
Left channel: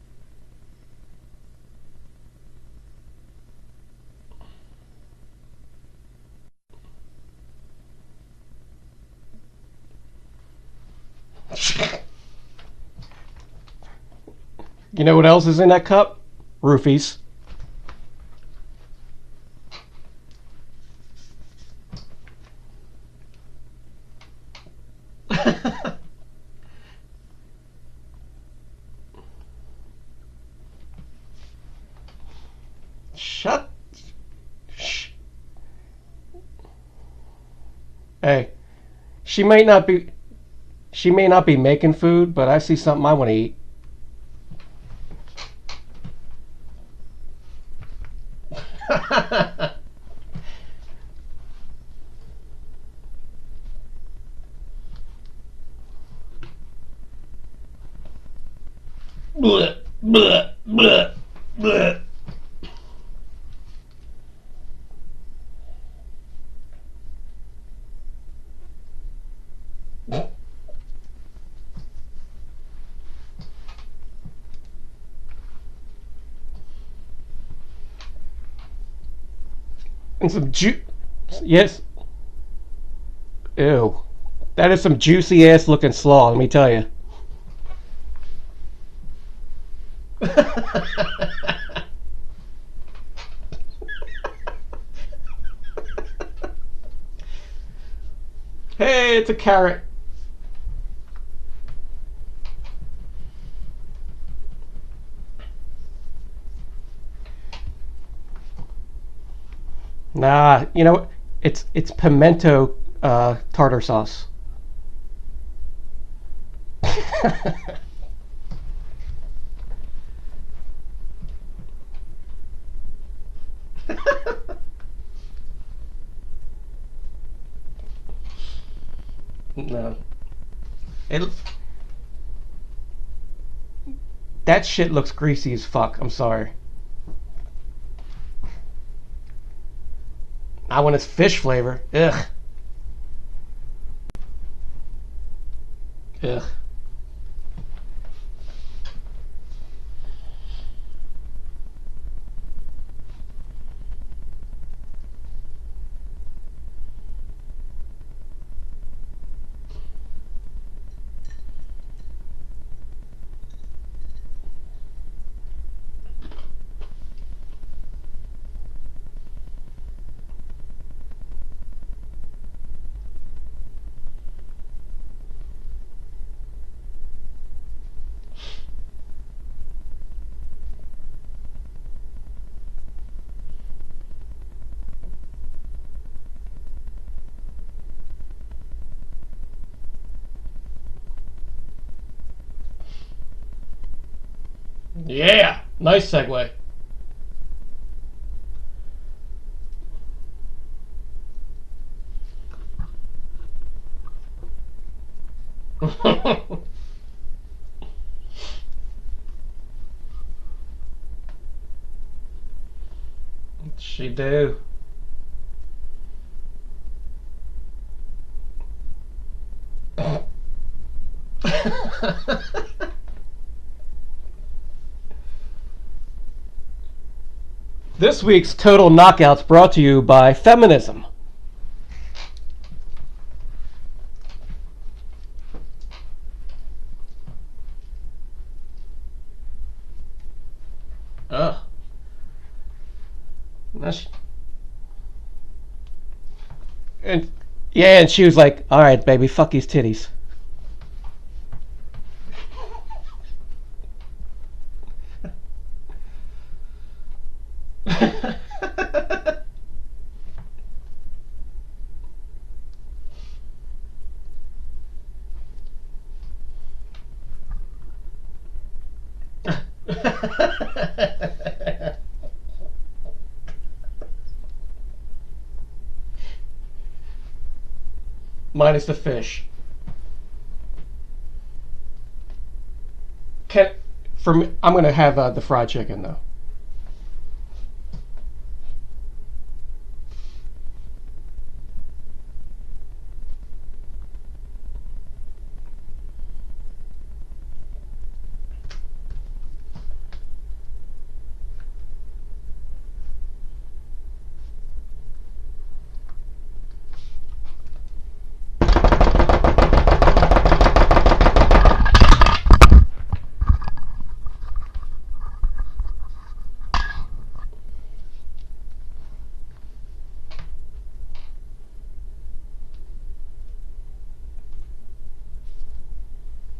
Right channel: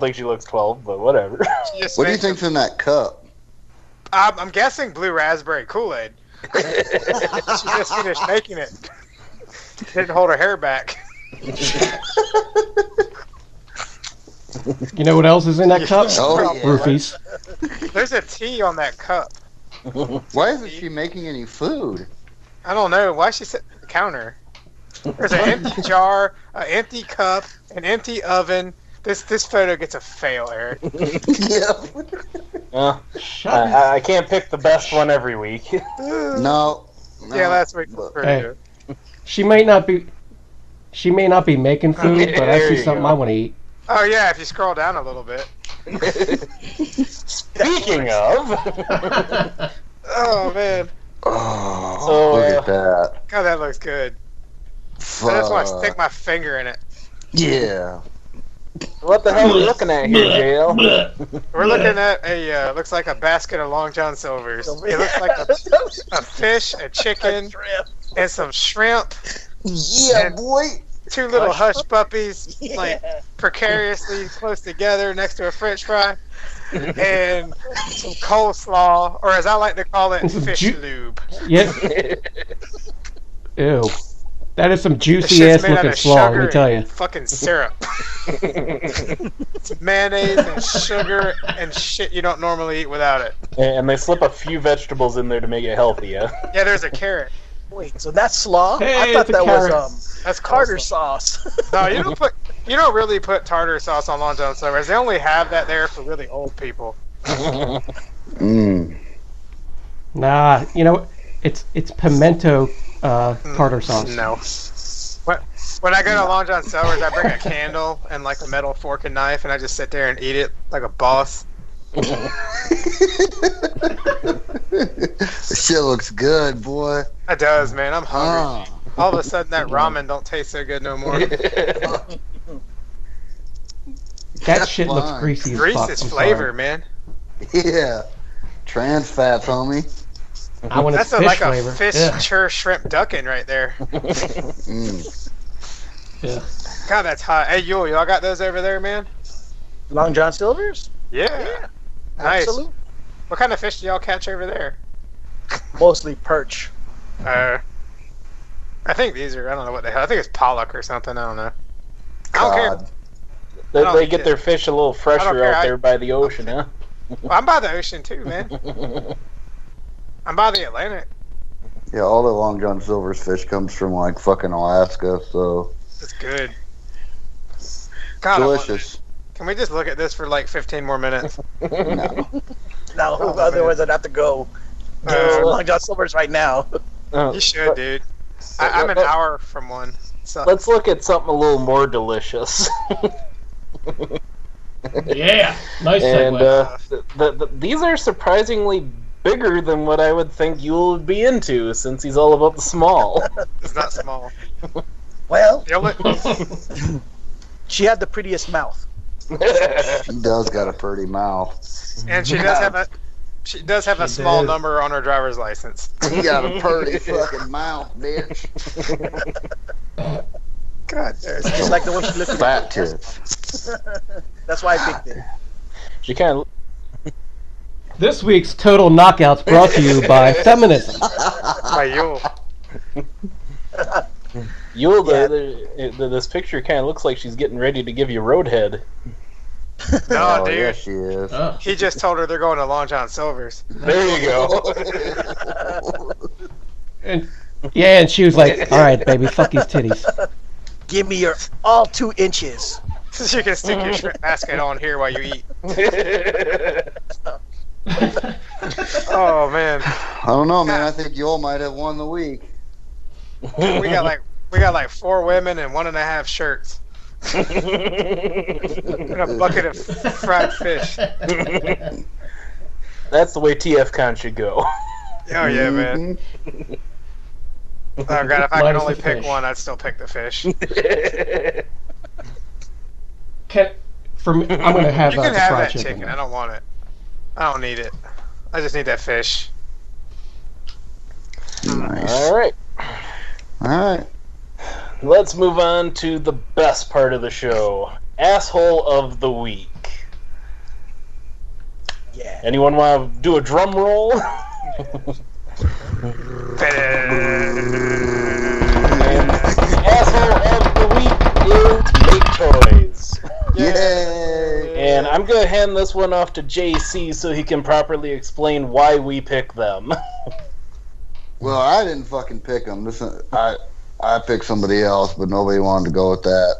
think she looks 12, but whatever. She just What do you makes think's in that cup? I'm guessing blue raspberry Kool-Aid. She just finished making it. Didn't hold her hair back. You know what else is in that cup? Oh, yeah. Roofies. There's a T on that cup. Why isn't she making any food? I don't know. Why is she sitting at the counter? There's an empty jar, an empty cup, an empty oven. This photo gets a fail, Eric. Yeah. Shut I can't pick the best one every week. No. Yeah, last week was pretty Hey. good. She may not be making food, but I There see you something go. I want to eat. Oh yeah, if you scroll down a little bit. Speaking of, Oh man, Oh, So, look at that. God, that looks good. I just want to stick my finger in it. Yeah. what the hell are we looking at here, Dale? We're looking at a looks like a basket of Long John Silver's. It looks like a fish, a chicken, and some shrimp. Yeah, And boy. two little Hush hush puppies, like precariously close together next to a French fry, and some coleslaw, or as I like to call it, And some fish ju- lube. Yes. Ew. That is some This juicy shit's ass made out looking of slaw, let sugar me tell you. and fucking syrup. It's mayonnaise and sugar and shit you don't normally eat without it. And they slip a few vegetables in there to make it healthy, yeah? Yeah, there's a carrot. Wait, so that's slaw? Hey, I thought it's a that carrot. was That's tartar coleslaw. sauce. No, you don't really put tartar sauce on Long John Silver's. They only have that there for really old people. Mm. Nah, you know, it's pimento tartar sauce. No. When I go to Long John Silver's, I bring a candle and like a metal fork and knife, and I just sit there and eat it like a boss. This shit looks good, boy. It does, man. I'm hungry. Ah. All of a sudden, that ramen don't taste so good no more. That shit looks Fine. greasy as Grease fuck. is I'm flavor, sorry. man. Yeah. Trans fats, homie. I want its That's fish like flavor. a fish Ugh. chur shrimp ducking right there. Mm. Ugh. God, that's hot. Hey, Yul, y'all got those over there, man? Long John Silver's? Yeah. Nice. Absolutely. What kind of fish do y'all catch over there? Mostly perch. I think these are, I don't know what the hell. I think it's pollock or something. I don't know. I don't care. God. They, don't they get get it. their fish a little fresher care. out there by the ocean, huh? Well, I'm by the ocean too, man. I'm by the Atlantic. Yeah, all the Long John Silver's fish comes from like fucking Alaska, so It's good. God, I want delicious. it. Can we just look at this for like 15 more minutes? No. No, Oh, otherwise I'd have to go to Long John Silver's right now. You should, dude. I'm an hour from one. So Let's look at something a little more delicious. Yeah, nice And segue. these are surprisingly bigger than what I would think Yul would be into, since he's all about the small. it's not small. Well, The only- she had the prettiest mouth. She does got a pretty mouth. and she does have a She small does. number on her driver's license. She got a pretty fucking mouth, bitch. God, there's It's like the one she looked Fat at. tits. That's why I picked it. She kind of. This week's Total Knockouts brought to you by feminism. by Yule. Yul, Yeah. this picture kind of looks like she's getting ready to give you roadhead. No, Oh, dude. yes, she is. Oh. He just told her they're going to Long John Silver's. There you go. And she was like, "All right, baby, fuck these titties." Give me your all 2 inches. So you can stick your shrimp basket on here while you eat. Oh man, I don't know, man. I think Yul might have won the week. we got like 4 women and 1.5 shirts and a bucket of fried fish. That's the way TFCon should go. Oh yeah, man. Oh god, if I could Minus only the pick fish. one, I'd still pick the fish. I'm gonna have You can the have fried that chicken. I don't want it. I don't need it. I just need that fish. Nice. All right, Alright. let's move on to the best part of the show. Asshole of the week. Yeah. Anyone want to do a drum roll? Asshole of the week is Toys. Yay! And I'm going to hand this one off to JC so he can properly explain why we pick them. Well, I didn't fucking pick them. I picked somebody else, but nobody wanted to go with that.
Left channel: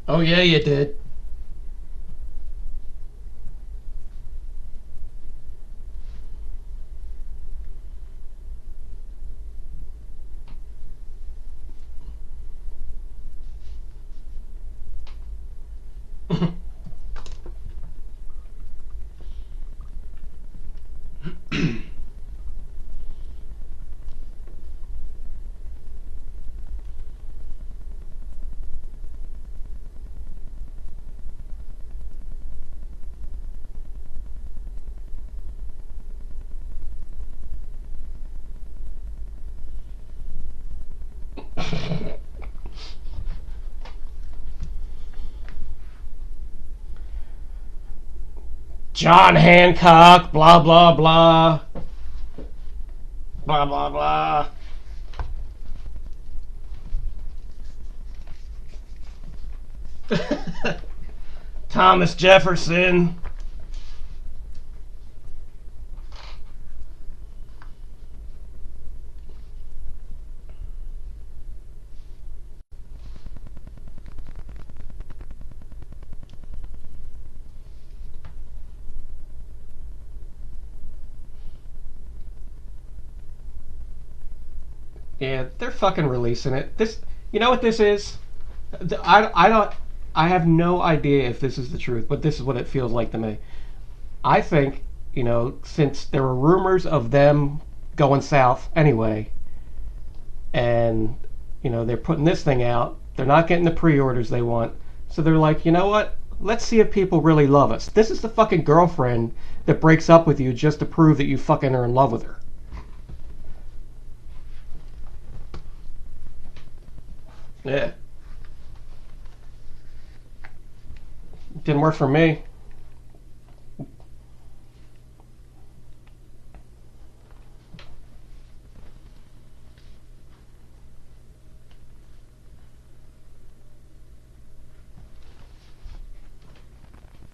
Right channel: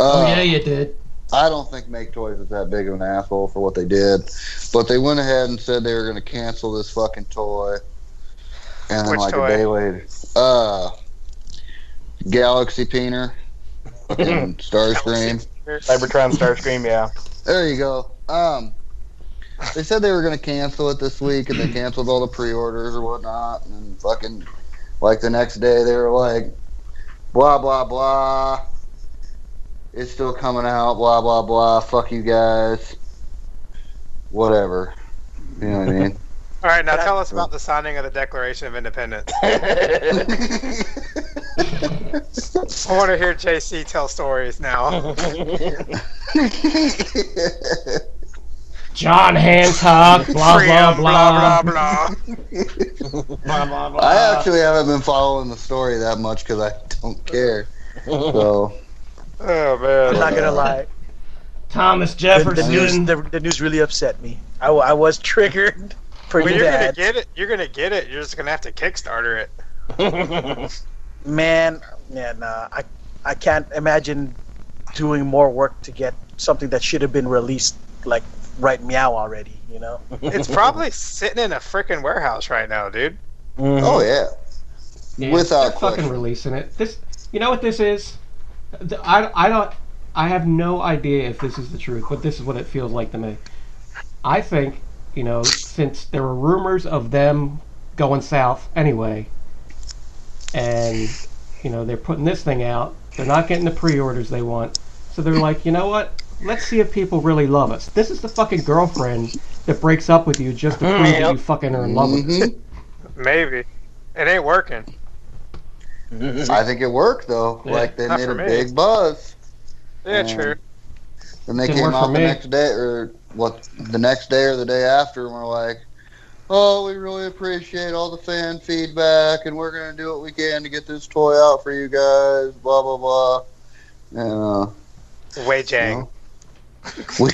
Oh yeah, you did. I don't think Make Toys is that big of an asshole for what they did, but they went ahead and said they were going to cancel this fucking toy. And then Which like toy? a day later, Galaxy Peener, fucking Starscream. Cybertron Starscream, yeah. There you go. They said they were going to cancel it this week, and they canceled all the pre-orders or whatnot. And then fucking, like the next day, they were like, blah blah blah. It's still coming out. Blah blah blah. Fuck you guys. Whatever. You know what I mean? All right, now tell us about the signing of the Declaration of Independence. I want to hear JC tell stories now. John Hancock, blah blah Freedom, blah. blah. Blah blah blah. I actually haven't been following the story that much because I don't care. So Oh I'm not man. gonna lie. Thomas Jefferson. The news really upset me. I was triggered pretty Well, you're gonna bad. get it. You're gonna get it. You're just gonna have to Kickstarter it. Man, I can't imagine doing more work to get something that should have been released like right meow already, you know? It's probably sitting in a freaking warehouse right now, dude. oh yeah. Yeah, Without they're fucking question. releasing it. This, you know what this is? I have no idea if this is the truth, but this is what it feels like to me. I think, since there were rumors of them going south anyway, and, they're putting this thing out, they're not getting the pre-orders they want, so they're like, you know what? Let's see if people really love us. This is the fucking girlfriend that breaks up with you just to prove that you fucking are in love with her. Maybe. It ain't working. I think it worked though. Yeah. Like they Not made for a me. big buzz. Yeah, Yeah. true. And they Didn't came work out for the me. next day, or the next day or the day after, and we're like, "Oh, we really appreciate all the fan feedback, and we're gonna do what we can to get this toy out for you guys." Blah blah blah. And Wei Jang. we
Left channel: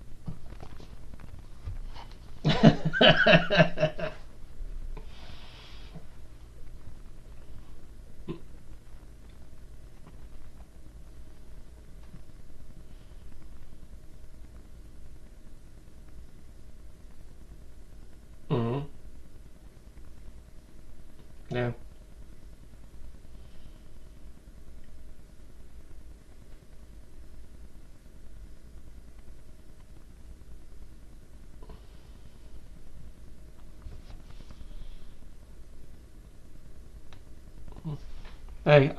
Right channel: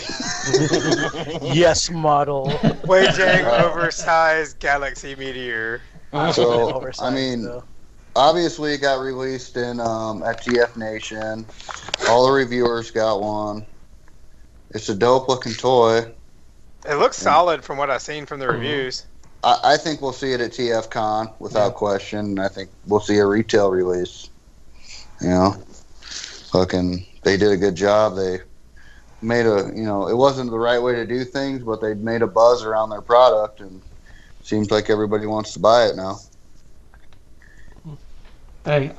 Yes, model. Wei Jang oversized galaxy meteor. so Oversized, I mean, though. obviously it got released in at GF Nation. All the reviewers got one. It's a dope looking toy. It looks solid from what I've seen from the Mhm. reviews. I think we'll see it at TFCon without question. I think we'll see a retail release. You know, fucking, they did a good job. They made it wasn't the right way to do things, but they made a buzz around their product, and seems like everybody wants to buy it now. Hey,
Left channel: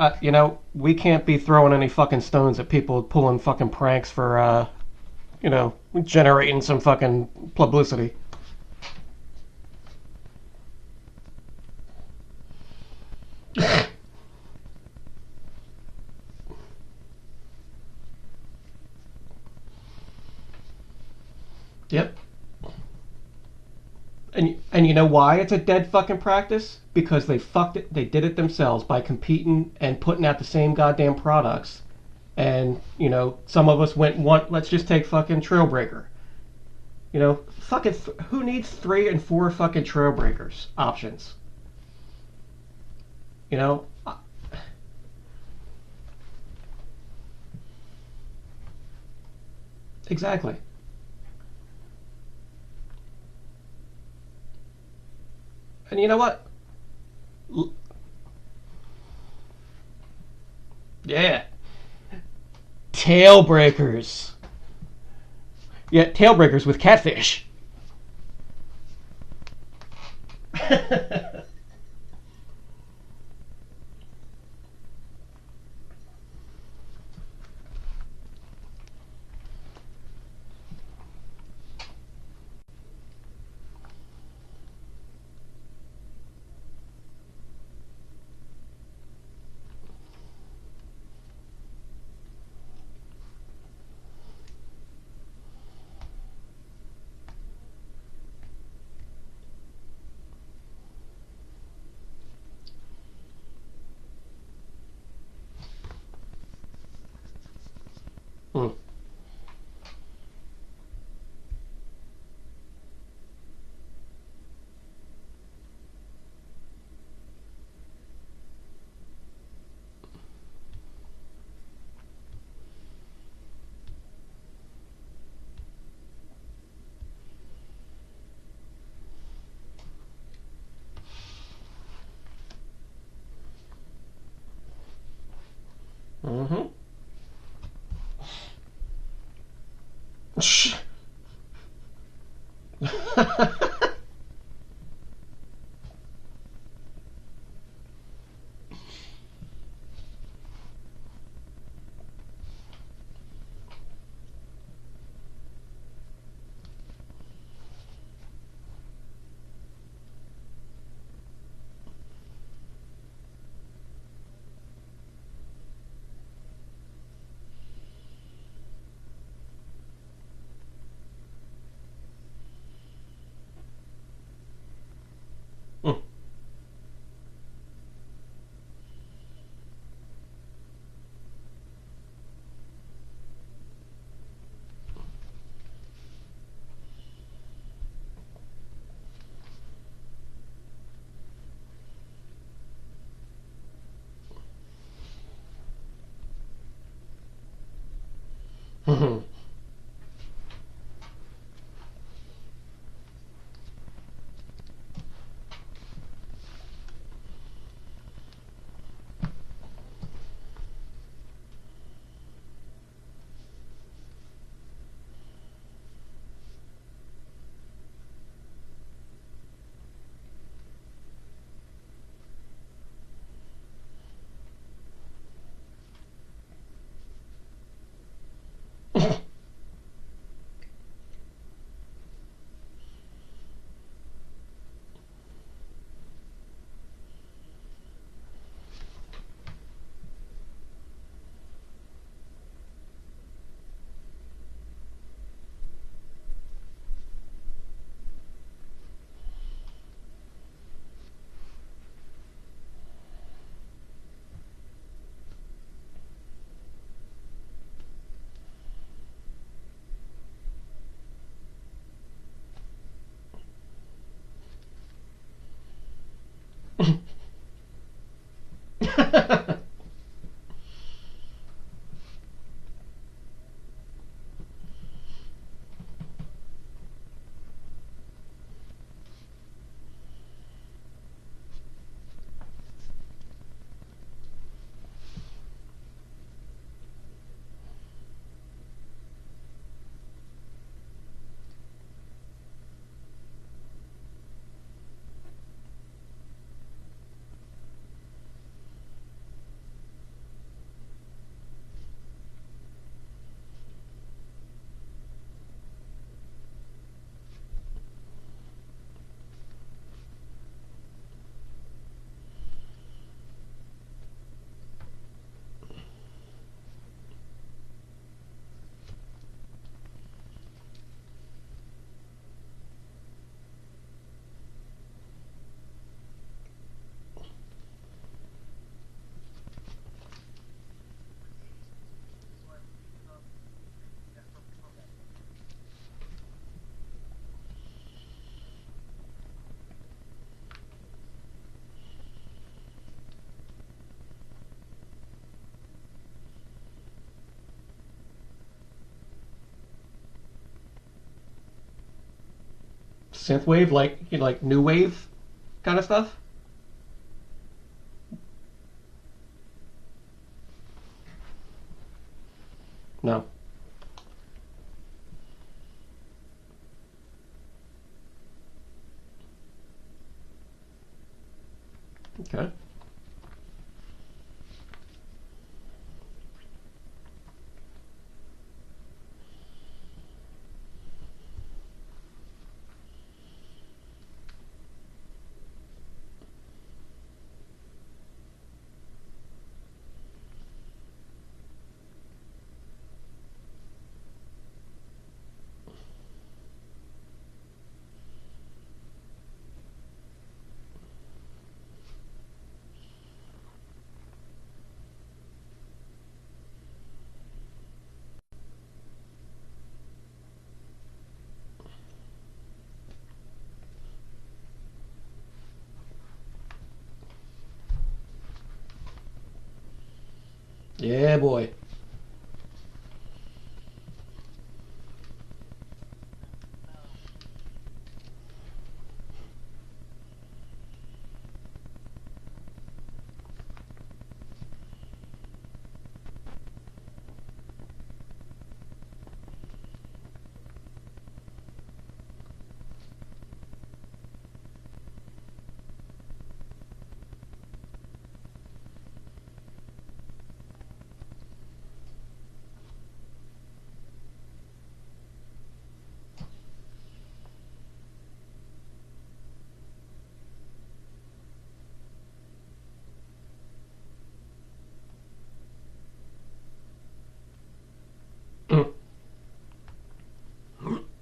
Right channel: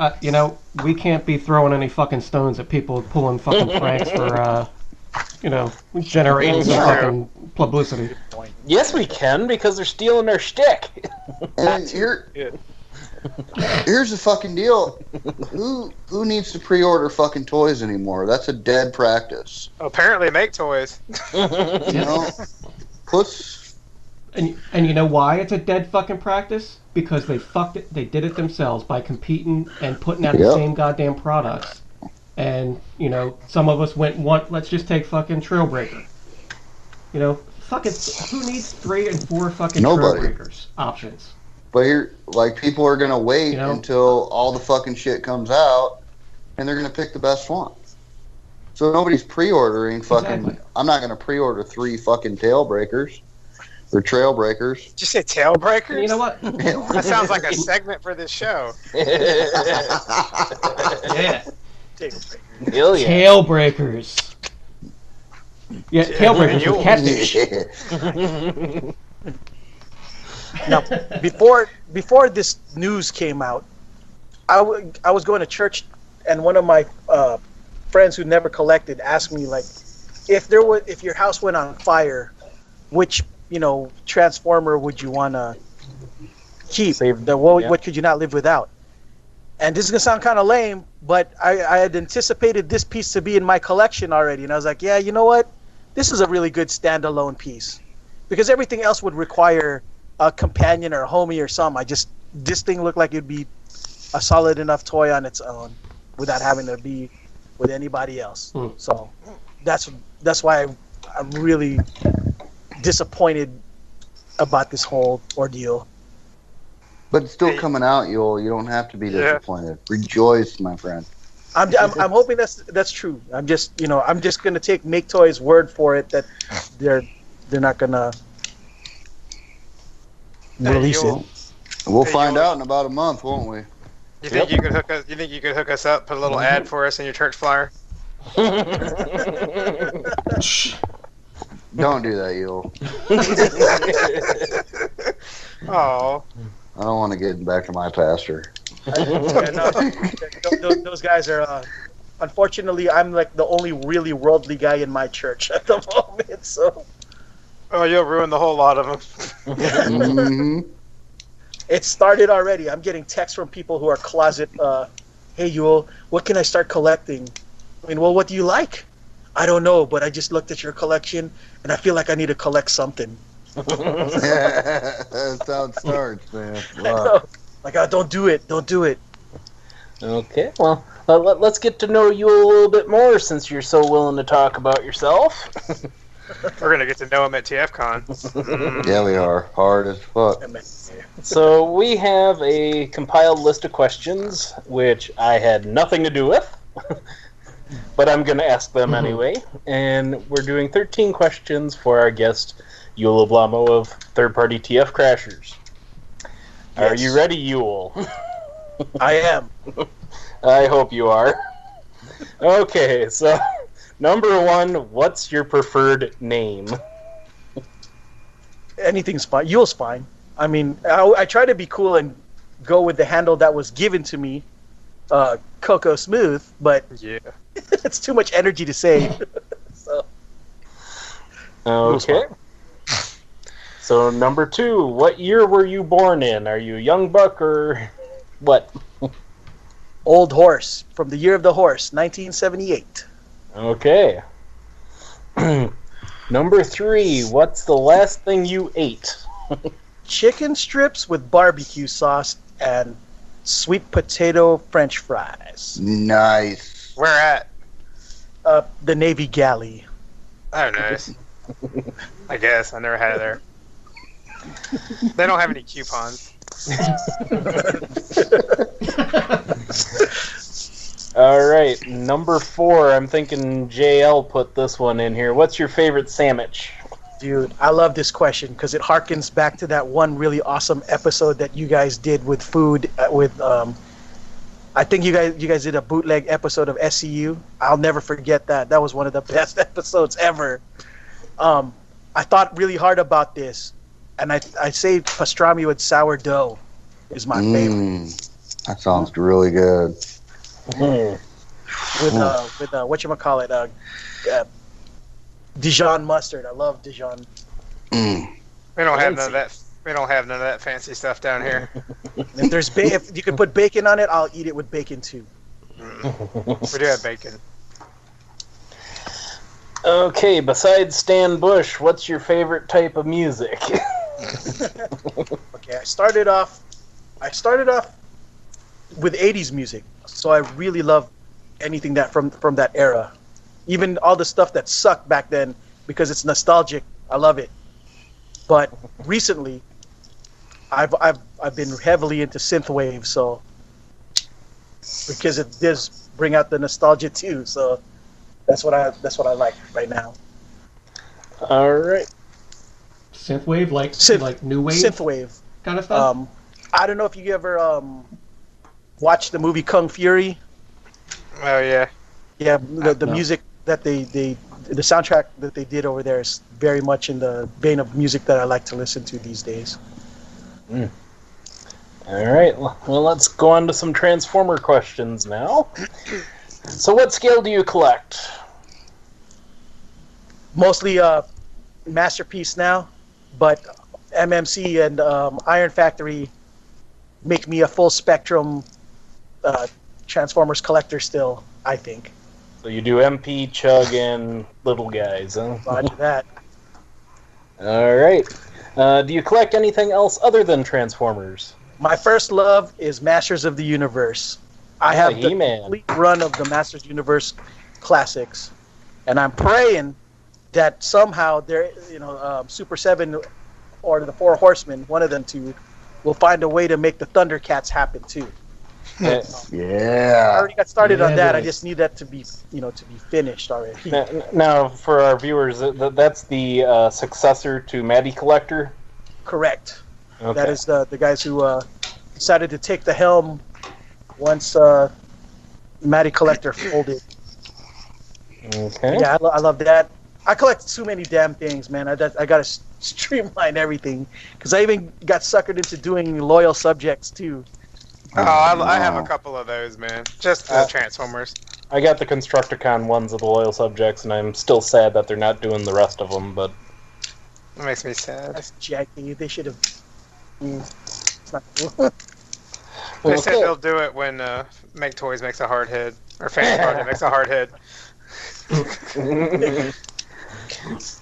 we can't be throwing any fucking stones at people pulling fucking pranks for, generating some True. fucking publicity. Yes, we can, because they're stealing our shtick. And here's the fucking deal. Who needs to pre-order fucking toys anymore? That's a dead practice. Apparently, make toys. You know, And you know why it's a dead fucking practice? Because they fucked it. They did it themselves by competing and putting out the Yep. same goddamn products. And some of us let's just take fucking Trailbreaker. Fucking who needs 3 and 4 fucking Nobody. Trailbreakers options? But people are gonna wait until all the fucking shit comes out, and they're gonna pick the best one. So nobody's pre-ordering fucking. Exactly. I'm not gonna pre-order 3 fucking Tailbreakers or Trailbreakers. Did you say Tailbreakers? And you know what? That sounds like a segment for this show. Yeah. Hell yeah. Tailbreakers. Yeah, Tailbreakers with catfish. Now, before this news came out, I was going to church, and one of my friends who never collected asked me, like, if your house went on fire, which Transformer would you want to keep? What could you not live without? And this is gonna sound kind of lame, but I had anticipated this piece to be in my collection already, and I was like, yeah, you know what? This is a really good standalone piece, because everything else would require a companion or a homie or something. This thing looked like it'd be a solid enough toy on its own, without having to be with anybody else. So that's why I'm really disappointed about this whole ordeal. But it's still coming out, Yul. You don't have to be disappointed. Rejoice, my friend. I'm hoping that's true. I'm just gonna make Toys' word for it that they're not gonna release it. We'll find out in about a month, won't we? You think you could hook us? You think you could hook us up? Put a little ad for us in your church flyer. Don't do that, Yul. Oh. I don't want to get back to my pastor. Those guys are. Unfortunately, I'm like the only really worldly guy in my church at the moment. So. Oh, you'll ruin the whole lot of them. Mm-hmm. It started already. I'm getting texts from people who are closet. Hey, Yul, what can I start collecting? I mean, well, what do you like? I don't know, but I just looked at your collection and I feel like I need to collect something. That's how it starts, man. Wow. Like, oh, don't do it. Don't do it. Okay, well, let's get to know you a little bit more since you're so willing to talk about yourself. We're going to get to know him at TFCon. Yeah, we are. Hard as fuck. So we have a compiled list of questions, which I had nothing to do with, but I'm going to ask them anyway. And we're doing 13 questions for our guest, Yul Eblamo of Third Party TF Crashers. Yes. Are you ready, Yul? I am. I hope you are. Okay, so number 1, what's your preferred name? Anything's fine. Yul's fine. I mean, I try to be cool and go with the handle that was given to me, Coco Smooth, but yeah, it's too much energy to say. So. Okay. So number 2, what year were you born in? Are you a young buck or what? Old horse, from the year of the horse, 1978. Okay. Number 3, what's the last thing you ate? Chicken strips with barbecue sauce and sweet potato French fries. Nice. Where at? The Navy Galley. Oh, nice. I guess. I never had it there. They don't have any coupons. Alright, number 4, I'm thinking JL put this one in here. What's your favorite sandwich? Dude, I love this question because it harkens back to that one really awesome episode that you guys did with food I think you guys did a bootleg episode of SCU. I'll never forget that. That was one of the best episodes ever. I thought really hard about this, and I say pastrami with sourdough is my favorite. That sounds really good. With whatchamacallit, Dijon mustard. I love Dijon. We don't have none of that. We don't have none of that fancy stuff down here. If there's if you can put bacon on it, I'll eat it with bacon too. We do have bacon. Okay, besides Stan Bush, what's your favorite type of music? Okay, I started off with 80s music, so I really love anything that from that era. Even all the stuff that sucked back then, because it's nostalgic. I love it. But recently, I've been heavily into synthwave, so because it does bring out the nostalgia too. So that's what I like right now. All right. Synthwave, like new wave, synthwave kind of stuff. I don't know if you ever watched the movie Kung Fury. Oh yeah. Yeah, the No. music that the soundtrack that they did over there is very much in the vein of music that I like to listen to these days. All right. Well, let's go on to some Transformer questions now. So, what scale do you collect? Mostly Masterpiece now, but MMC and Iron Factory make me a full spectrum Transformers collector still, I think. So you do MP, Chug, and little guys, huh? Roger that. All right. Do you collect anything else other than Transformers? My first love is Masters of the Universe. I have the He-Man. complete run of the Masters Universe classics, and I'm praying that somehow there, Super 7 or the Four Horsemen, one of them two, will find a way to make the Thundercats happen too. I Yeah. already got started Yeah, on that. boy. I just need that to be, to be finished already. Now, for our viewers, that's the successor to Matty Collector. Correct. Okay. That is the guys who decided to take the helm once Matty Collector folded. Okay. Yeah, I love that. I collect too many damn things, man. I gotta streamline everything because I even got suckered into doing loyal subjects too. Oh, I have a couple of those, man. Just the Transformers. I got the Constructicon ones of the loyal subjects, and I'm still sad that they're not doing the rest of them. But That makes me sad. That's janky. They should have. It's not cool. They said they'll do it when Make Toys makes a hard hit, or Fan Project makes a hard hit.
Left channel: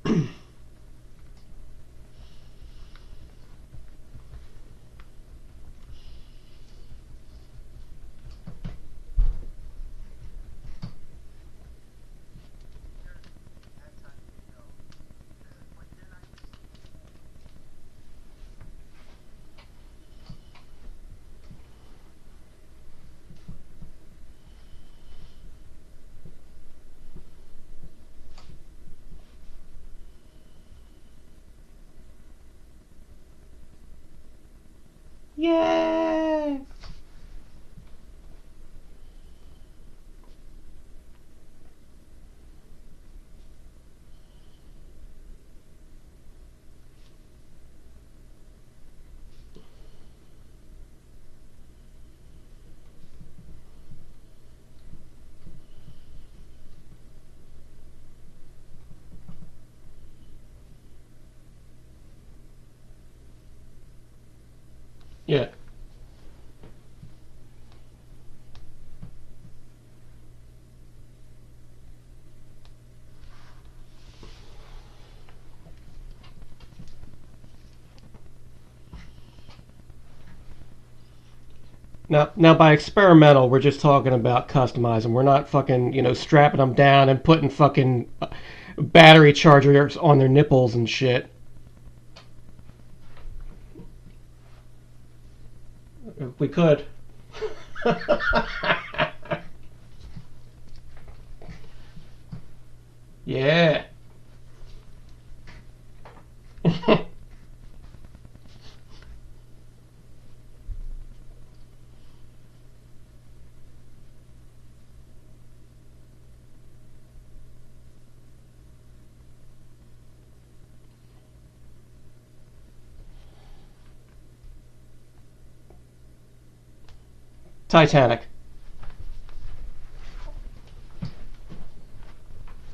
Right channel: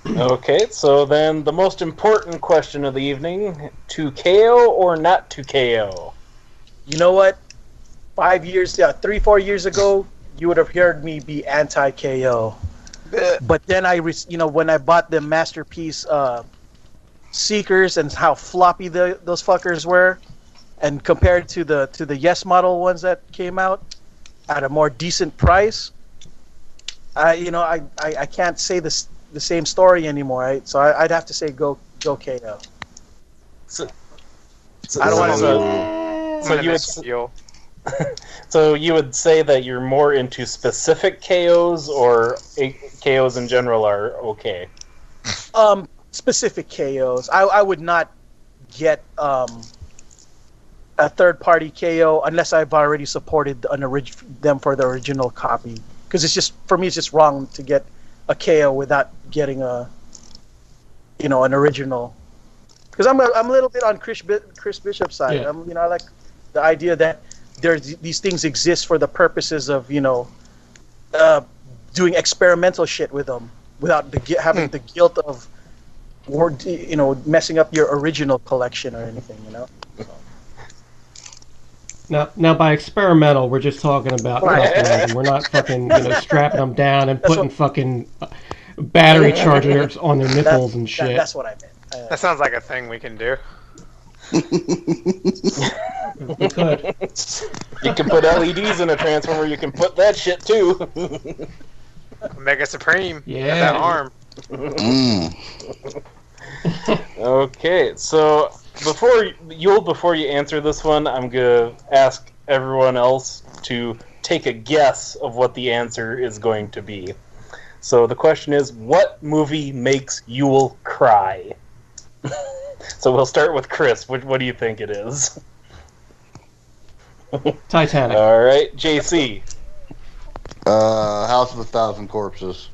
Okay, so then the most important question of the evening: to KO or not to KO? You know what? 3-4 years ago, you would have heard me be anti-KO. But then when I bought the Masterpiece Seekers and how floppy those fuckers were, and compared to the Yes model ones that came out at a more decent price, I can't say the same story anymore. Right? So I'd have to say go KO. So I don't want to. So you would say that you're more into specific KOs, or KOs in general are okay? Specific KOs. I would not get a third-party KO unless I've already supported them for the original copy. Because it's just, for me, it's just wrong to get a KO without getting an original. Because I'm a little bit on Chris Bishop's side. Yeah. I like the idea that these things exist for the purposes of doing experimental shit with them without having the guilt of messing up your original collection or anything. Now by experimental, we're just talking about customizing. We're not fucking, strapping them down and putting fucking battery chargers on their nipples and shit. That's what I meant. That sounds like a thing we can do. We could. You can put LEDs in a Transformer. You can put that shit too. Mega Supreme. Yeah. That arm. Mm. Okay, so before you answer this one, I'm gonna ask everyone else to take a guess of what the answer is going to be. So the question is, what movie makes Yul cry? So we'll start with Chris. What do you think it is? Titanic. All right, JC. House of a Thousand Corpses.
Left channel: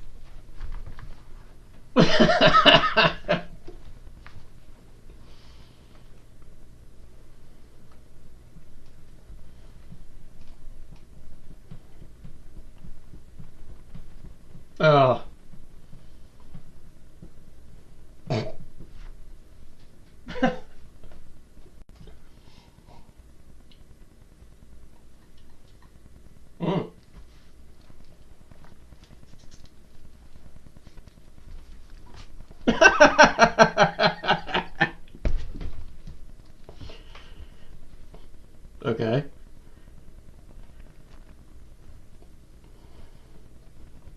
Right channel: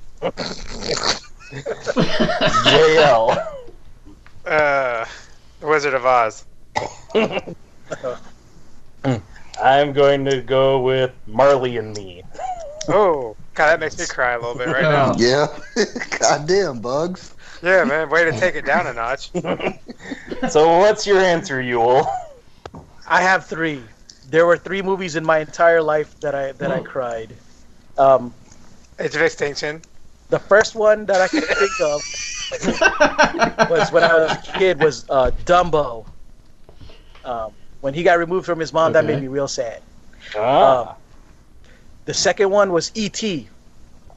JL. Wizard of Oz. I'm going to go with Marley and Me. Oh, God, that makes me cry a little bit right now. Oh. Yeah. Goddamn, Bugs. Yeah, man, way to take it down a notch. So what's your answer, Yul? I have 3. There were 3 movies in my entire life that I cried. Age of Extinction. The first one that I could think of was when I was a kid was Dumbo. When he got removed from his mom, that Okay. made me real sad. Ah. The second one was E.T.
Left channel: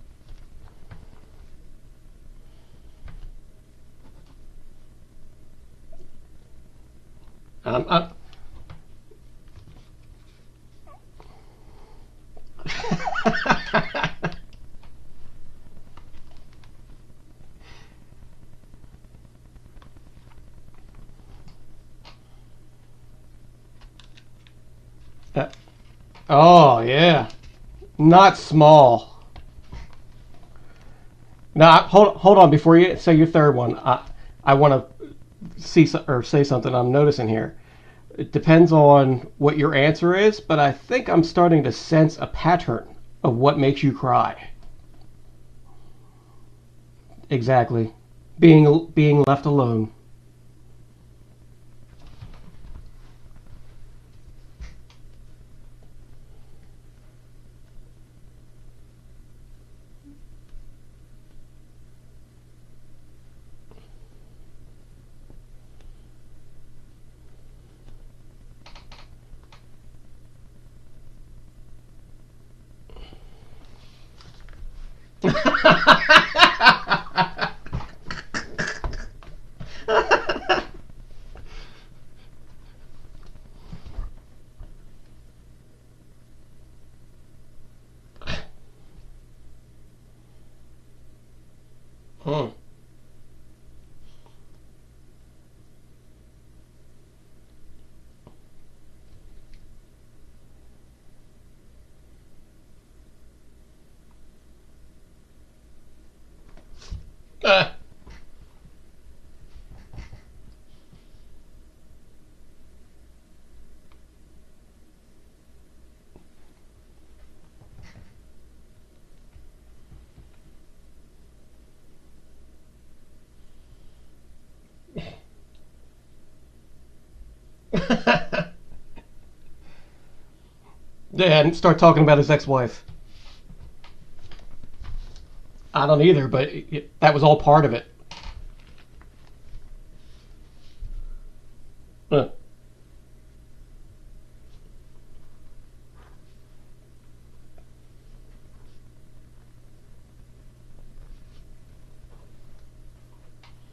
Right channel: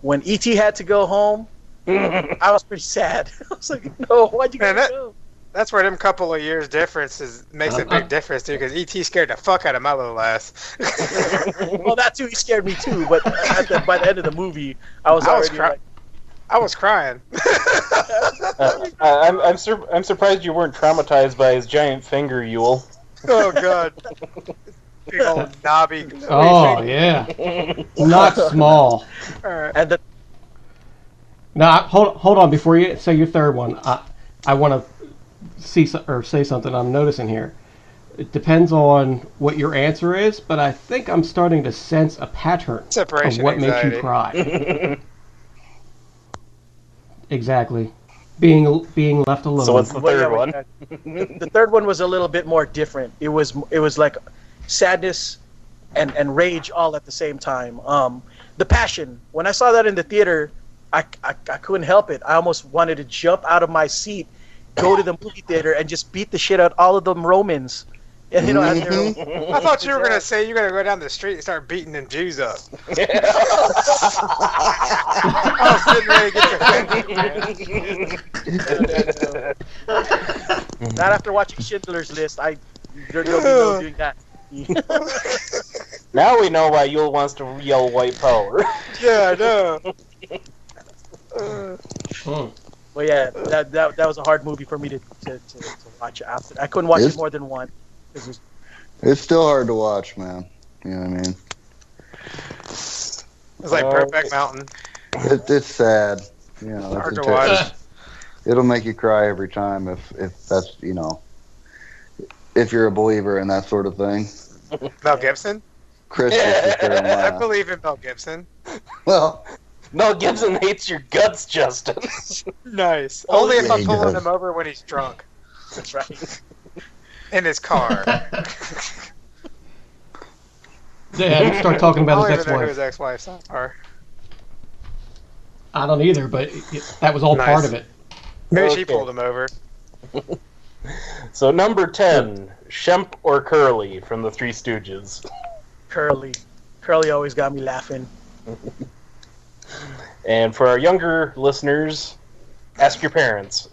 When E.T. had to go home, I was pretty sad. I was like, no, why'd you Man, gotta go? That's where them couple of years difference makes a big difference, too, because E.T. scared the fuck out of my little ass. Well, that too, he scared me too, but by the end of the movie, I was already like, I was crying. I'm surprised you weren't traumatized by his giant finger, Yul. Oh, God. Big old knobby. Oh yeah. Not small. Alright. and the Now hold on before you say your third one. I want to say something I'm noticing here. It depends on what your answer is, but I think I'm starting to sense a pattern of Separation what makes you anxiety. cry. Exactly. Being left alone. So what's the well, yeah, third one? the third one was a little bit more different. It was like sadness and rage all at the same time. The Passion. When I saw that in the theater, I couldn't help it. I almost wanted to jump out of my seat, go to the movie theater, and just beat the shit out all of them Romans. And, you know, as they're- I thought you were going to say you're going to go down the street and start beating them Jews up. not after watching Schindler's List. There'll be no doing that. Now we know why Yul wants to yell white power. Yeah, I know. But yeah, that was a hard movie for me to watch after. I couldn't watch it more than one. It was, It's still hard to watch, man. You know what I mean? It's like Brokeback Mountain. It's sad. You know, Hard it's to watch. it'll make you cry every time if that's, you know, if you're a believer in that sort of thing. Mel Gibson? Chris just sit there and I laugh. believe in Mel Gibson. Well, Mel Gibson hates your guts, Justin. Nice. Only if yeah, I'm he pulling does. him over when he's drunk. that's right. In his car. Yeah, start talking about his I don't even know who ex-wife. his ex-wife's are. I don't either, but that was all part of it. Maybe she Okay. pulled him over. So number 10, Shemp or Curly from the Three Stooges. Curly always got me laughing. And for our younger listeners, ask your parents.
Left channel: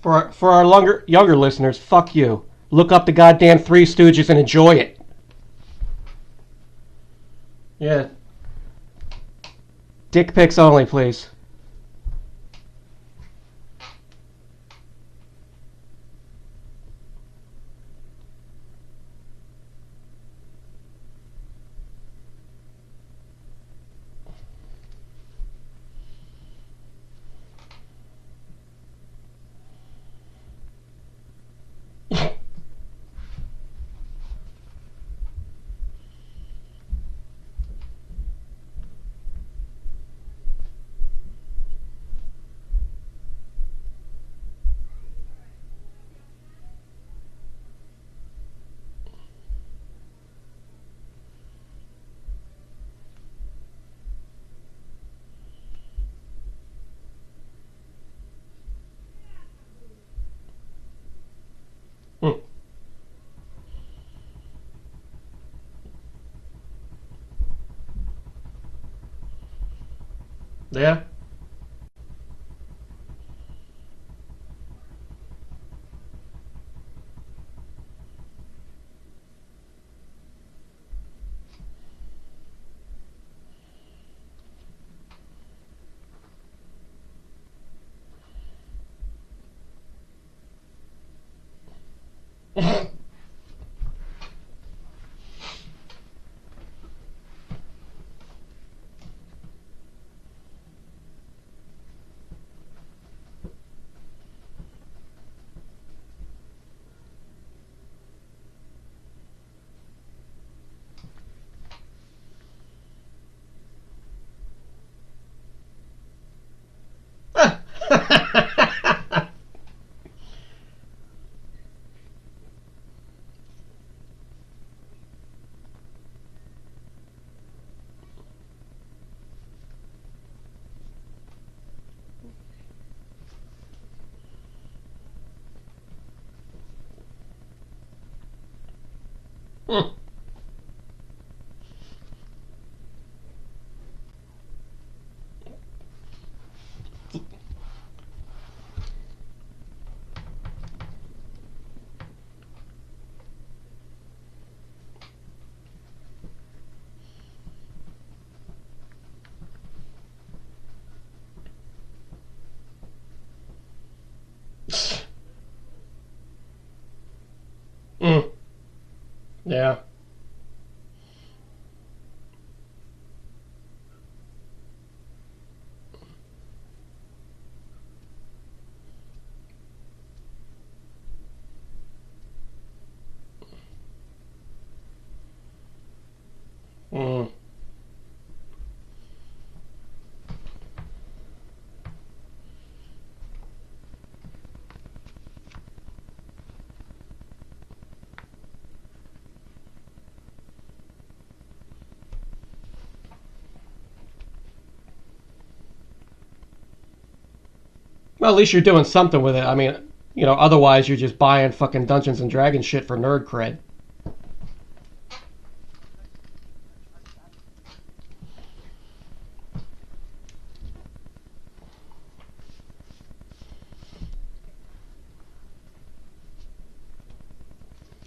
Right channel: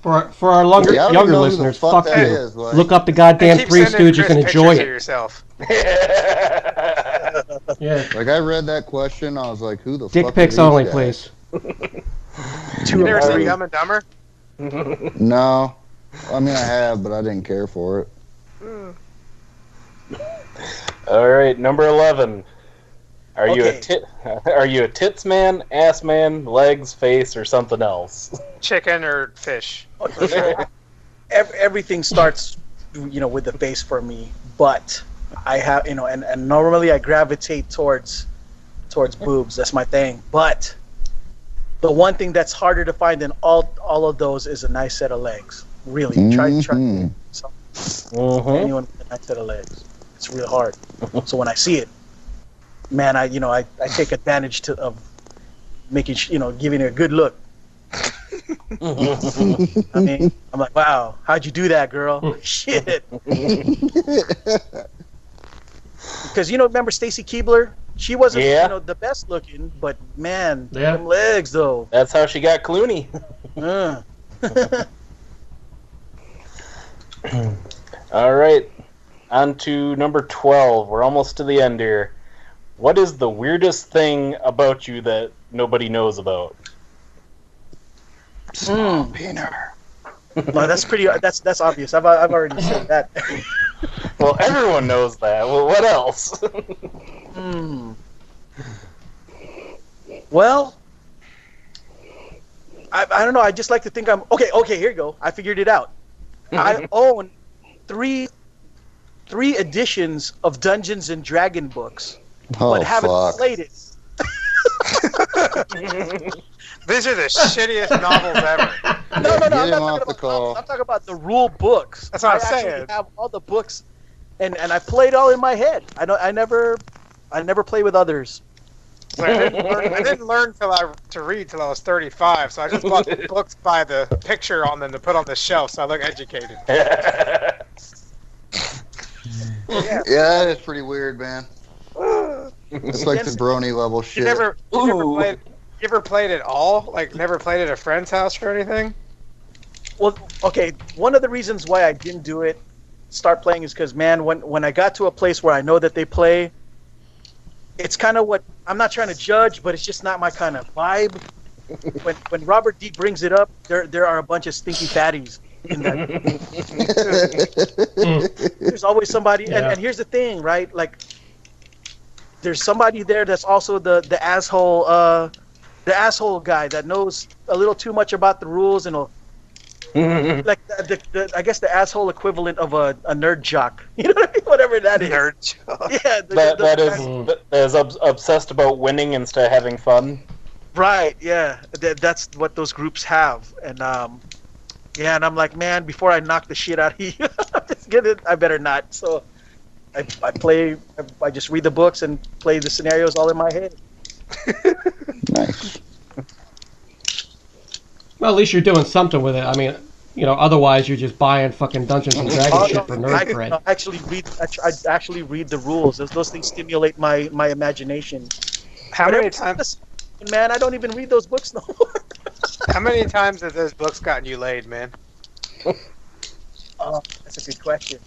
For our younger, Yeah, I don't younger know who the listeners, fuck fuck that you. is, like- Look up the goddamn Keep Three sending Stooges Chris and enjoy pictures of it. yourself. Yeah. like I read that question, I was like, who the Dick fuck pics is only, that? please. You never seen Alright. Dumb and Dumber? No. I mean, I have, but I didn't care for it. All right, number 11. Are you Okay. Are you a tits man, ass man, legs, face, or something else? Chicken or fish? Everything starts, with the face for me. But I have, and normally I gravitate towards boobs. That's my thing. But the one thing that's harder to find than all of those is a nice set of legs. Really, try Mhm. anyone with a nice set of legs. It's real hard. So when I see it, man, I take advantage of making, giving it a good look. I mean, I'm like, wow, how'd you do that, girl? Shit. Because remember Stacy Keibler? She wasn't, Yeah. the best looking, but man, Yeah. them legs though. That's how she got Clooney. Uh. All right, on to number 12. We're almost to the end here. What is the weirdest thing about you that nobody knows about? Small peanut. No, that's pretty. That's obvious. I've already said that. Well, everyone knows that. Well, what else? Well, I don't know. I just like to think I'm okay. Okay, here you go. I figured it out. I own three editions of Dungeons and Dragon books, Oh, but haven't fuck. played it. These are the shittiest novels ever. No, Get I'm him not off talking the about call. novels. I'm talking about the rule books. That's what I'm I actually saying. have all the books, and I played all in my head. I never play with others. So I didn't learn to read till I was 35, so I just bought books by the picture on them to put on the shelf so I look educated. Yeah, that is pretty weird, man. It's like the brony level You shit. never played it all? Like, never played at a friend's house or anything? Well, okay. One of the reasons why I didn't start playing is because, man, when I got to a place where I know that they play, it's kind of what I'm not trying to judge, but it's just not my kind of vibe. When Robert D brings it up, there are a bunch of stinky fatties in that. There's always somebody, and here's the thing, right? Like, there's somebody there that's also the asshole guy that knows a little too much about the rules and like I guess the asshole equivalent of a nerd jock. You know what I mean? Whatever that is. Nerd jock. Yeah. that is obsessed about winning instead of having fun. Right. Yeah. That's what those groups have, and yeah, and I'm like, man, before I knock the shit out of you, I better not. So I just read the books and play the scenarios all in my head. Nice. Well, at least you're doing something with it. I mean, otherwise you're just buying fucking Dungeons and Dragons shit for nerd cred. I actually read the rules. Those things stimulate my imagination. How many times? Man, I don't even read those books no more. How many times have those books gotten you laid, man? Oh, that's a good question.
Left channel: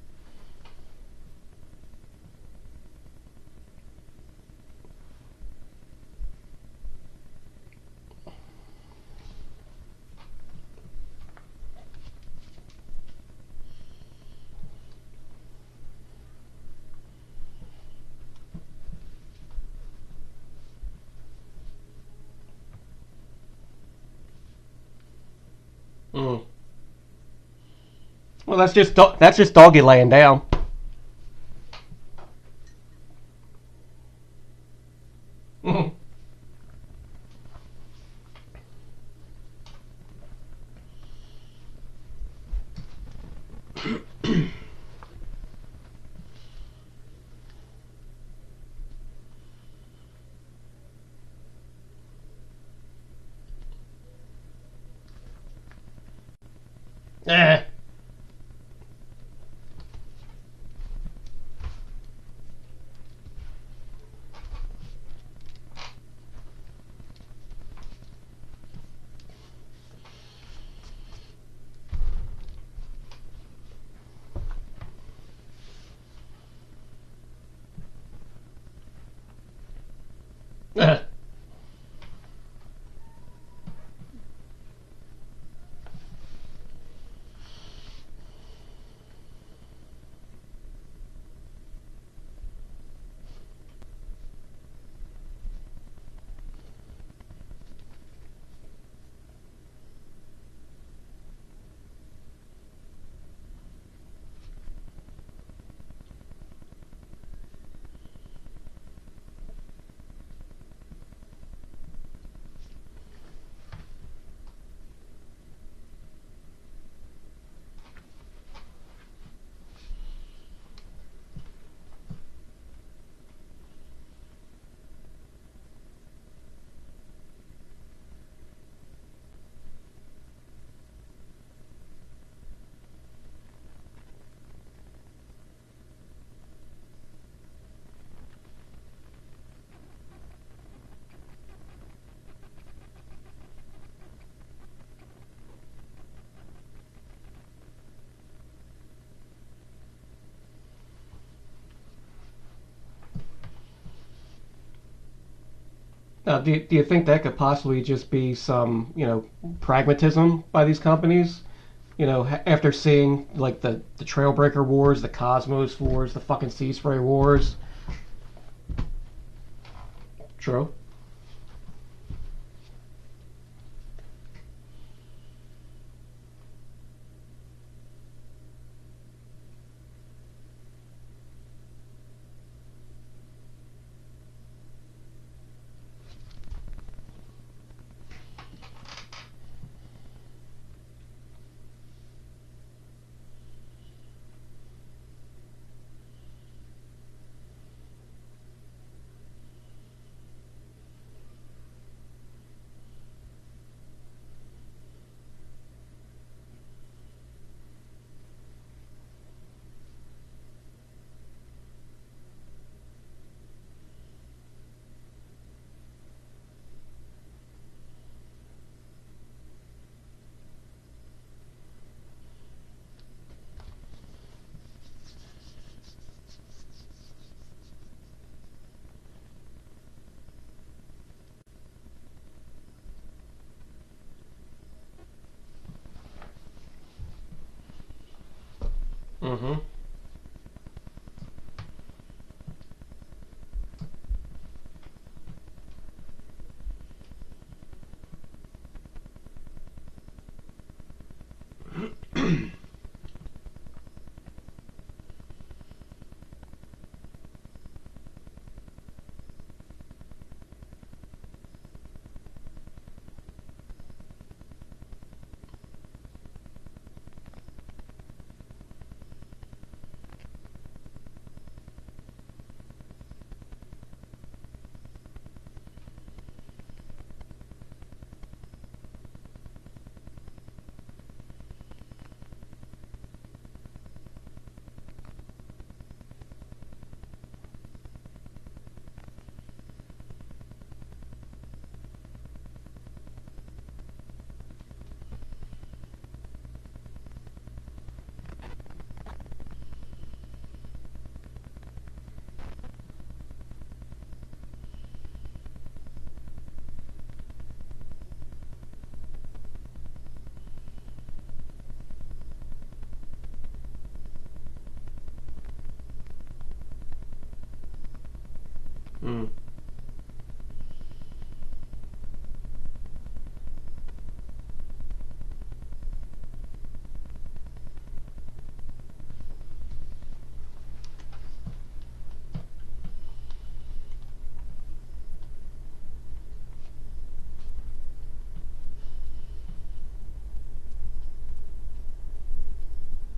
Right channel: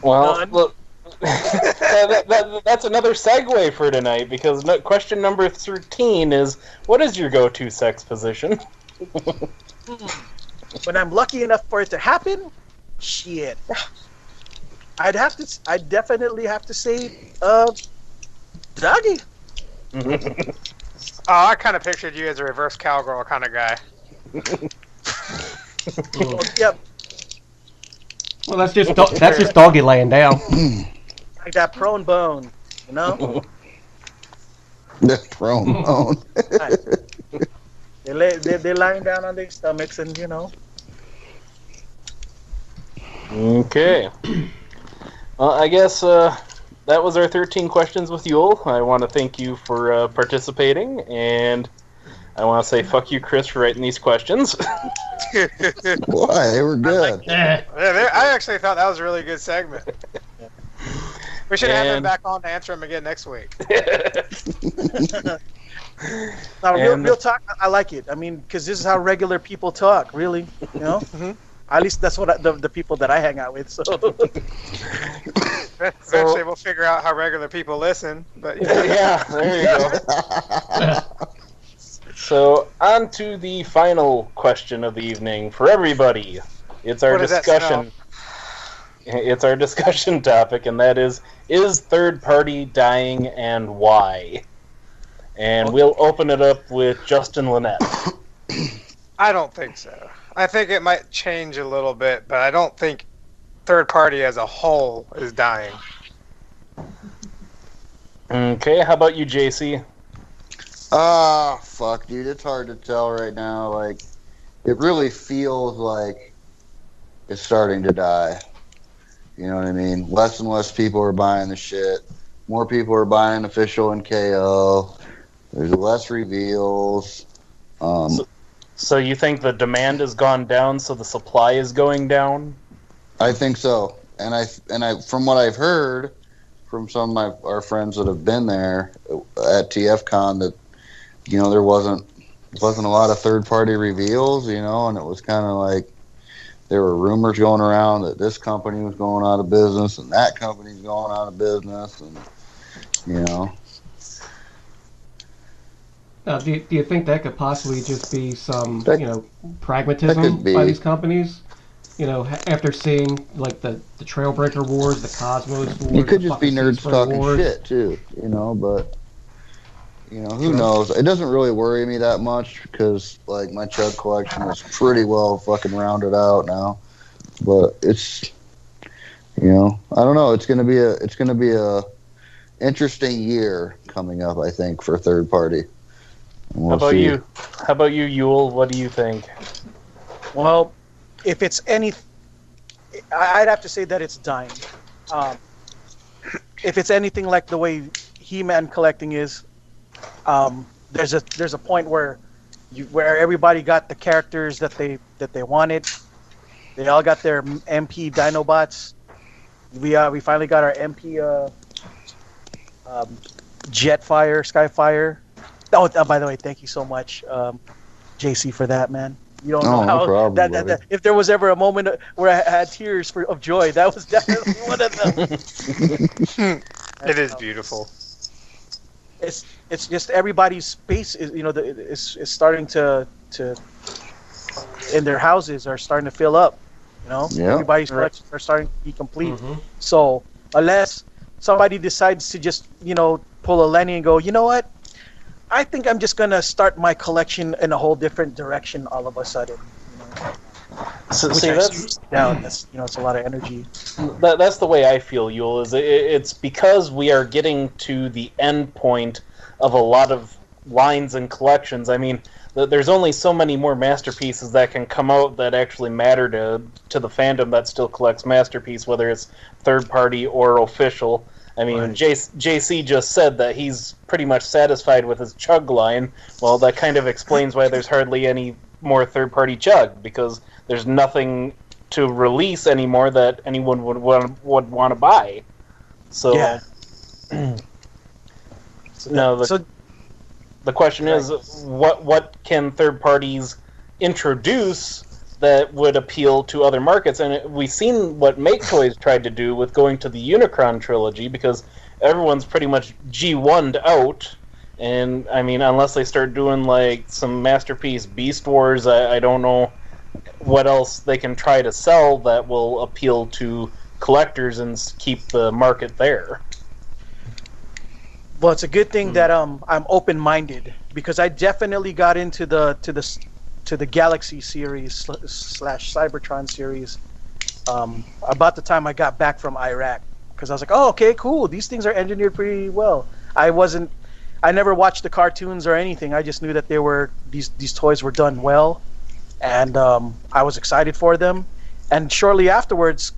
Well, None. look, that's another segue for tonight, because question number 13 is, what is your go-to sex position? When I'm lucky enough for it to happen, shit. I'd definitely have to say, doggy. Oh, I kind of pictured you as a reverse cowgirl kind of guy. Yep. Well, that's just doggy laying down. Like that prone bone, you know? The throne bone. They're lying down on their stomachs and, Okay. Well, I guess that was our 13 questions with Yul. I want to thank you for participating, and I want to say fuck you, Chris, for writing these questions. Why? They were good. I actually thought that was a really good segment. We should have him back on to answer him again next week. No, real talk, I like it. I mean, because this is how regular people talk, really, Mm-hmm. At least that's what the people that I hang out with, so. Eventually we'll figure out how regular people listen, but Yeah, there you go. So, on to the final question of the evening for everybody. It's our What does that discussion. It's our discussion topic, and that is third party dying and why? And we'll open it up with Justin Lynette. I don't think so. I think it might change a little bit, but I don't think third party as a whole is dying. Okay, how about you, JC? Fuck, dude. It's hard to tell right now. Like, it really feels like it's starting to die. You know what I mean? Less and less people are buying the shit. More people are buying official and KO. There's less reveals. So you think the demand has gone down, so the supply is going down? I think so. And I from what I've heard, from some of our friends that have been there at TFCon that, you know, there wasn't a lot of third-party reveals, you know, and it was kind of like there were rumors going around that this company was going out of business and that company's going out of business, and, you know. Now, do you think that could possibly just be some, That- you know, that pragmatism could be. by these companies? You know, after seeing like the Trailbreaker Wars, the Cosmos Wars, It could the just be fucking nerds Seaspring talking Wars. shit, too, you know, but, you know, who True. knows? It doesn't really worry me that much because, like, my chug collection is pretty well fucking rounded out now. But it's, you know, I don't know. It's gonna be a interesting year coming up, I think, for third party. We'll How about see. you? How about you, Yul? What do you think? Well, if it's any, I'd have to say that it's dying. If it's anything like the way He-Man collecting is, there's a point where everybody got the characters that they wanted. They all got their MP Dinobots. We finally got our MP Jetfire, Skyfire. Oh, by the way, thank you so much, JC, for that, man. You don't know No how problem, that if there was ever a moment where I had tears of joy, that was definitely one of them. It is beautiful. It's just everybody's space is, you know, is starting to in their houses are starting to fill up. You know, Yeah. everybody's collections are starting to be complete. Mm-hmm. So unless somebody decides to just, you know, pull a Lenny and go, you know what, I think I'm just gonna start my collection in a whole different direction all of a sudden. So, Which see, I that's down. That's, you know, it's a lot of energy. that's the way I feel, Yul. Is it's because we are getting to the end point of a lot of lines and collections. I mean, there's only so many more masterpieces that can come out that actually matter to the fandom that still collects masterpiece, whether it's third party or official. I mean, Right. JC just said that he's pretty much satisfied with his Chug line. Well, that kind of explains why there's hardly any more third party Chug, because there's nothing to release anymore that anyone would want to buy. So, Yeah. no, So the question is, what can third parties introduce that would appeal to other markets? And we've seen what Make Toys tried to do with going to the Unicron trilogy, because everyone's pretty much G1'd out. And, I mean, unless they start doing, like, some Masterpiece Beast Wars, I don't know what else they can try to sell that will appeal to collectors and keep the market there. well, it's a good thing that I'm open-minded, because I definitely got into the Galaxy series / Cybertron series about the time I got back from Iraq, because I was like, oh, okay, cool, these things are engineered pretty well. I never watched the cartoons or anything. I just knew that these toys were done well, and I was excited for them. And shortly afterwards,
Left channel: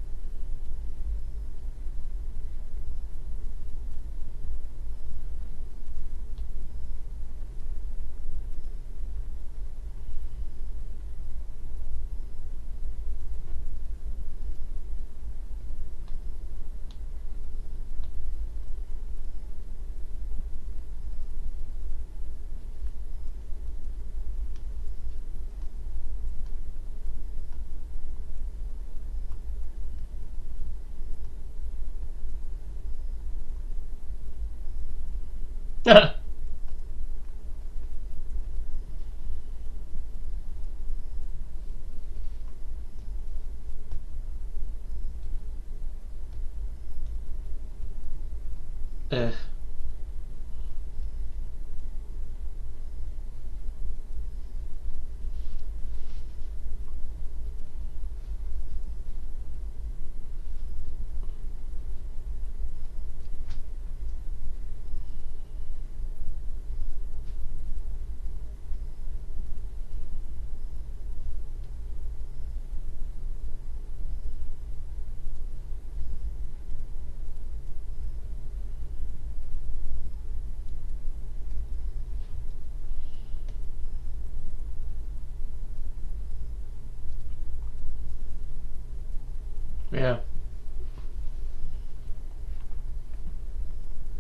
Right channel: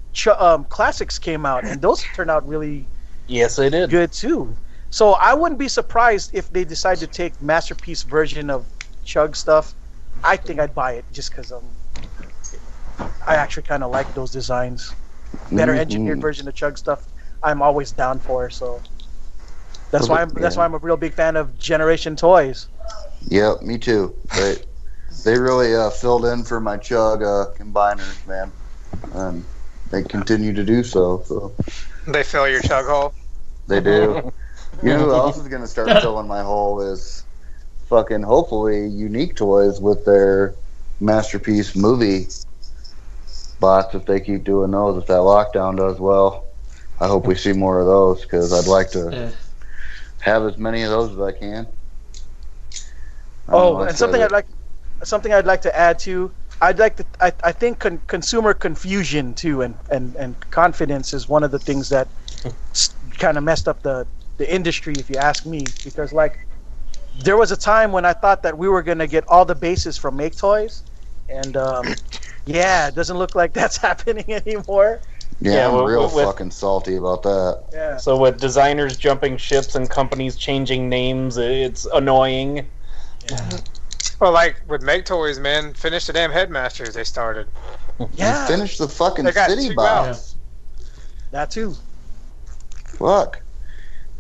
classics came out, and those turned out really Yes, they did. good too. So I wouldn't be surprised if they decide to take masterpiece version of Chug stuff. I think I'd buy it just because I actually kind of like those designs. Better engineered version of Chug stuff, I'm always down for. So that's why I'm a real big fan of Generation Toys. Yep, me too. They really filled in for my Chug combiners, man, and they continue to do so. So They fill your chug hole. they do. You know who else is gonna start filling my hole is fucking hopefully Unique Toys with their Masterpiece movie bots, if they keep doing those, if that lockdown does well. I hope we see more of those, because I'd like to have as many of those as I can. Oh, and something I'd like to add to. I think consumer confusion too, and confidence is one of the things that kind of messed up the industry, if you ask me, because like there was a time when I thought that we were gonna get all the bases from Make Toys, and yeah, it doesn't look like that's happening anymore. Yeah, I'm real fucking salty about that. Yeah. So with designers jumping ships and companies changing names, it's annoying. Well, like with Make Toys, man, finish the damn Headmasters they started. Yeah. Finish the fucking They got city two box. out. That too. Fuck.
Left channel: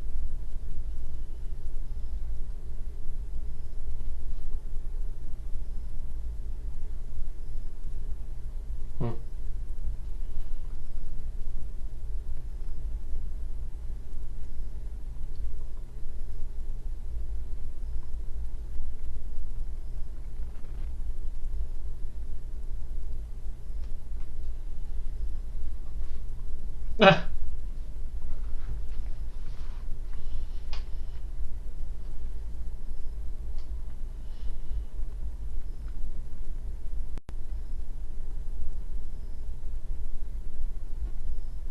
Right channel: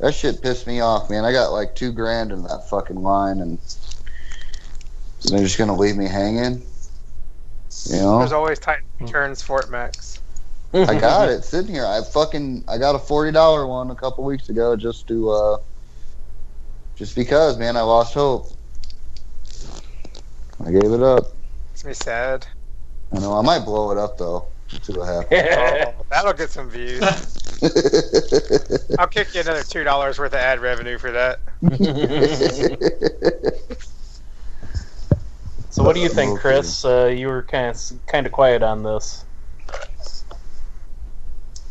That shit pissed me off, man. I got like $2,000 in that fucking line, and they're just gonna leave me hanging. You know? There's always Titan Returns Fort Max. I got it sitting here. I got a $40 one a couple weeks ago just because, man, I lost hope. I gave it up. Makes me sad. I know. I might blow it up though. Let's see what happens. Oh, that'll get some views. I'll kick you another $2 worth of ad revenue for that. So what do you think, Chris? You were kind of quiet on this.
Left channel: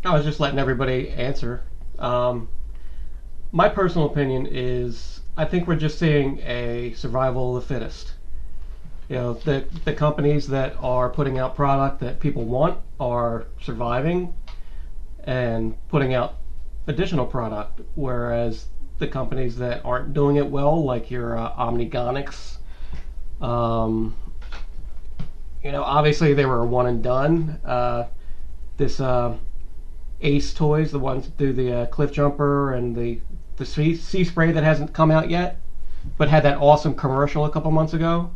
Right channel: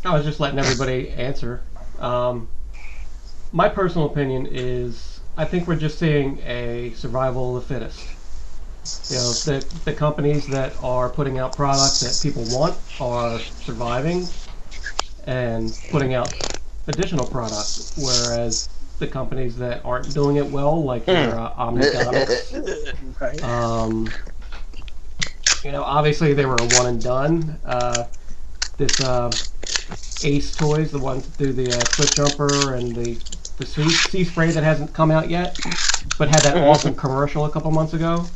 I was just letting everybody answer. My personal opinion is I think we're just seeing a survival of the fittest. You know, the companies that are putting out products that people want are surviving and putting out additional products, whereas the companies that aren't doing it well, like your Omnigonics, you know, obviously they were a one and done. This Ace Toys, the ones that do the Cliff Jumper and the sea spray that hasn't come out yet, but had that awesome commercial a couple months ago.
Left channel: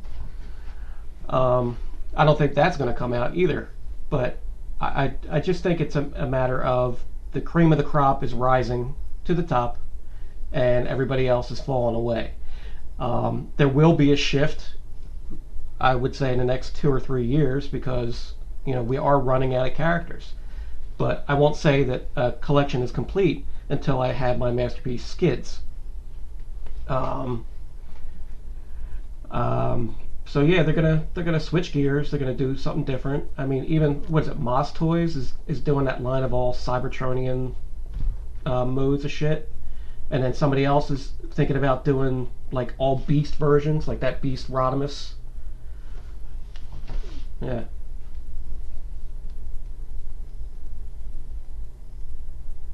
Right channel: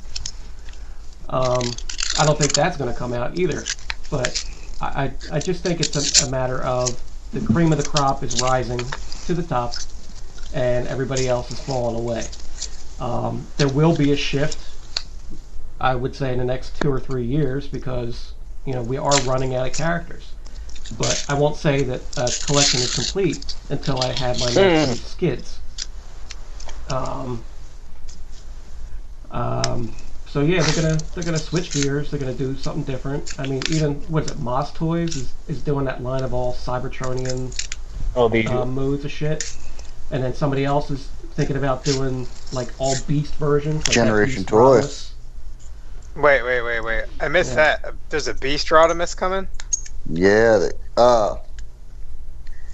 I don't think that's going to come out either, but I just think it's a matter of the cream of the crop is rising to the top and everybody else is falling away. There will be a shift, I would say, in the next 2 or 3 years because, you know, we are running out of characters. But I won't say that a collection is complete until I have my next few skids. So yeah, they're gonna switch gears. They're gonna do something different. I mean, even what is it? Moss Toys is doing that line of all Cybertronian modes of shit, and then somebody else is thinking about doing like all Beast versions, like Generation that Beast Toys. Rodimus. Wait. I missed that. There's a Beast Rodimus coming? Yeah.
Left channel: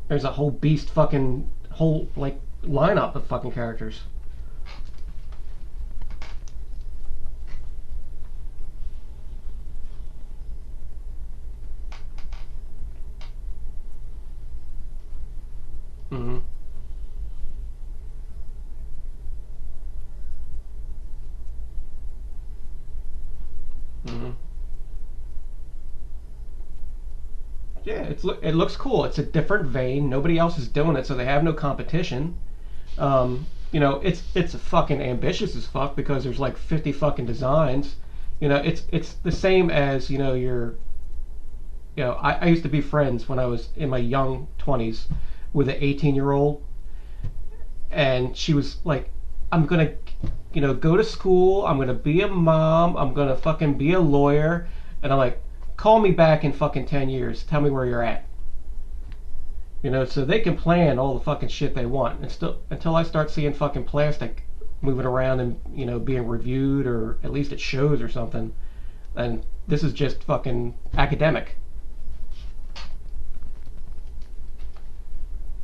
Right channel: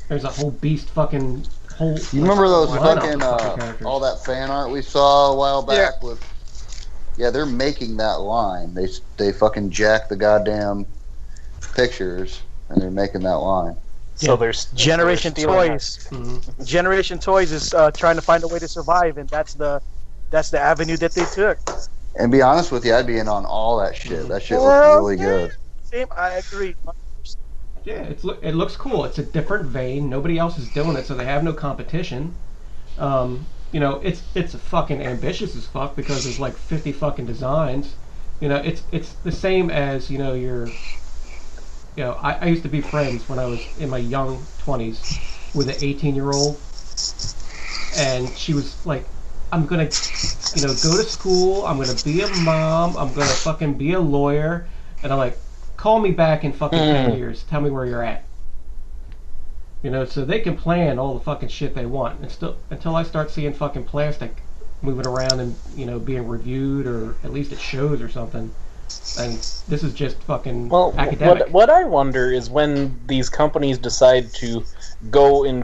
There's a whole Beast fucking whole. You remember those lineup of fucking characters? all that fan art we saw a while back with? Yeah, they're making that line. They fucking jack the goddamn pictures, and they're making that line. So there's Generation Toys. Mm-hmm. Generation Toys is trying to find a way to survive, and that's the avenue that they took. And be honest with you, I'd be in on all that shit. Mm-hmm. That shit looks really good. Same, I agree. Yeah, it looks cool. It's a different vein. Nobody else is doing it, so they have no competition. You know, it's fucking ambitious as fuck because there's like 50 fucking designs. You know, it's the same as, you know, I used to be friends when I was in my young 20s with an 18-year-old, and she was like, I'm gonna, you know, go to school, I'm gonna be a mom, I'm gonna fucking be a lawyer, and I'm like, call me back in fucking 10 years, tell me where you're at. You know, so they can plan all the fucking shit they want, and still until I start seeing fucking plastic moving around and, you know, being reviewed or at least at shows or something. And this is just fucking academic. What I wonder is when these companies decide to boldly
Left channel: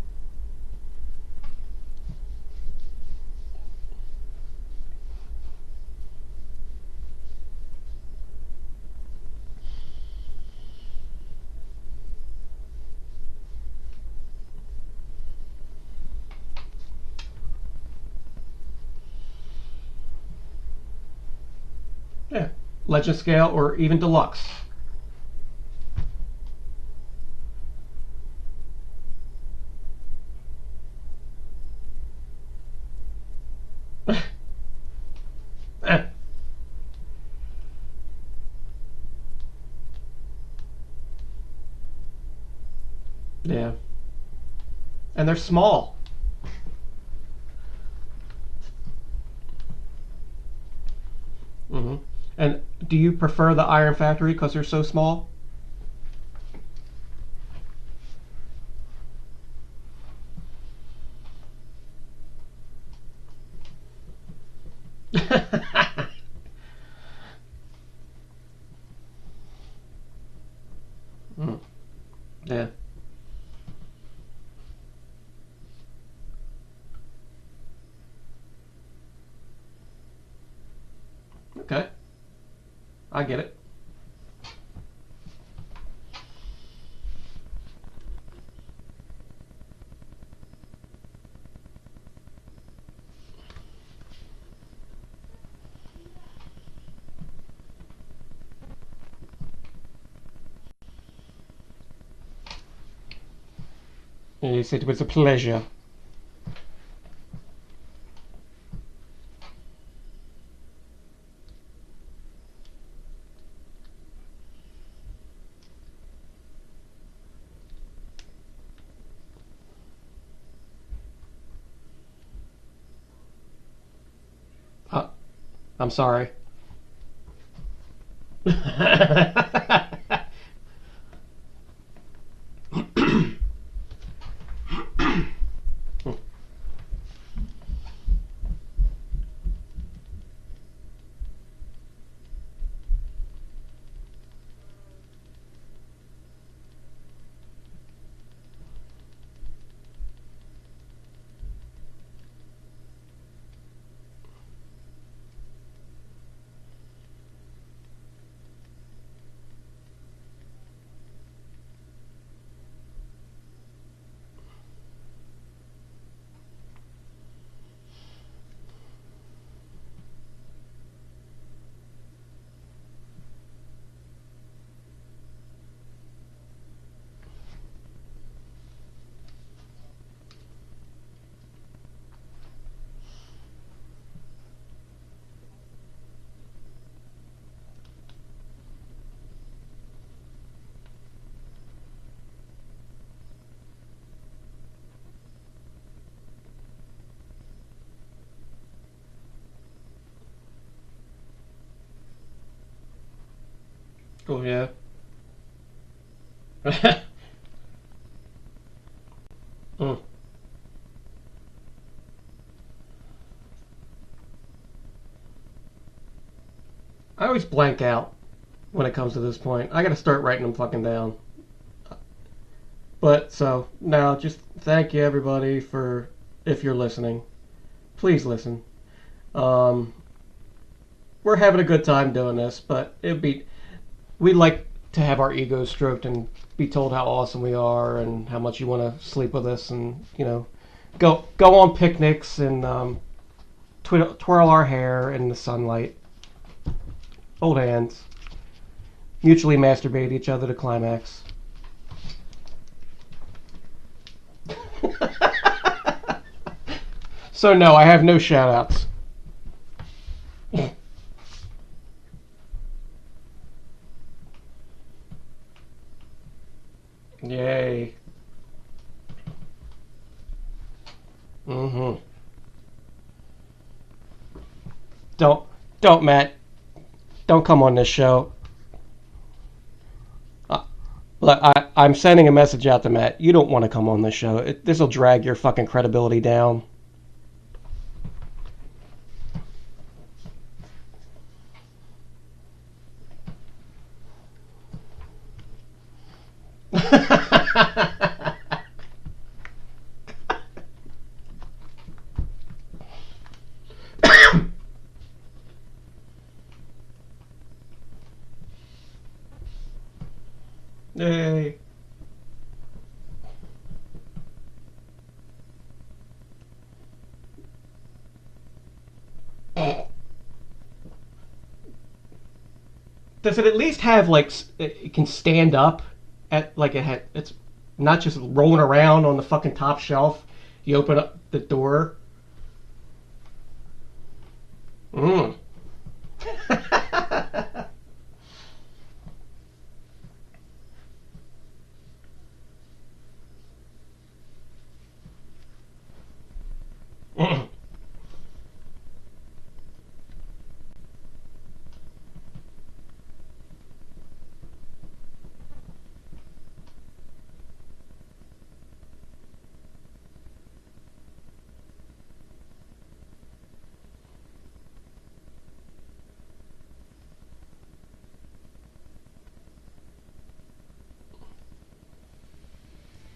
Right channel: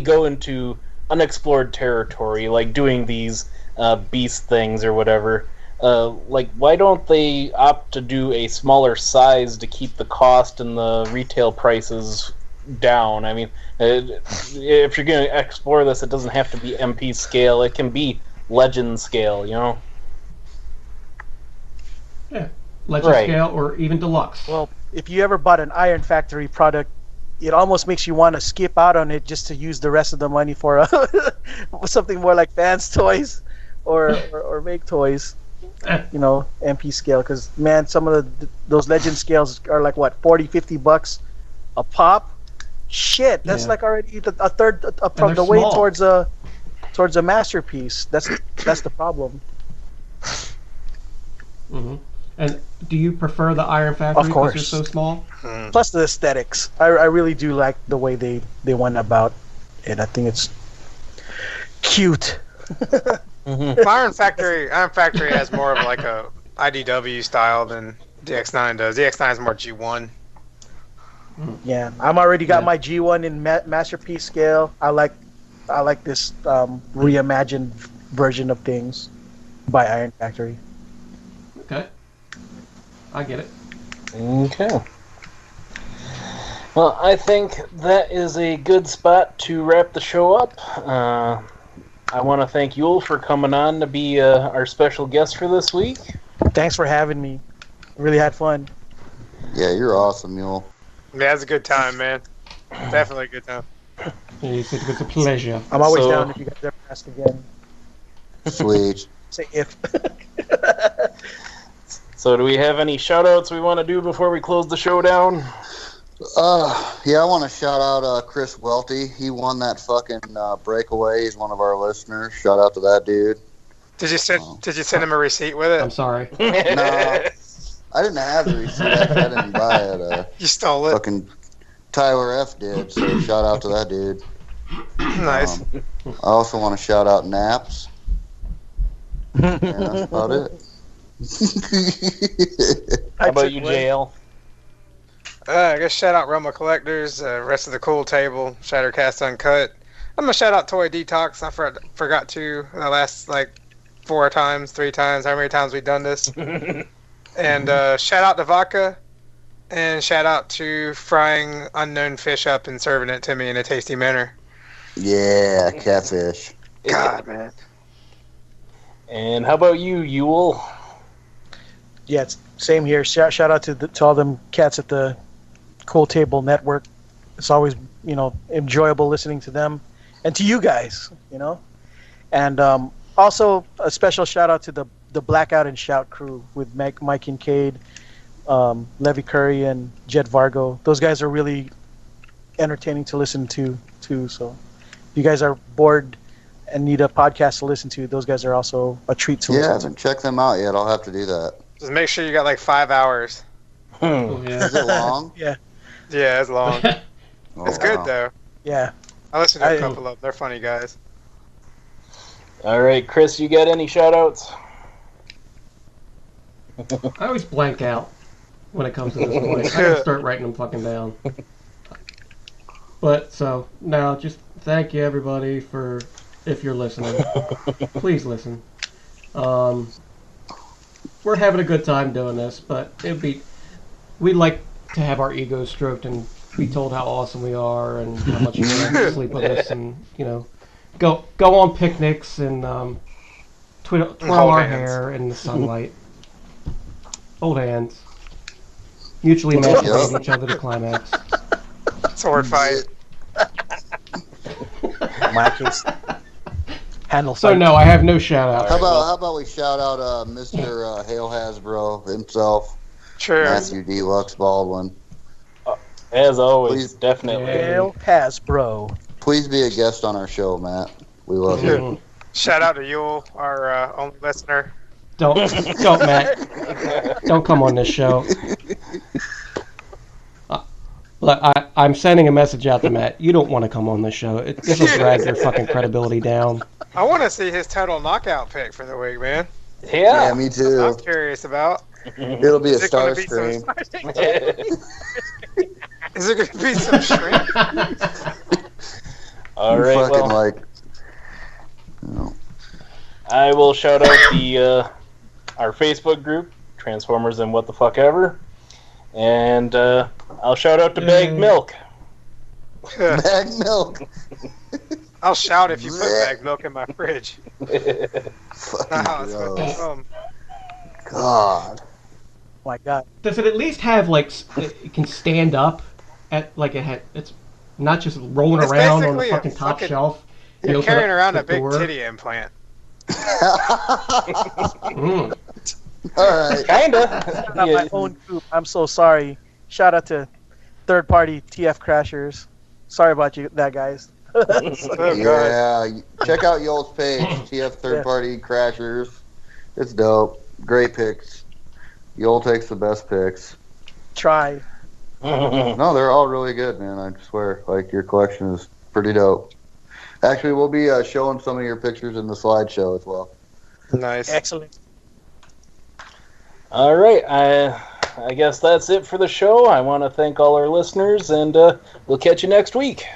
go into unexplored territory, like doing these beast things or whatever. Like, why don't they opt to do a smaller size to keep the cost and the retail prices down? I mean, if you're going to explore this, it doesn't have to be MP scale. It can be Legend scale, you know? Yeah, Legend scale or even deluxe. Well, if you ever bought an Iron Factory product, it almost makes you want to skip out on it just to use the rest of the money for something more like Vans toys or make toys. You know, MP scale, because man, some of those Legend scales are like what, $40-$50 a pop. Shit, that's like already a third from the way towards a masterpiece. That's the problem. Mm-hmm. And do you prefer the Iron Factory because they're so small? Plus the aesthetics, I really do like the way they went about it. I think it's cute. Iron Factory has more of like a IDW style than DX9 does. DX9 is more G1. Yeah, I'm already got my G1 in masterpiece scale. I like this reimagined version of things by Iron Factory. Okay, I get it. Okay. Well, I think that is a good spot to wrap the show up. I want to thank Yul for coming on to be our special guest for this week. Thanks for having me. Really had fun. Yeah, you're awesome, Yul. Yeah, it's a good time, man. Definitely a good time. Yes, it was a pleasure. I'm always So- down if you guys ever ask again. Sweet. Say if. So, do we have any shout-outs we want to do before we close the show down? Yeah, I want to shout out Chris Welty. He won that fucking breakaway. He's one of our listeners. Shout out to that dude. Did you send him a receipt with it? I'm sorry. No, I didn't have the receipt. I didn't buy it. You stole it. Fucking Tyler F did. So shout out to that dude. Nice. I also want to shout out Naps. Yeah, that's about it. How about you, JL? I guess shout out Roma Collectors, rest of the Cool Table, Shattercast Uncut. I'm gonna shout out Toy Detox. I forgot to the last like 3 times, how many times we've done this. And shout out to Vodka, and shout out to frying unknown fish up and serving it to me in a tasty manner. Yeah, catfish. God, man. And how about you, Yul? Yeah, it's same here. Shout out to all them cats at the Cool Table Network. It's always, enjoyable listening to them and to you guys, And also a special shout out to the Blackout and Shout crew with Mike Kincaid, Levy Curry, and Jed Vargo. Those guys are really entertaining to listen to too. So if you guys are bored and need a podcast to listen to, those guys are also a treat to Yeah, I listen haven't checked them out yet. I'll have to do that. Just make sure you got like 5 hours. Oh, yeah. Is it long? Yeah, Yeah, it's long. Oh, It's good wow. though. yeah. I listened to a I- couple of them. They're funny guys. All right, Chris, you got any shout-outs? I always blank out when it comes to this point. I gotta start writing them fucking down. But so now, just thank you everybody for if you're listening. Please listen. We're having a good time doing this, but we'd like to have our egos stroked and be told how awesome we are and how much you want to sleep with us and go on picnics and twirl our hair in the sunlight. Hold hands. Mutually masturbate each other to climax. Sword fight. Matches. Handle. So no, I have no shout outs. How about we shout out Mr. Hale Hasbro himself, True. Matthew Deluxe Baldwin. As always, Please. definitely. Yeah. Hail Hasbro. Please be a guest on our show, Matt. We love you. Mhm. Shout out to Yul, our only listener. Don't Matt. Don't come on this show. Look, I'm sending a message out to Matt. You don't want to come on this show. This will drag your fucking credibility down. I want to see his total knockout pick for the week, man. Yeah, Yeah. me too. I'm curious about. It'll be a Is it gonna star be some- stream. Is it going to be some stream? All You right, fucking well, I will shout out our Facebook group, Transformers and What the Fuck Ever, and I'll shout out to Bag Yay. Milk. Mag milk. I'll shout if you put bag milk in my fridge. Fucking Oh, it's gross. gonna come. God. Oh my God. Does it at least have it can stand up at it's not just rolling It's around on the basically a fucking top fucking- shelf. You You're open carrying up around the a big door. titty implant. Mm. All right. Kinda. Not Yeah. my own group. I'm so sorry. Shout out to third party TF Crashers. Sorry about that, guys. Oh, God. Yeah, check out Yol's page, TF Third Party Crashers. It's dope. Great picks. Yol takes the best picks. Try. No, they're all really good, man. I swear. Like, your collection is pretty dope. Actually, we'll be showing some of your pictures in the slideshow as well. Nice. Excellent. All right, I guess that's it for the show. I want to thank all our listeners, and we'll catch you next week.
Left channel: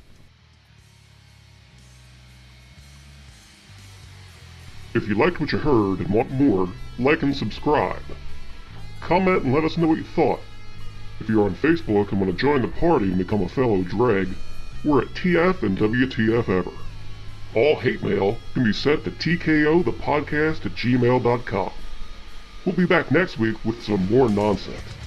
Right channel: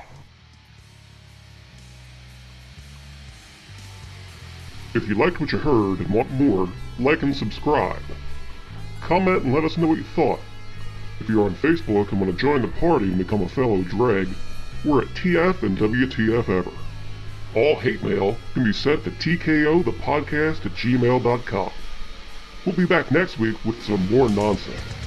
If you liked what you heard and want more, like and subscribe. Comment and let us know what you thought. If you're on Facebook and want to join the party and become a fellow dreg, we're at TF and WTF-Ever. All hate mail can be sent to tkothepodcast@gmail.com. We'll be back next week with some more nonsense.